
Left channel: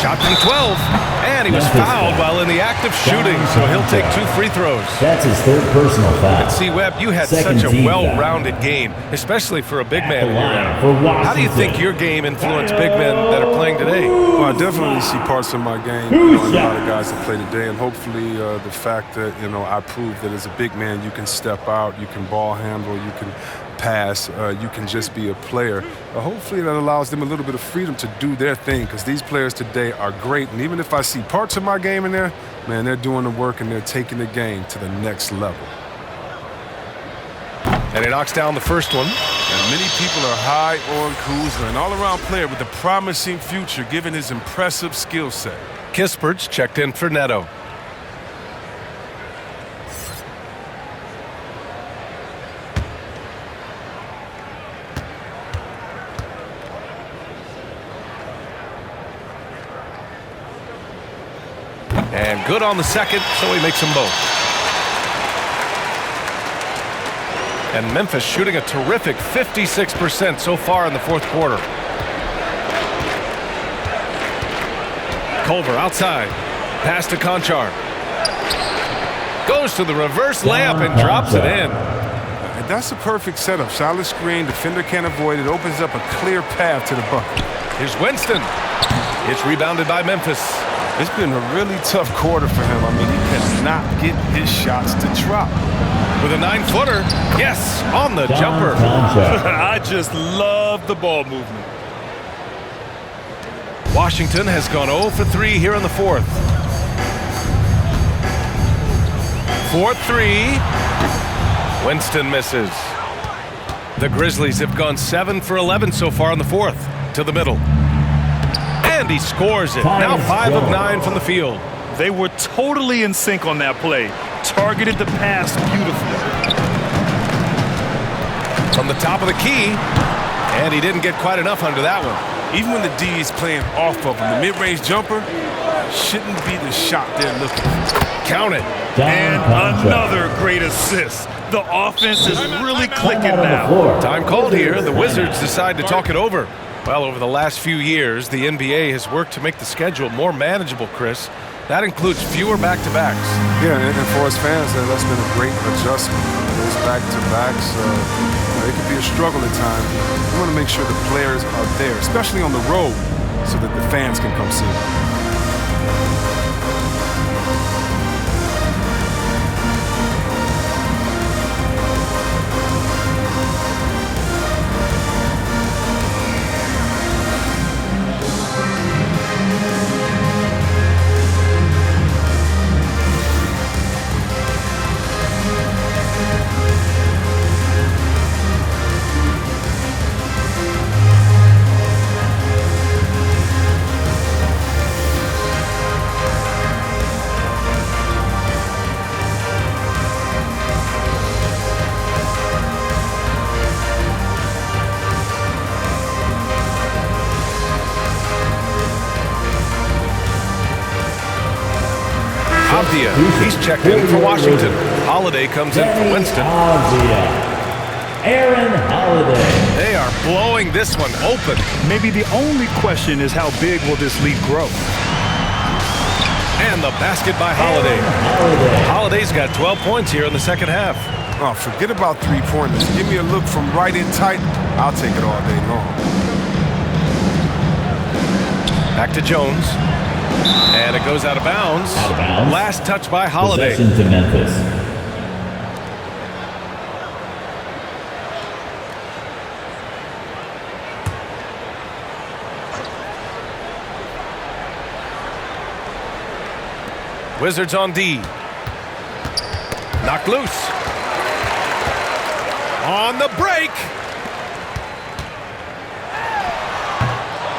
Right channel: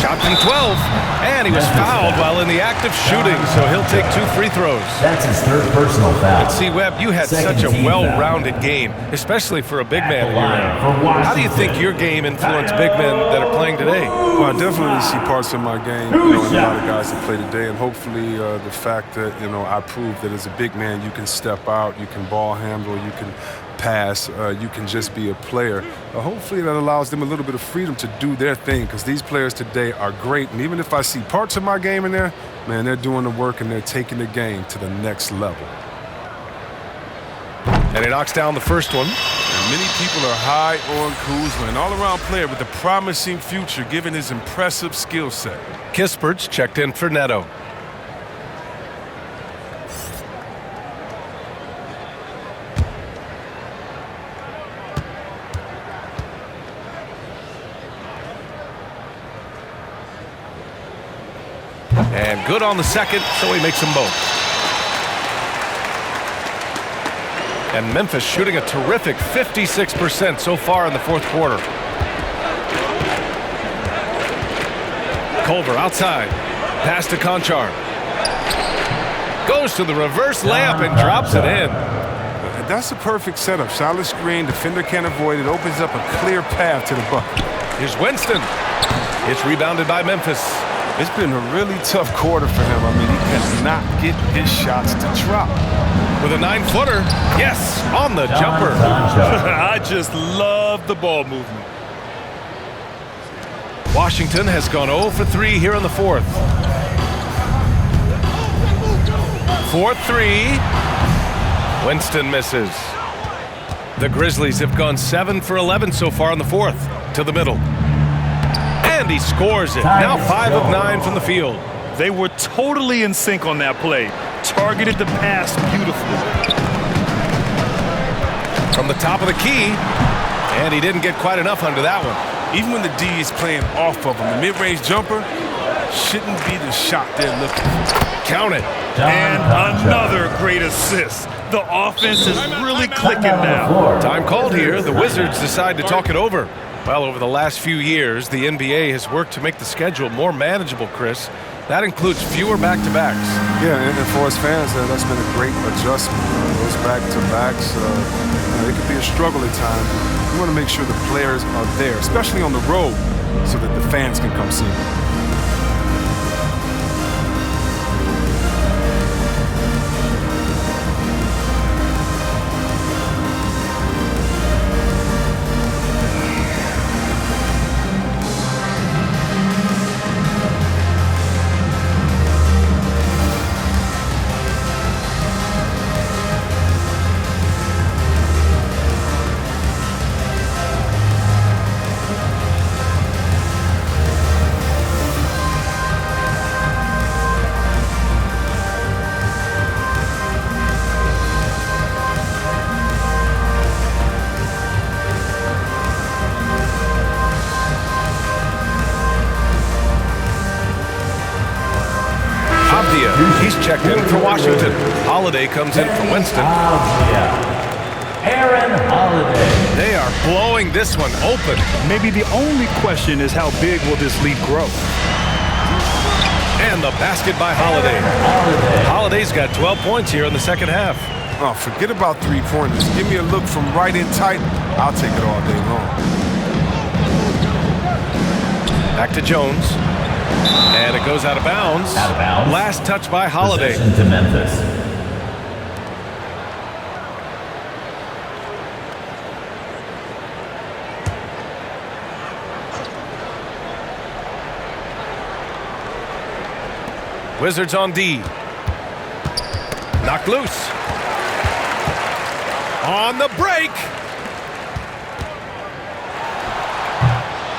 Shot from 12. And he was fouled while in the act of shooting, so he'll take 2 free throws. That's his 3rd personal foul. And see, Webb, you had such a well-rounded game, especially for a big man in your era. How do you think your game influenced big men that are playing today? Well, I definitely see parts of my game, in a lot of guys that play today, and hopefully the fact that, I prove that as a big man, you can step out, you can ball handle, you can pass, you can just be a player. Hopefully that allows them a little bit of freedom to do their thing, because these players today are great, and even if I see parts of my game in there, man, they're doing the work and they're taking the game to the next level. And he knocks down the first one. And many people are high on Kuzma, an all-around player with a promising future given his impressive skill set. Kispert's checked in for Neto. And good on the second, so he makes them both. And Memphis shooting a terrific 56% so far in the 4th quarter. Culver outside. Pass to Conchar. Goes to the reverse layup and drops it in. That's a perfect setup. Solid screen, defender can't avoid it. Opens up a clear path to the bucket. Here's Winston. It's rebounded by Memphis. It's been a really tough quarter for him. I mean, he cannot get his shots to drop. With a 9-footer. Yes, on the jumper. I just love the ball movement. Washington has gone 0 for 3 here in the 4th. 4-3. Winston misses. The Grizzlies have gone 7 for 11 so far in the 4th. To the middle. And he scores it. Now 5 of 9 from the field. They were totally in sync on that play. Targeted the pass beautifully. From the top of the key. And he didn't get quite enough under that one. Even when the D is playing off of him, the mid-range jumper shouldn't be the shot they're looking for. Count it. And another great assist. The offense is really clicking now. Time called here. The Wizards decide to talk it over. Well, over the last few years, the NBA has worked to make the schedule more manageable, Chris. That includes fewer back-to-backs. Yeah, and for us fans, that's been a great adjustment. Those back-to-backs, it could be a struggle at times. We want to make sure the players are there, especially on the road, so that the fans can come see them. He's checked in for Washington. Holiday comes in for Winston. Aaron Holiday. They are blowing this one open. Maybe the only question is how big will this lead grow? And the basket by Holiday. Holiday's got 12 points here in the second half. Oh, forget about three-pointers. Give me a look from right in tight. I'll take it all day long. Back to Jones. And it goes out of bounds. Last touch by Holiday. Possession to Memphis. Wizards on D. Knocked loose. On the break.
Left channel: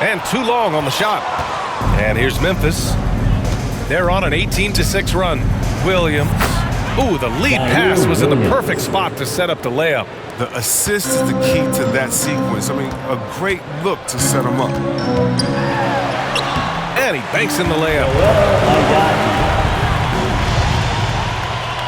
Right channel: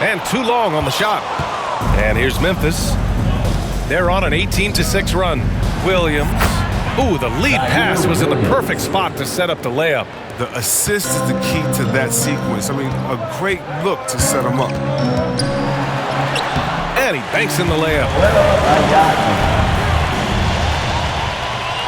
And too long on the shot. And here's Memphis. They're on an 18-6 run. Williams. Ooh, the lead pass was in the perfect spot to set up the layup. The assist is the key to that sequence. I mean, a great look to set him up. And he banks in the layup.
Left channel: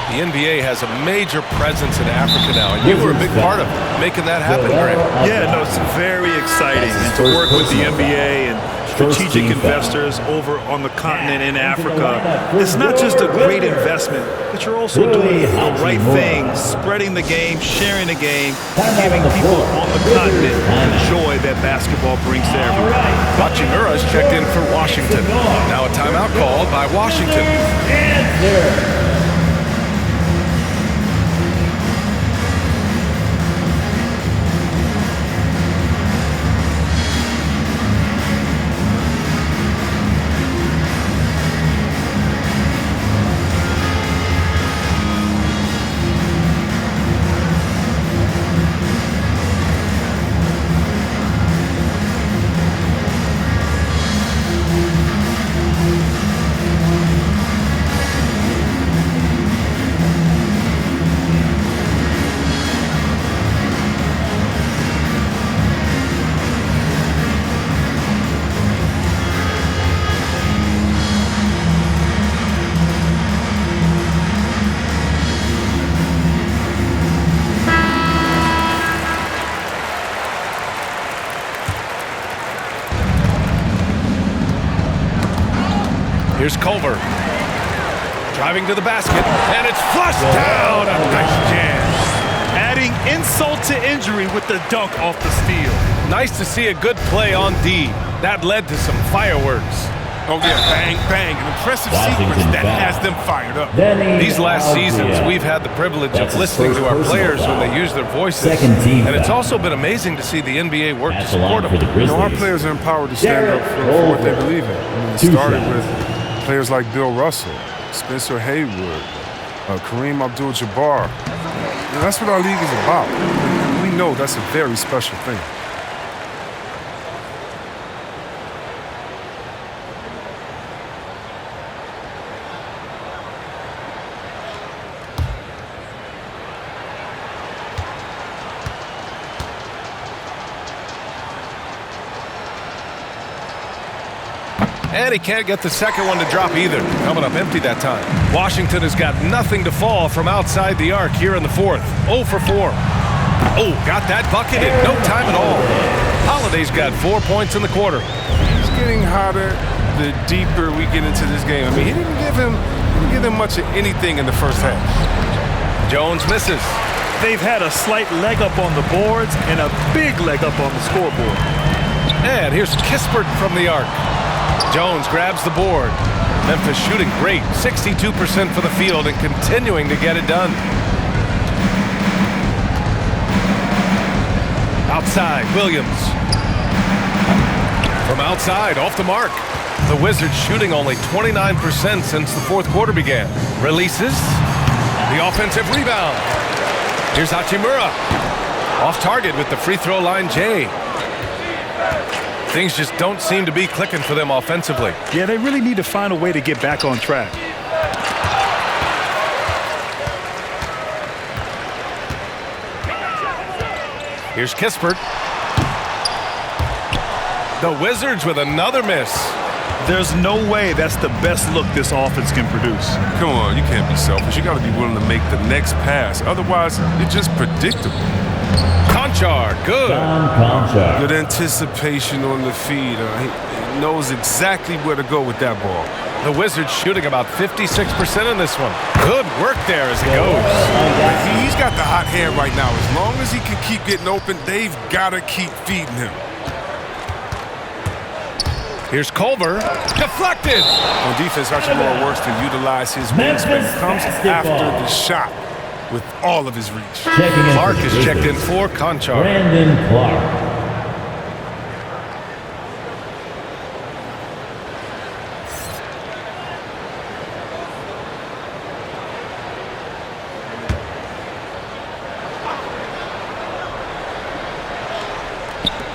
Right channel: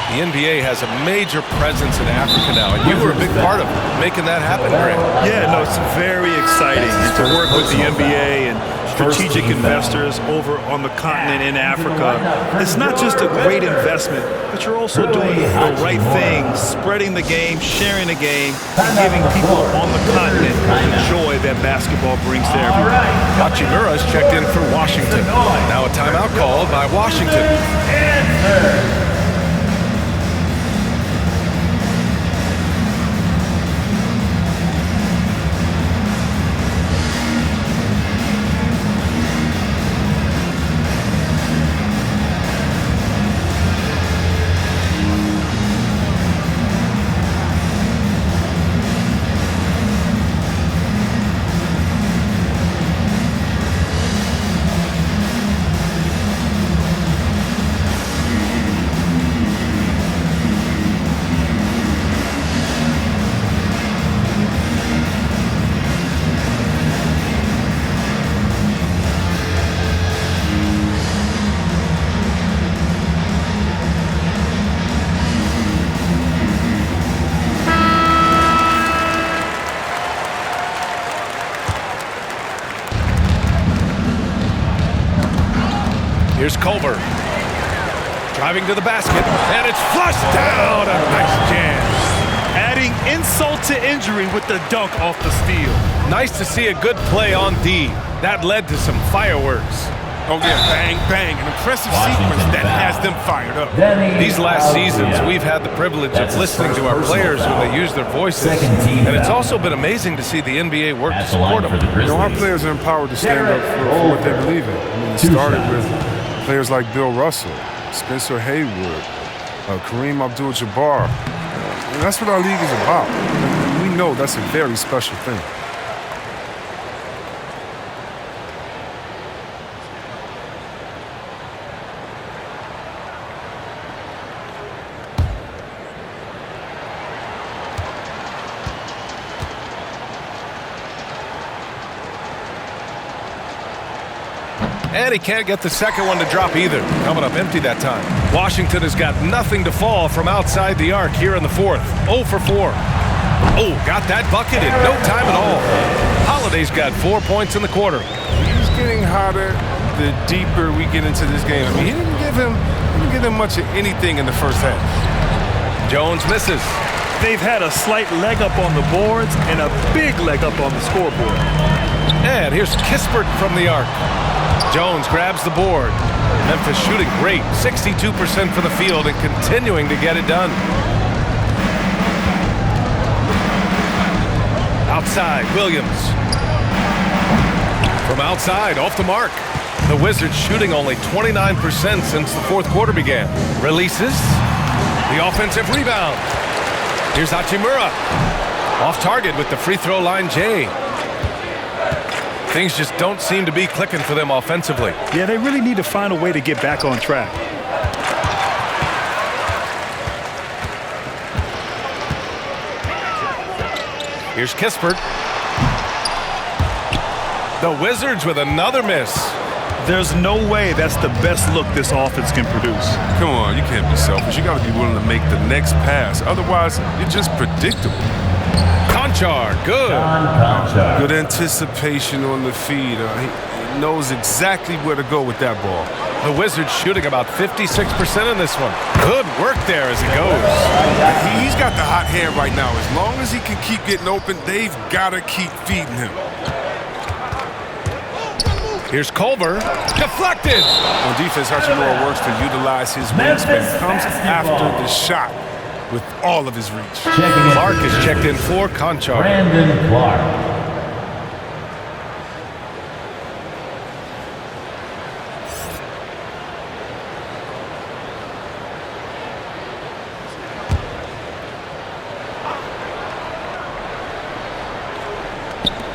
The NBA has a major presence in Africa now, and you were a big part of making that happen, Grant. Yeah, no, it's very exciting. And to work with the NBA and strategic investors over on the continent in Africa, it's not just a great investment, but you're also doing the right thing, spreading the game, sharing the game, and giving people on the continent the joy that basketball brings to everyone. Hachimura's checked in for Washington. Now a timeout called by Washington. Here's Culver. Driving to the basket, and it's flushed down. A nice jam. Adding insult to injury with the dunk off the steal. Nice to see a good play on D. That led to some fireworks. Oh, yeah, bang, bang. An impressive sequence that has them fired up. These last seasons, we've had the privilege of listening to our players when they use their voices. And it's also been amazing to see the NBA work to support them. You know, our players are empowered to stand up for what they believe in. I mean, it started with players like Bill Russell, Spencer Haywood, Kareem Abdul-Jabbar. And that's what our league is about. And we know that's a very special thing. And he can't get the second one to drop either. Coming up empty that time. Washington has got nothing to fall from outside the arc here in the fourth. 0 for 4. Oh, got that bucket in no time at all. Holiday's got 4 points in the quarter. He's getting hotter the deeper we get into this game. I mean, he didn't give him much of anything in the first half. Jones misses. They've had a slight leg up on the boards and a big leg up on the scoreboard. And here's Kispert from the arc. Jones grabs the board. Memphis shooting great, 62% for the field and continuing to get it done. Outside, Williams. From outside, off the mark. The Wizards shooting only 29% since the fourth quarter began. Releases. The offensive rebound. Here's Hachimura. Off target with the free throw line, Jay. Things just don't seem to be clicking for them offensively. Yeah, they really need to find a way to get back on track. Here's Kispert. The Wizards with another miss. There's no way that's the best look this offense can produce. Come on, you can't be selfish. You got to be willing to make the next pass. Otherwise, you're just predictable. Conchar, good. Good anticipation on the feed. He knows exactly where to go with that ball. The Wizards shooting about 56% in this one. Good work there as it goes. He's got the hot hand right now. As long as he can keep getting open, they've got to keep feeding him. Here's Culver. Deflected. On defense, Hachimura works to utilize his wingspan. He comes after the shot with all of his reach. Clark is checked in for Conchar. Brandon Clark.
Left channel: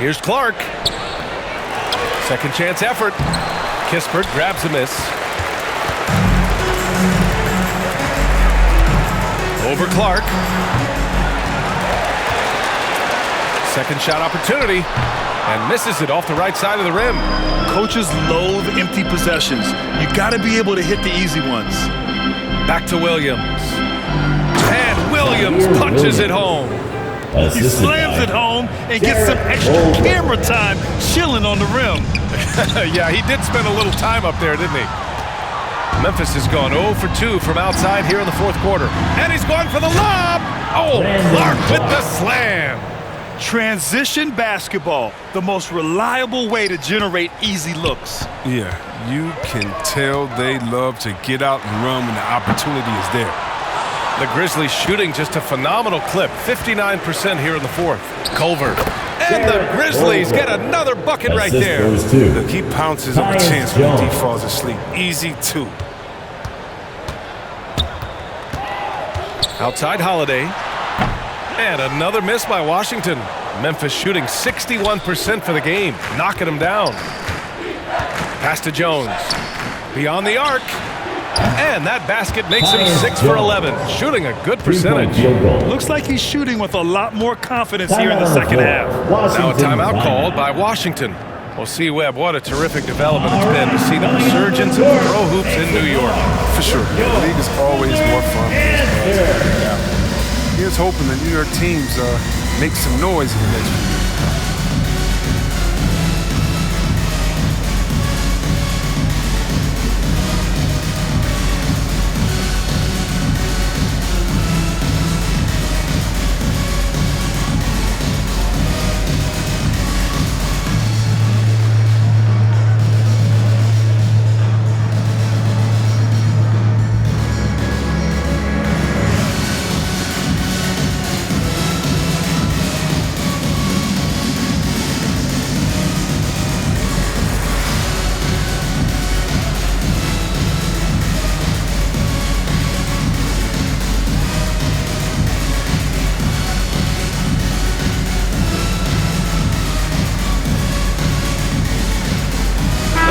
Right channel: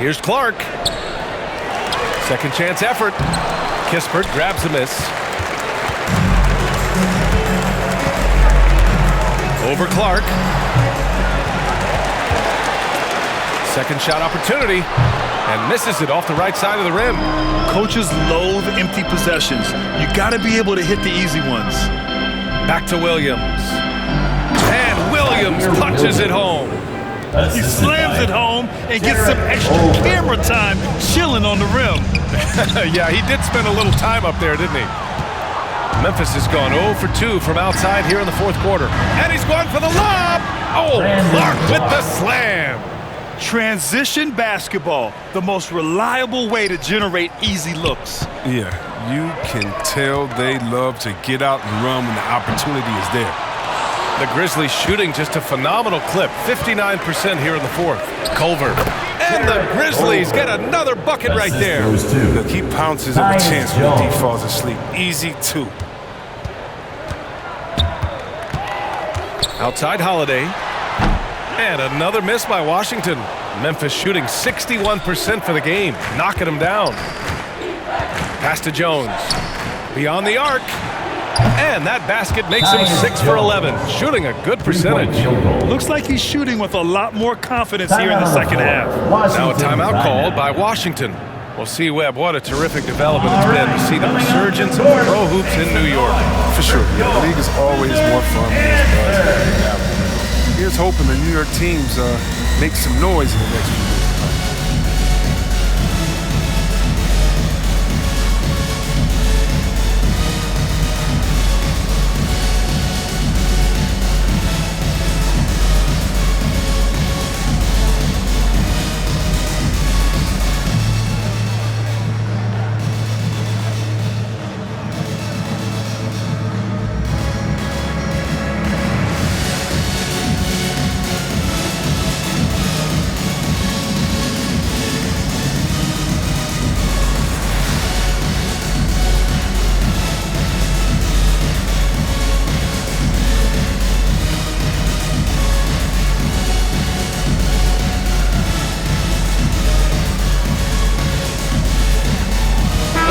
Here's Clark. Second chance effort. Kispert grabs the miss. Over Clark. Second shot opportunity. And misses it off the right side of the rim. Coaches loathe empty possessions. You got to be able to hit the easy ones. Back to Williams. And Williams punches it home. He slams it home and gets some extra camera time chilling on the rim. Yeah, he did spend a little time up there, didn't he? Memphis has gone 0 for 2 from outside here in the fourth quarter. And he's going for the lob. Oh, Clark with the slam. Transition basketball, the most reliable way to generate easy looks. Yeah, you can tell they love to get out and run when the opportunity is there. The Grizzlies shooting just a phenomenal clip, 59% here in the fourth. Culver. And the Grizzlies get another bucket right there. Look, he pounces up a chance when the D falls asleep. Easy two. Outside Holiday. And another miss by Washington. Memphis shooting 61% for the game, knocking them down. Pass to Jones. Beyond the arc. And that basket makes him 6 for 11, shooting a good percentage. Looks like he's shooting with a lot more confidence here in the second half. Now a timeout called by Washington. Well, C. Webb, what a terrific development it's been to see the resurgence of pro hoops in New York. For sure. Yeah, the league is always more fun when there's buzz. Here's hoping the New York teams make some noise in the next few years to come.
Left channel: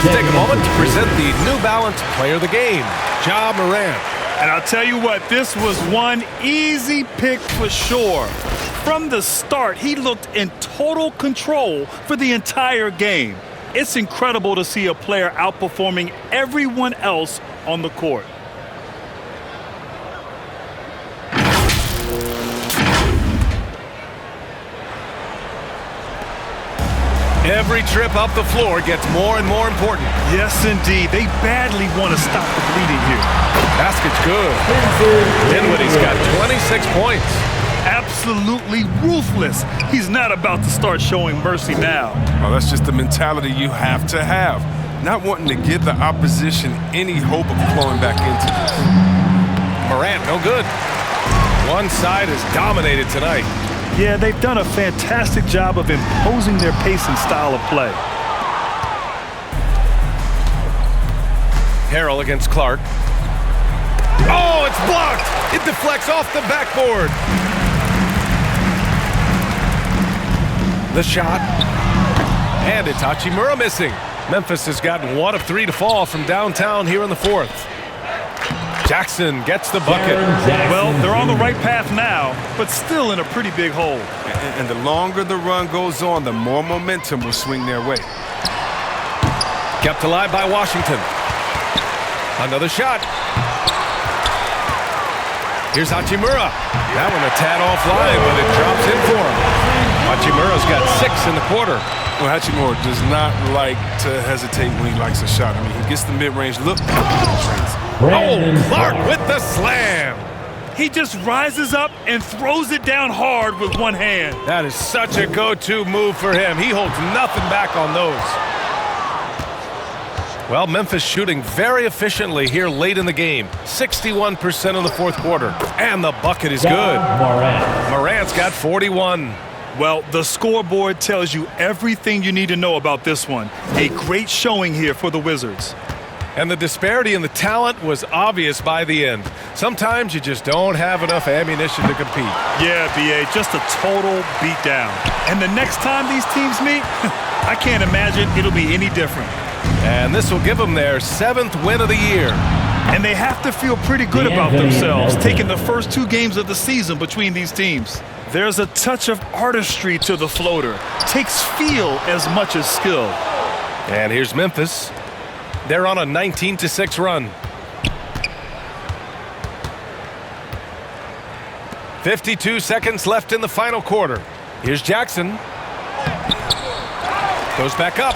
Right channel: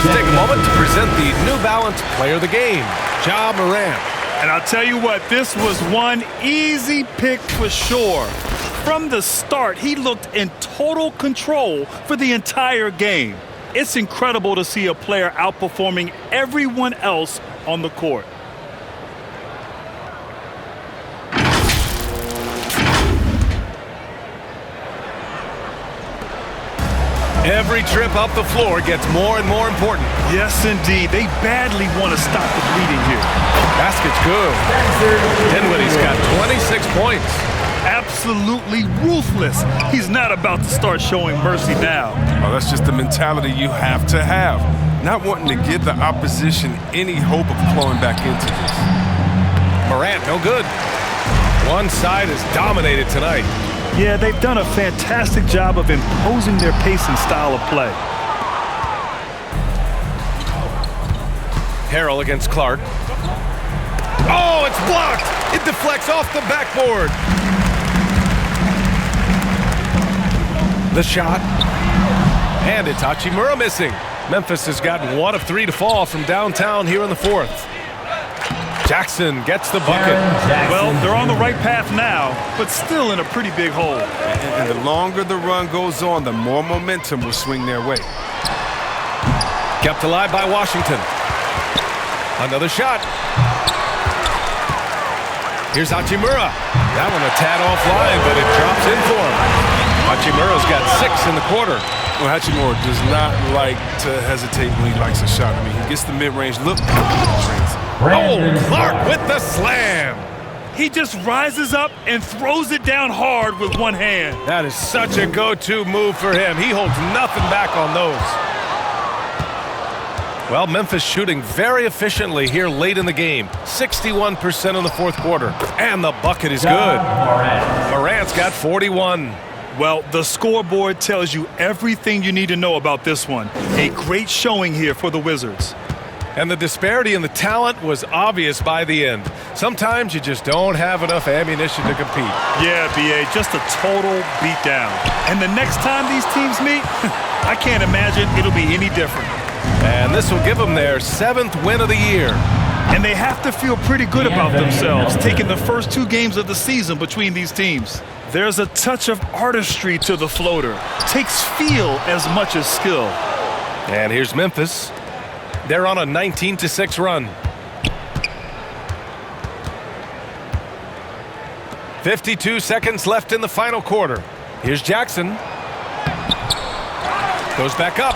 Let's take a moment to present the New Balance Player of the Game, Ja Morant. And I'll tell you what, this was one easy pick for sure. From the start, he looked in total control for the entire game. It's incredible to see a player outperforming everyone else on the court. Every trip up the floor gets more and more important. Yes, indeed. They badly want to stop the bleeding here. Basket's good. Dinwiddie's got 26 points. Absolutely ruthless. He's not about to start showing mercy now. Oh, that's just the mentality you have to have. Not wanting to give the opposition any hope of clawing back into this. Morant, no good. One side is dominated tonight. Yeah, they've done a fantastic job of imposing their pace and style of play. Harrell against Clark. Oh, it's blocked! It deflects off the backboard. The shot. And it's Hachimura missing. Memphis has gotten 1 of 3 to fall from downtown here in the fourth. Jackson gets the bucket. Well, they're on the right path now, but still in a pretty big hole. And the longer the run goes on, the more momentum will swing their way. Kept alive by Washington. Another shot. Here's Hachimura. That one a tad offline, but it drops in for him. Hachimura's got 6 in the quarter. Well, Hachimura does not like to hesitate when he likes a shot. I mean, he gets the mid-range look. Oh, Clark with the slam. He just rises up and throws it down hard with one hand. That is such a go-to move for him. He holds nothing back on those. Well, Memphis shooting very efficiently here late in the game. 61% in the fourth quarter. And the bucket is good. Morant's got 41. Well, the scoreboard tells you everything you need to know about this one. A great showing here for the Wizards. And the disparity in the talent was obvious by the end. Sometimes you just don't have enough ammunition to compete. Yeah, B.A., just a total beatdown. And the next time these teams meet, I can't imagine it'll be any different. And this will give them their 7th win of the year. And they have to feel pretty good about themselves, taking the first 2 games of the season between these teams. There's a touch of artistry to the floater. Takes feel as much as skill. And here's Memphis. They're on a 19-6 run. 52 seconds left in the final quarter. Here's Jackson. Goes back up.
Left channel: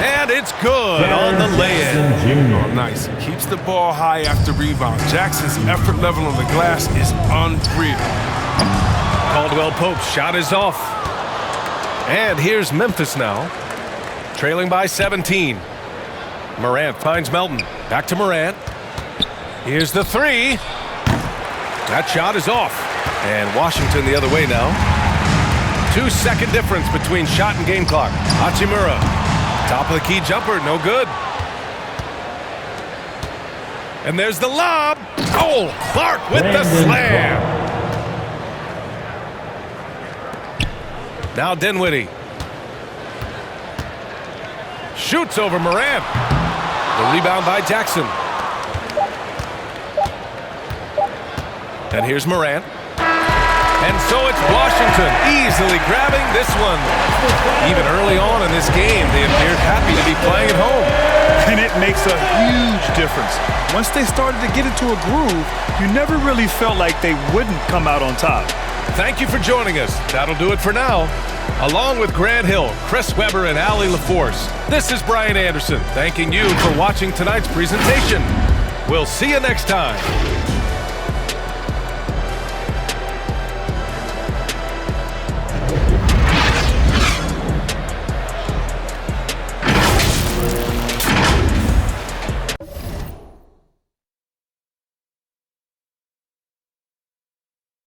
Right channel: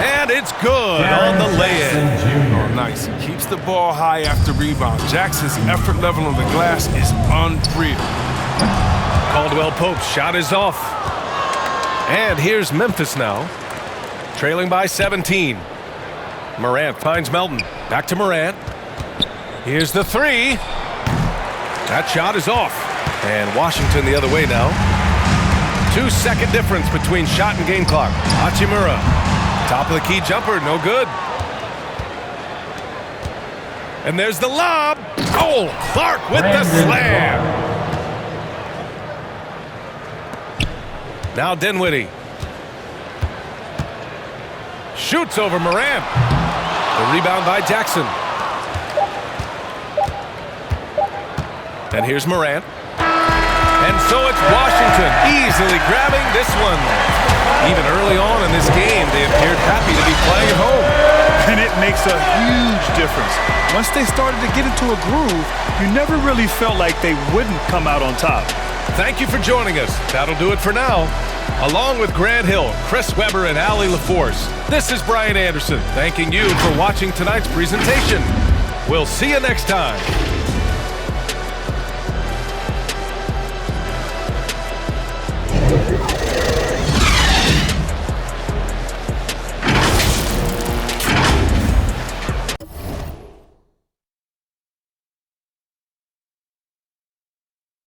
And it's good on the lay-in. Oh, nice. He keeps the ball high after rebound. Jackson's effort level on the glass is unreal. Caldwell Pope's shot is off. And here's Memphis now, trailing by 17. Morant finds Melton. Back to Morant. Here's the 3. That shot is off. And Washington the other way now. 2-second difference between shot and game clock. Hachimura. Top of the key jumper, no good. And there's the lob. Oh, Clark with the slam. Now Dinwiddie. Shoots over Morant. The rebound by Jackson. And here's Morant. And so it's Washington easily grabbing this one. Even early on in this game, they appeared happy to be playing at home. And it makes a huge difference. Once they started to get into a groove, you never really felt like they wouldn't come out on top. Thank you for joining us. That'll do it for now. Along with Grant Hill, Chris Webber, and Allie LaForce, this is Brian Anderson thanking you for watching tonight's presentation. We'll see you next time.